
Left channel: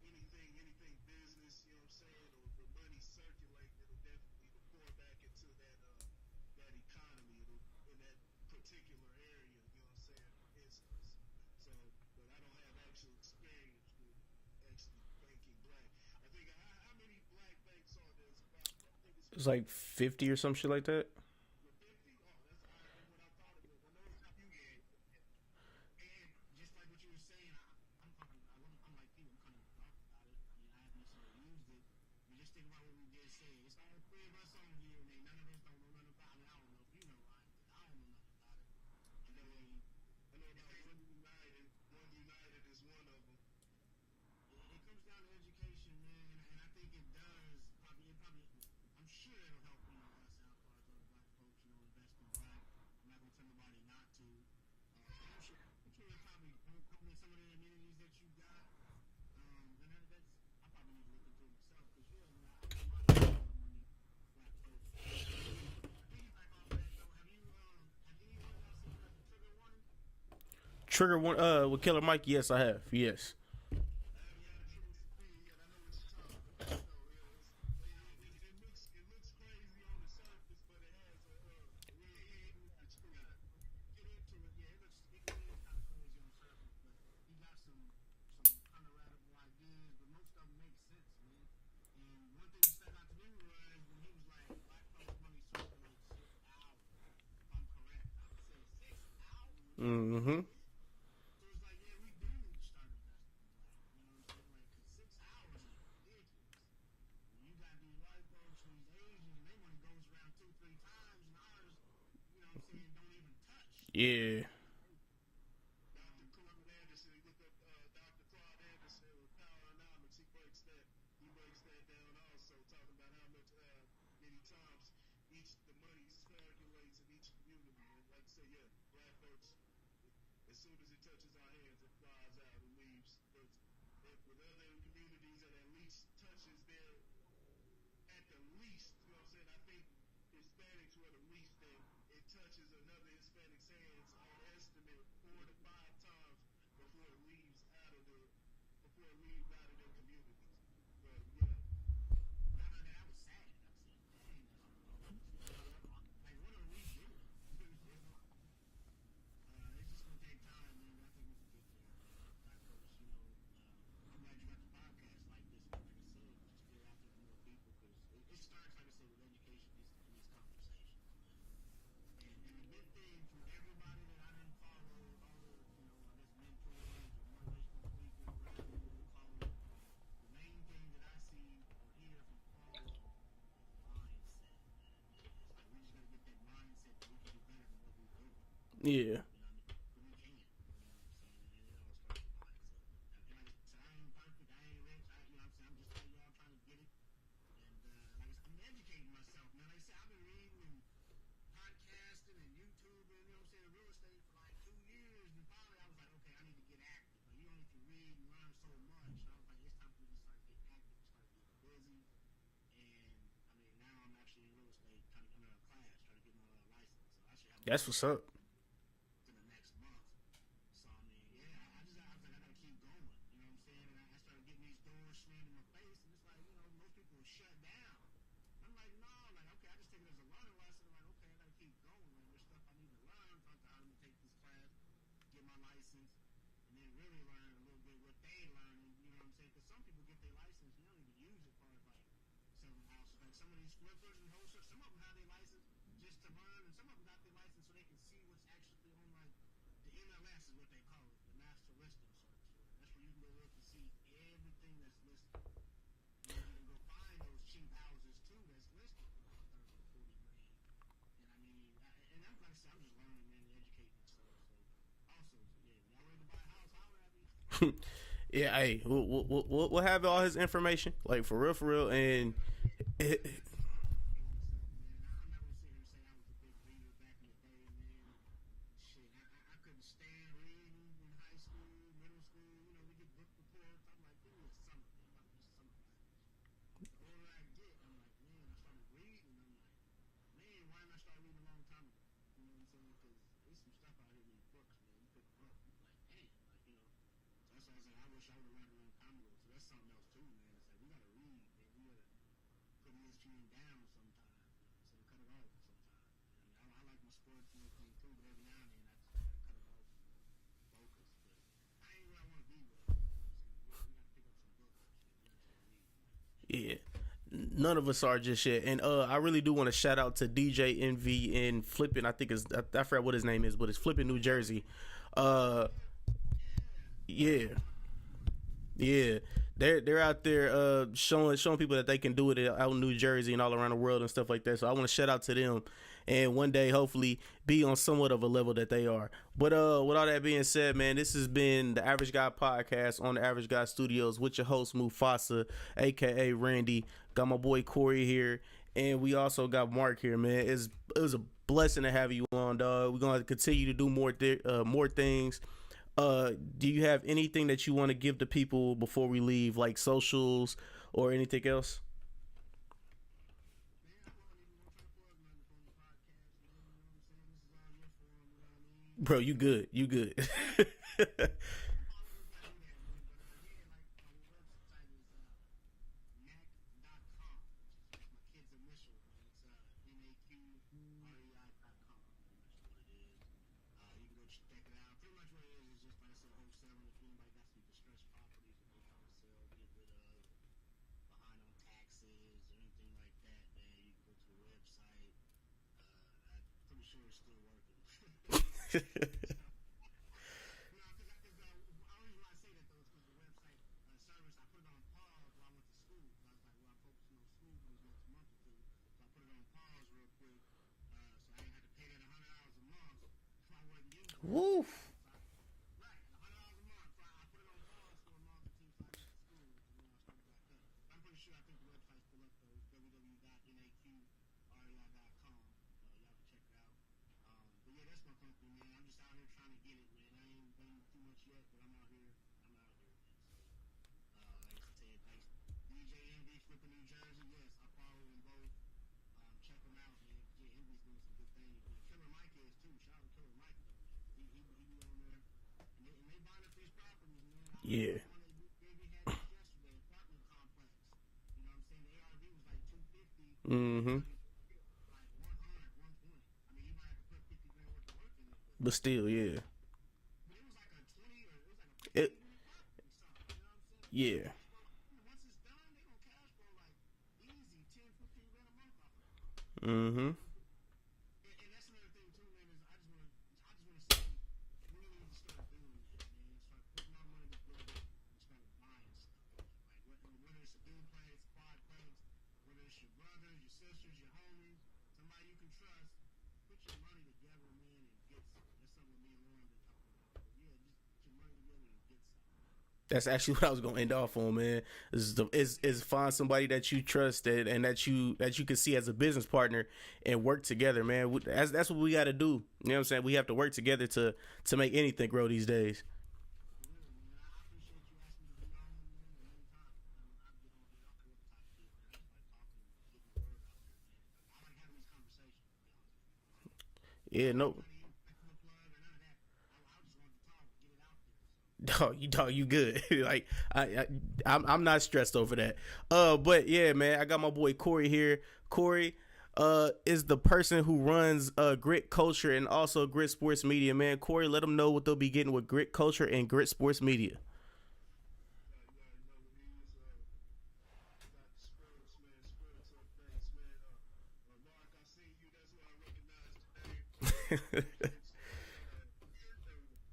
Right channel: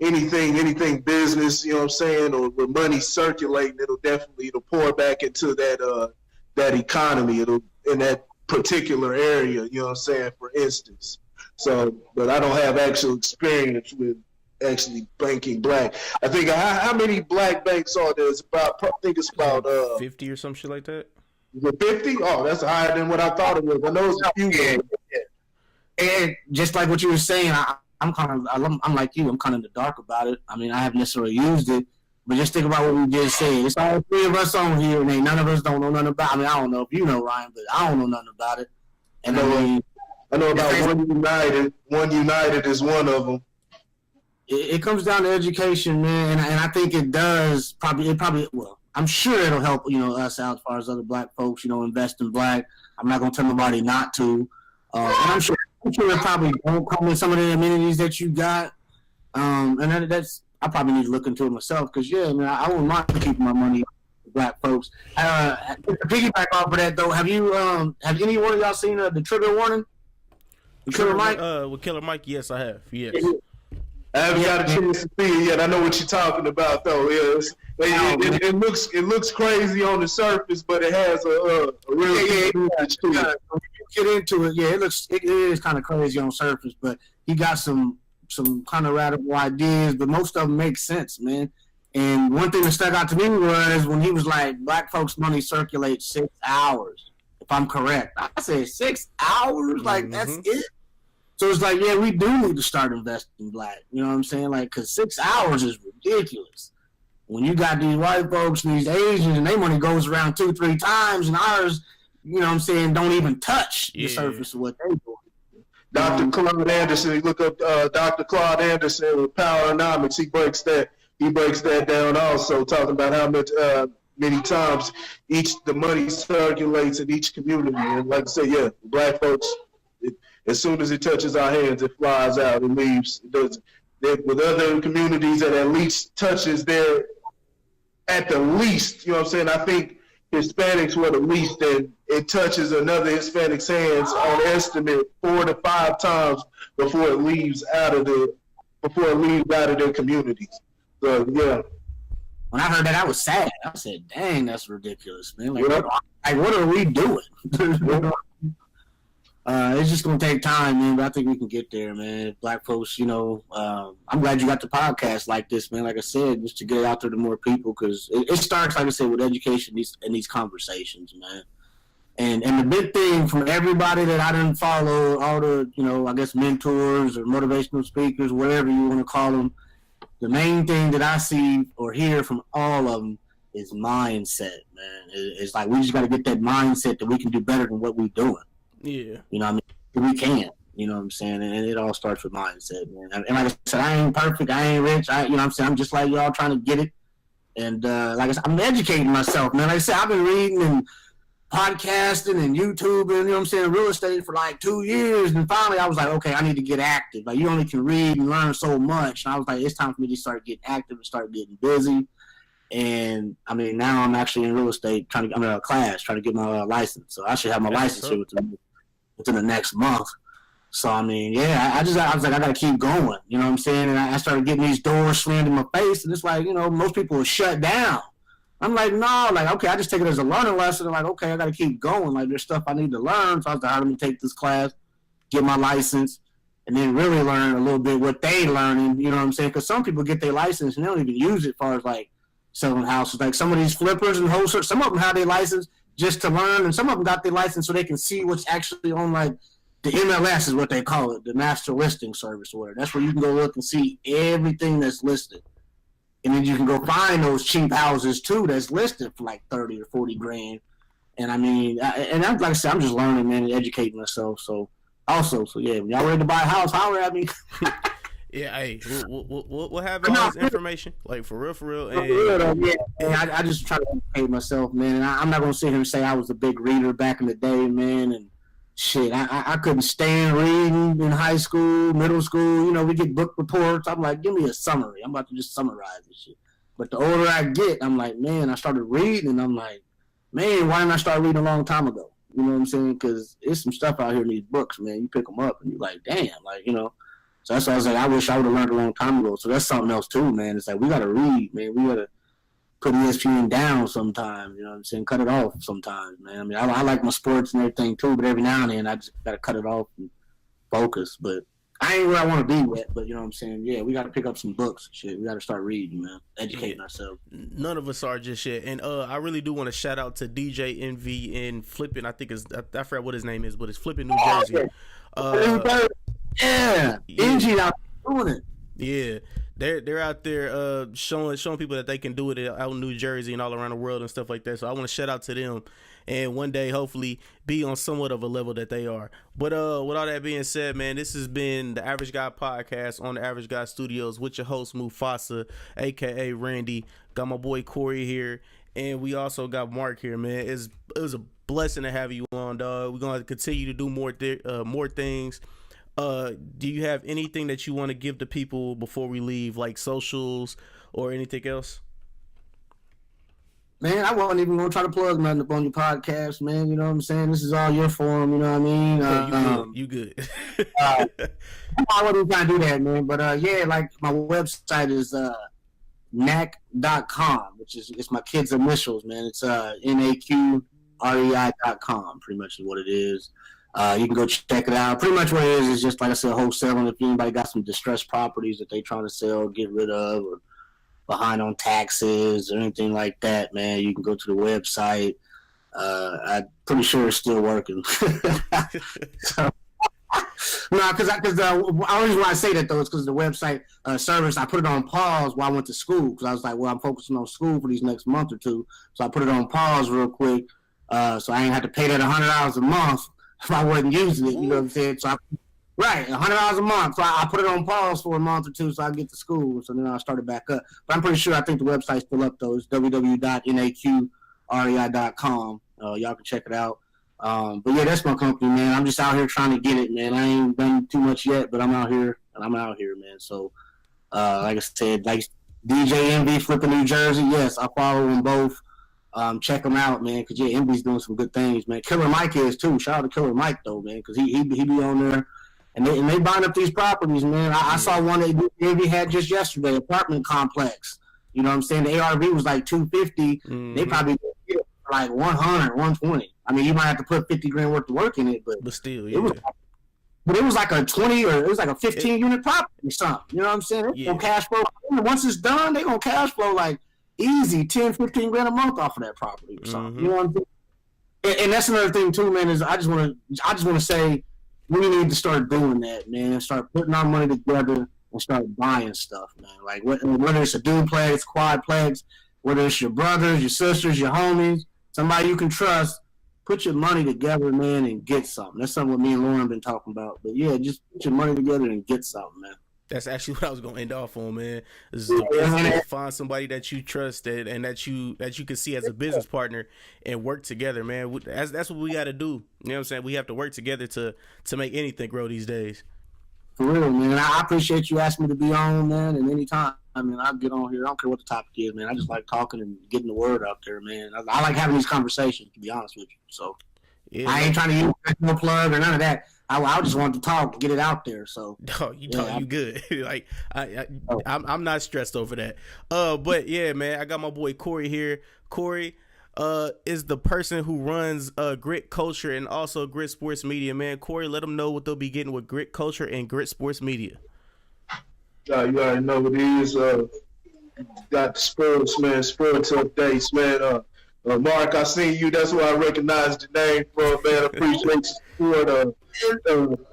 anything business, you know what I'm saying, or with money circulating, it'll pour back into that economy. It'll in that particular area, you know what I'm saying, for instance. So, but I don't have actual experience with actually banking black. I think how many black banks are there? I think it's about 50 or some shit like that. Is it 50? Oh, that's higher than what I thought it was. I know it's a few. And just like what you were saying, I'm like you. I'm kind of in the dark about it. I mean, I haven't necessarily used it, but just think about what we just said. It's all three of us on here, and ain't none of us don't know nothing about it. I mean, I don't know if you know, Ryan, but I don't know nothing about it. And I know about One United. One United is one of them. It comes down to education, man, and I think it does probably. Well, I'm sure it'll help us out as far as other black folks. Invest in black. I'm not gonna tell nobody not to, and I'm sure it probably won't come with some of the amenities that you got. And that's I probably need to look into it myself because man, I wouldn't mind keeping my money with black folks. To piggyback off of that though, have any one of y'all seen the trigger warning? Killer Mike? With Killer Mike, yes, I have. Yes. I haven't got a chance to see it yet. I know what you're talking about, though. It looks crazy on the surface, but it has a real message to it. Get into it. Yeah, it is kind of crazy on the surface, but he got some kind of radical ideas, but most of them make sense, man. And one thing that stuck out to me was when he was like, "Black folks' money circulates 6 hours." If I'm correct, I said 6 hours. Like that's it. So it's like, yeah, we do need to start investing in black. You know what I'm saying? Like, because 6 hours is ridiculous. When you got these white folks and these Asians and their money goes around 2-3 times and ours, you know what I'm saying, don't even touch the surface of what they do. Dr. Claude Anderson, look up Dr. Claude Anderson with Poweronomics. He breaks that down also, talking about how much many times the money circulates in each community. And like I said, black folks, as soon as it touches our hands, it flies out and leaves. It doesn't. With other communities that at least touches their, at the least, you know what I'm saying? I think Hispanics were the least, and it touches another Hispanic's hands on estimate 4 to 5 times before it leaves out of their communities. So yeah. When I heard that, I was sad. I said, "Dang, that's ridiculous, man! Like, what are we doing?" It's just gonna take time, man. But I think we can get there, man. Black folks, I'm glad you got the podcast like this, man. Like I said, just to get it out there to more people, because it starts, like I said, with education and these conversations, man. And the big thing from everybody that I didn't follow, all the I guess mentors or motivational speakers, whatever you want to call them, the main thing that I see or hear from all of them is mindset, man. It's like we just got to get that mindset that we can do better than what we're doing. Yeah. You know what I mean? We can. You know what I'm saying? And it all starts with mindset, man. And like I said, I ain't perfect. I ain't rich. You know what I'm saying? I'm just like y'all trying to get it. And like I said, I'm educating myself, man. Like I said, I've been reading and podcasting and YouTube and, you know what I'm saying, real estate for like 2 years. And finally I was like, okay, I need to get active. Like, you only can read and learn so much. And I was like, it's time for me to start getting active and start getting busy. And I mean, now I'm actually in real estate I'm in a class trying to get my license. So I should have my license here within the next month. So I mean, I was like, I gotta keep going. You know what I'm saying? And I started getting these doors slammed in my face, and it's like, most people are shut down. I'm like, no, like, okay, I just take it as a learning lesson. I'm like, okay, I gotta keep going. Like, there's stuff I need to learn. So I was like, let me take this class, get my license, and then really learn a little bit what they learning. You know what I'm saying? Because some people get their license and they don't even use it as far as like selling houses. Like some of these flippers and wholesalers, some of them have their license just to learn, and some of them got their license so they can see what's actually on, like, the MLS is what they call it, the master listing service or whatever. That's where you can go look and see everything that's listed. And then you can go find those cheap houses too that's listed for like 30 or 40 grand. And I mean, like I said, I'm just learning, man, and educating myself. So yeah, when y'all ready to buy a house, holler at me. Yeah, hey, we'll have all this information, like, for real. And I just try to educate myself, man. And I'm not gonna sit here and say I was a big reader back in the day, man. And shit, I couldn't stand reading in high school, middle school. We get book reports. I'm like, give me a summary. I'm about to just summarize this shit. But the older I get, I'm like, man, I started reading, and I'm like, man, why didn't I start reading a long time ago? You know what I'm saying? Because there's some stuff out here in these books, man. You pick them up, and you're like, damn, like, So that's why I was like, I wish I would have learned a long time ago. So that's something else too, man. It's like, we got to read, man. We got to put ESPN down sometimes, you know what I'm saying? Cut it off sometimes, man. I mean, I like my sports and everything too, but every now and then I just got to cut it off and focus. But I ain't where I want to be yet, but you know what I'm saying? Yeah, we got to pick up some books and shit. We got to start reading, man. Educating ourselves. None of us are just yet. And I really do want to shout out to DJ Envy in Flippin. I think I forgot what his name is, but it's Flippin, New Jersey. Yeah. NG out doing it. Yeah, they're out there showing people that they can do it out in New Jersey and all around the world and stuff like that. So I want to shout out to them, and one day hopefully be on somewhat of a level that they are. But with all that being said, man, this has been the Average Guy Podcast on the Average Guy Studios with your host Mufasa, aka Randy. Got my boy Corey here, and we also got Mark here, man. It was a blessing to have you on, dog. We're gonna continue to do more things. Do you have anything that you want to give to people before we leave, like socials or anything else? Man, I wasn't even gonna try to plug nothing up on your podcast, man. You know what I'm saying? This is all your forum. You know what I mean? You good? I wasn't trying to do that, man. But yeah, like my website is NAC.com, which is it's my kids' initials, man. It's NAQREI.com, pretty much is what it is. You can go check it out. Pretty much what it is just, like I said, wholesaling. If anybody got some distressed properties that they trying to sell, get rid of, or behind on taxes or anything like that, man, you can go to the website. I'm pretty sure it's still working. So, no, because the only reason why I say that, though, is because the website service, I put it on pause while I went to school, because I was like, well, I'm focusing on school for these next month or two. So I put it on pause real quick, so I ain't have to pay that $100 a month if I wasn't using it, you know what I'm saying? So right, $100 a month. So I put it on pause for a month or two so I get to school. So then I started back up. But I'm pretty sure I think the website's still up, though. It's www.naqrei.com. Y'all can check it out. But yeah, that's my company, man. I'm just out here trying to get it, man. I ain't done too much yet, but I'm out here, man. So, like I said, like DJ Envy, Flippin' New Jersey, yes, I follow them both. Check them out, man, because yeah, Envy's doing some good things, man. Killer Mike is too. Shout out to Killer Mike though, man, because he be on there, and they buying up these properties, man. I saw one that Envy had just yesterday, apartment complex. You know what I'm saying? The ARV was like $250. Mm-hmm. They probably get it for like $100, $120. I mean, you might have to put $50,000 worth of work in it, but still, yeah. But it was like a 20 or it was like a 15 unit property or something. You know what I'm saying? It's gonna cash flow. Once it's done, they gonna cash flow like easy $10-15 a month off of that property or something. You know what I'm saying? And that's another thing too, man, is I just want to say we need to start doing that, man. Start putting our money together and start buying stuff, man. Like whether it's a duplex, quadplex, whether it's your brothers, your sisters, your homies, somebody you can trust, put your money together, man, and get something. That's something what me and Lauren been talking about. But yeah, just put your money together and get something, man. That's actually what I was gonna end off on, man. Is find somebody that you trust and that you can see as a business partner and work together, man. That's what we got to do. You know what I'm saying? We have to work together to make anything grow these days. For real, man. I appreciate you asking me to be on, man. And anytime, I mean, I'll get on here. I don't care what the topic is, man. I just like talking and getting the word out there, man. I like having these conversations, to be honest with you. So yeah, I ain't trying to use no plug or none of that. I just want to talk, get it out there. So no, you good. Like I'm not stressed over that. But yeah, man, I got my boy Corey here. Corey is the person who runs Grit Culture and also Grit Sports Media, man. Corey, let them know what they'll be getting with Grit Culture and Grit Sports Media. You already know what it is. Got the sports, man. Sports updates, man. Mark, I seen you. That's why I recognized the name from, man. I appreciate your support.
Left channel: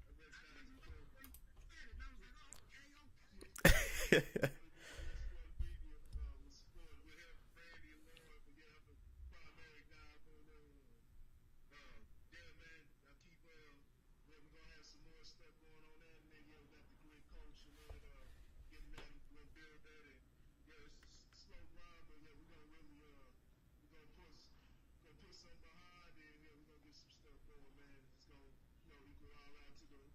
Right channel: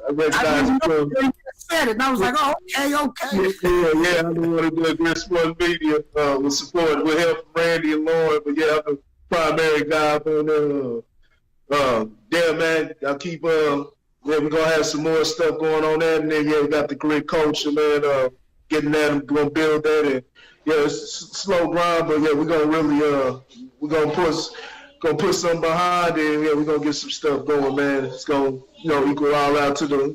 I recognize you from. Said it, and I was like, oh, okay. Yeah. I'm the one who does Grit Sports Media with support, with help from Randy and Lauren. But yeah, I'm the primary guy on there. Yeah, man. I'll keep. We're gonna have some more stuff going on there, and then we got the Grit Culture, man. Getting that, we're gonna build that, and yeah, it's a slow grind, but yeah, we're gonna really we're gonna put something behind it, and yeah, we're gonna get some stuff going, man. It's gonna equal all out to the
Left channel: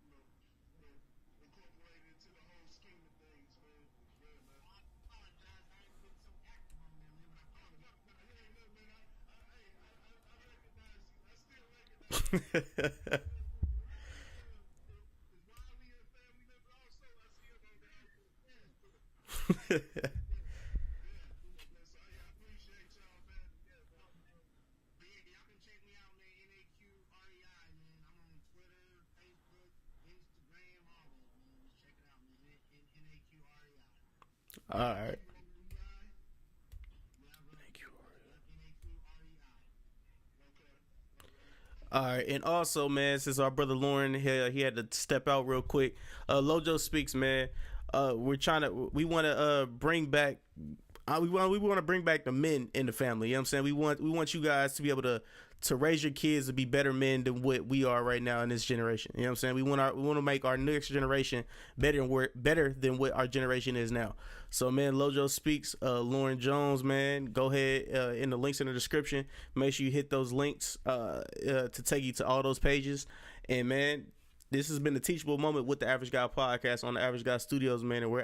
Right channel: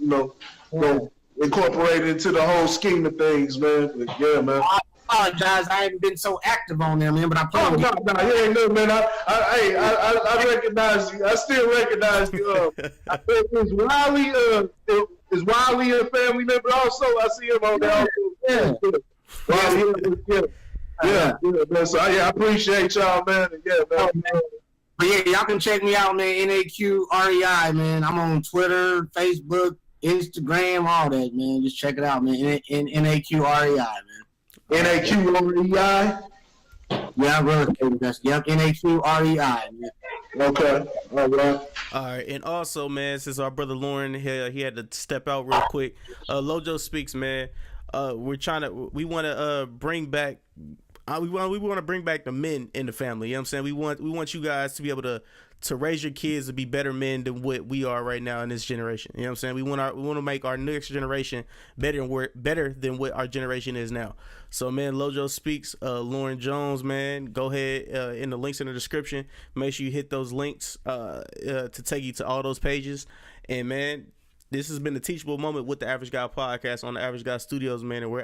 incorporate it into the whole scheme of things, man. But yeah, man. I apologize, I haven't been so active on there, man. But I probably you ain't no, man. I recognize you. I still recognize you. Is Wiley a family member also? I see him on there also. Yeah. So I appreciate y'all, man. And yeah, man. But yeah, y'all can check me out, man. NAQREI, man. I'm on Twitter, Facebook, Instagram, all that, man. Just check it out, man. NAQREI, man. NAQREI. Yeah, brother. Yep, NAQREI, man. Okay. All right. All right, and also, man, since our brother Lauren he had to step out real quick. Lojo Speaks, man. We want to bring back. We want to bring back the men in the family. You know what I'm saying? We want you guys to be able to raise your kids to be better men than what we are right now in this generation. You know what I'm saying? We want to make our next generation better than what our generation is now. So, man, Lojo Speaks, Lauren Jones, man, go ahead in the links in the description. Make sure you hit those links to take you to all those pages. And, man, this has been the Teachable Moment with the Average Guy Podcast on the Average Guy Studios, man, and we're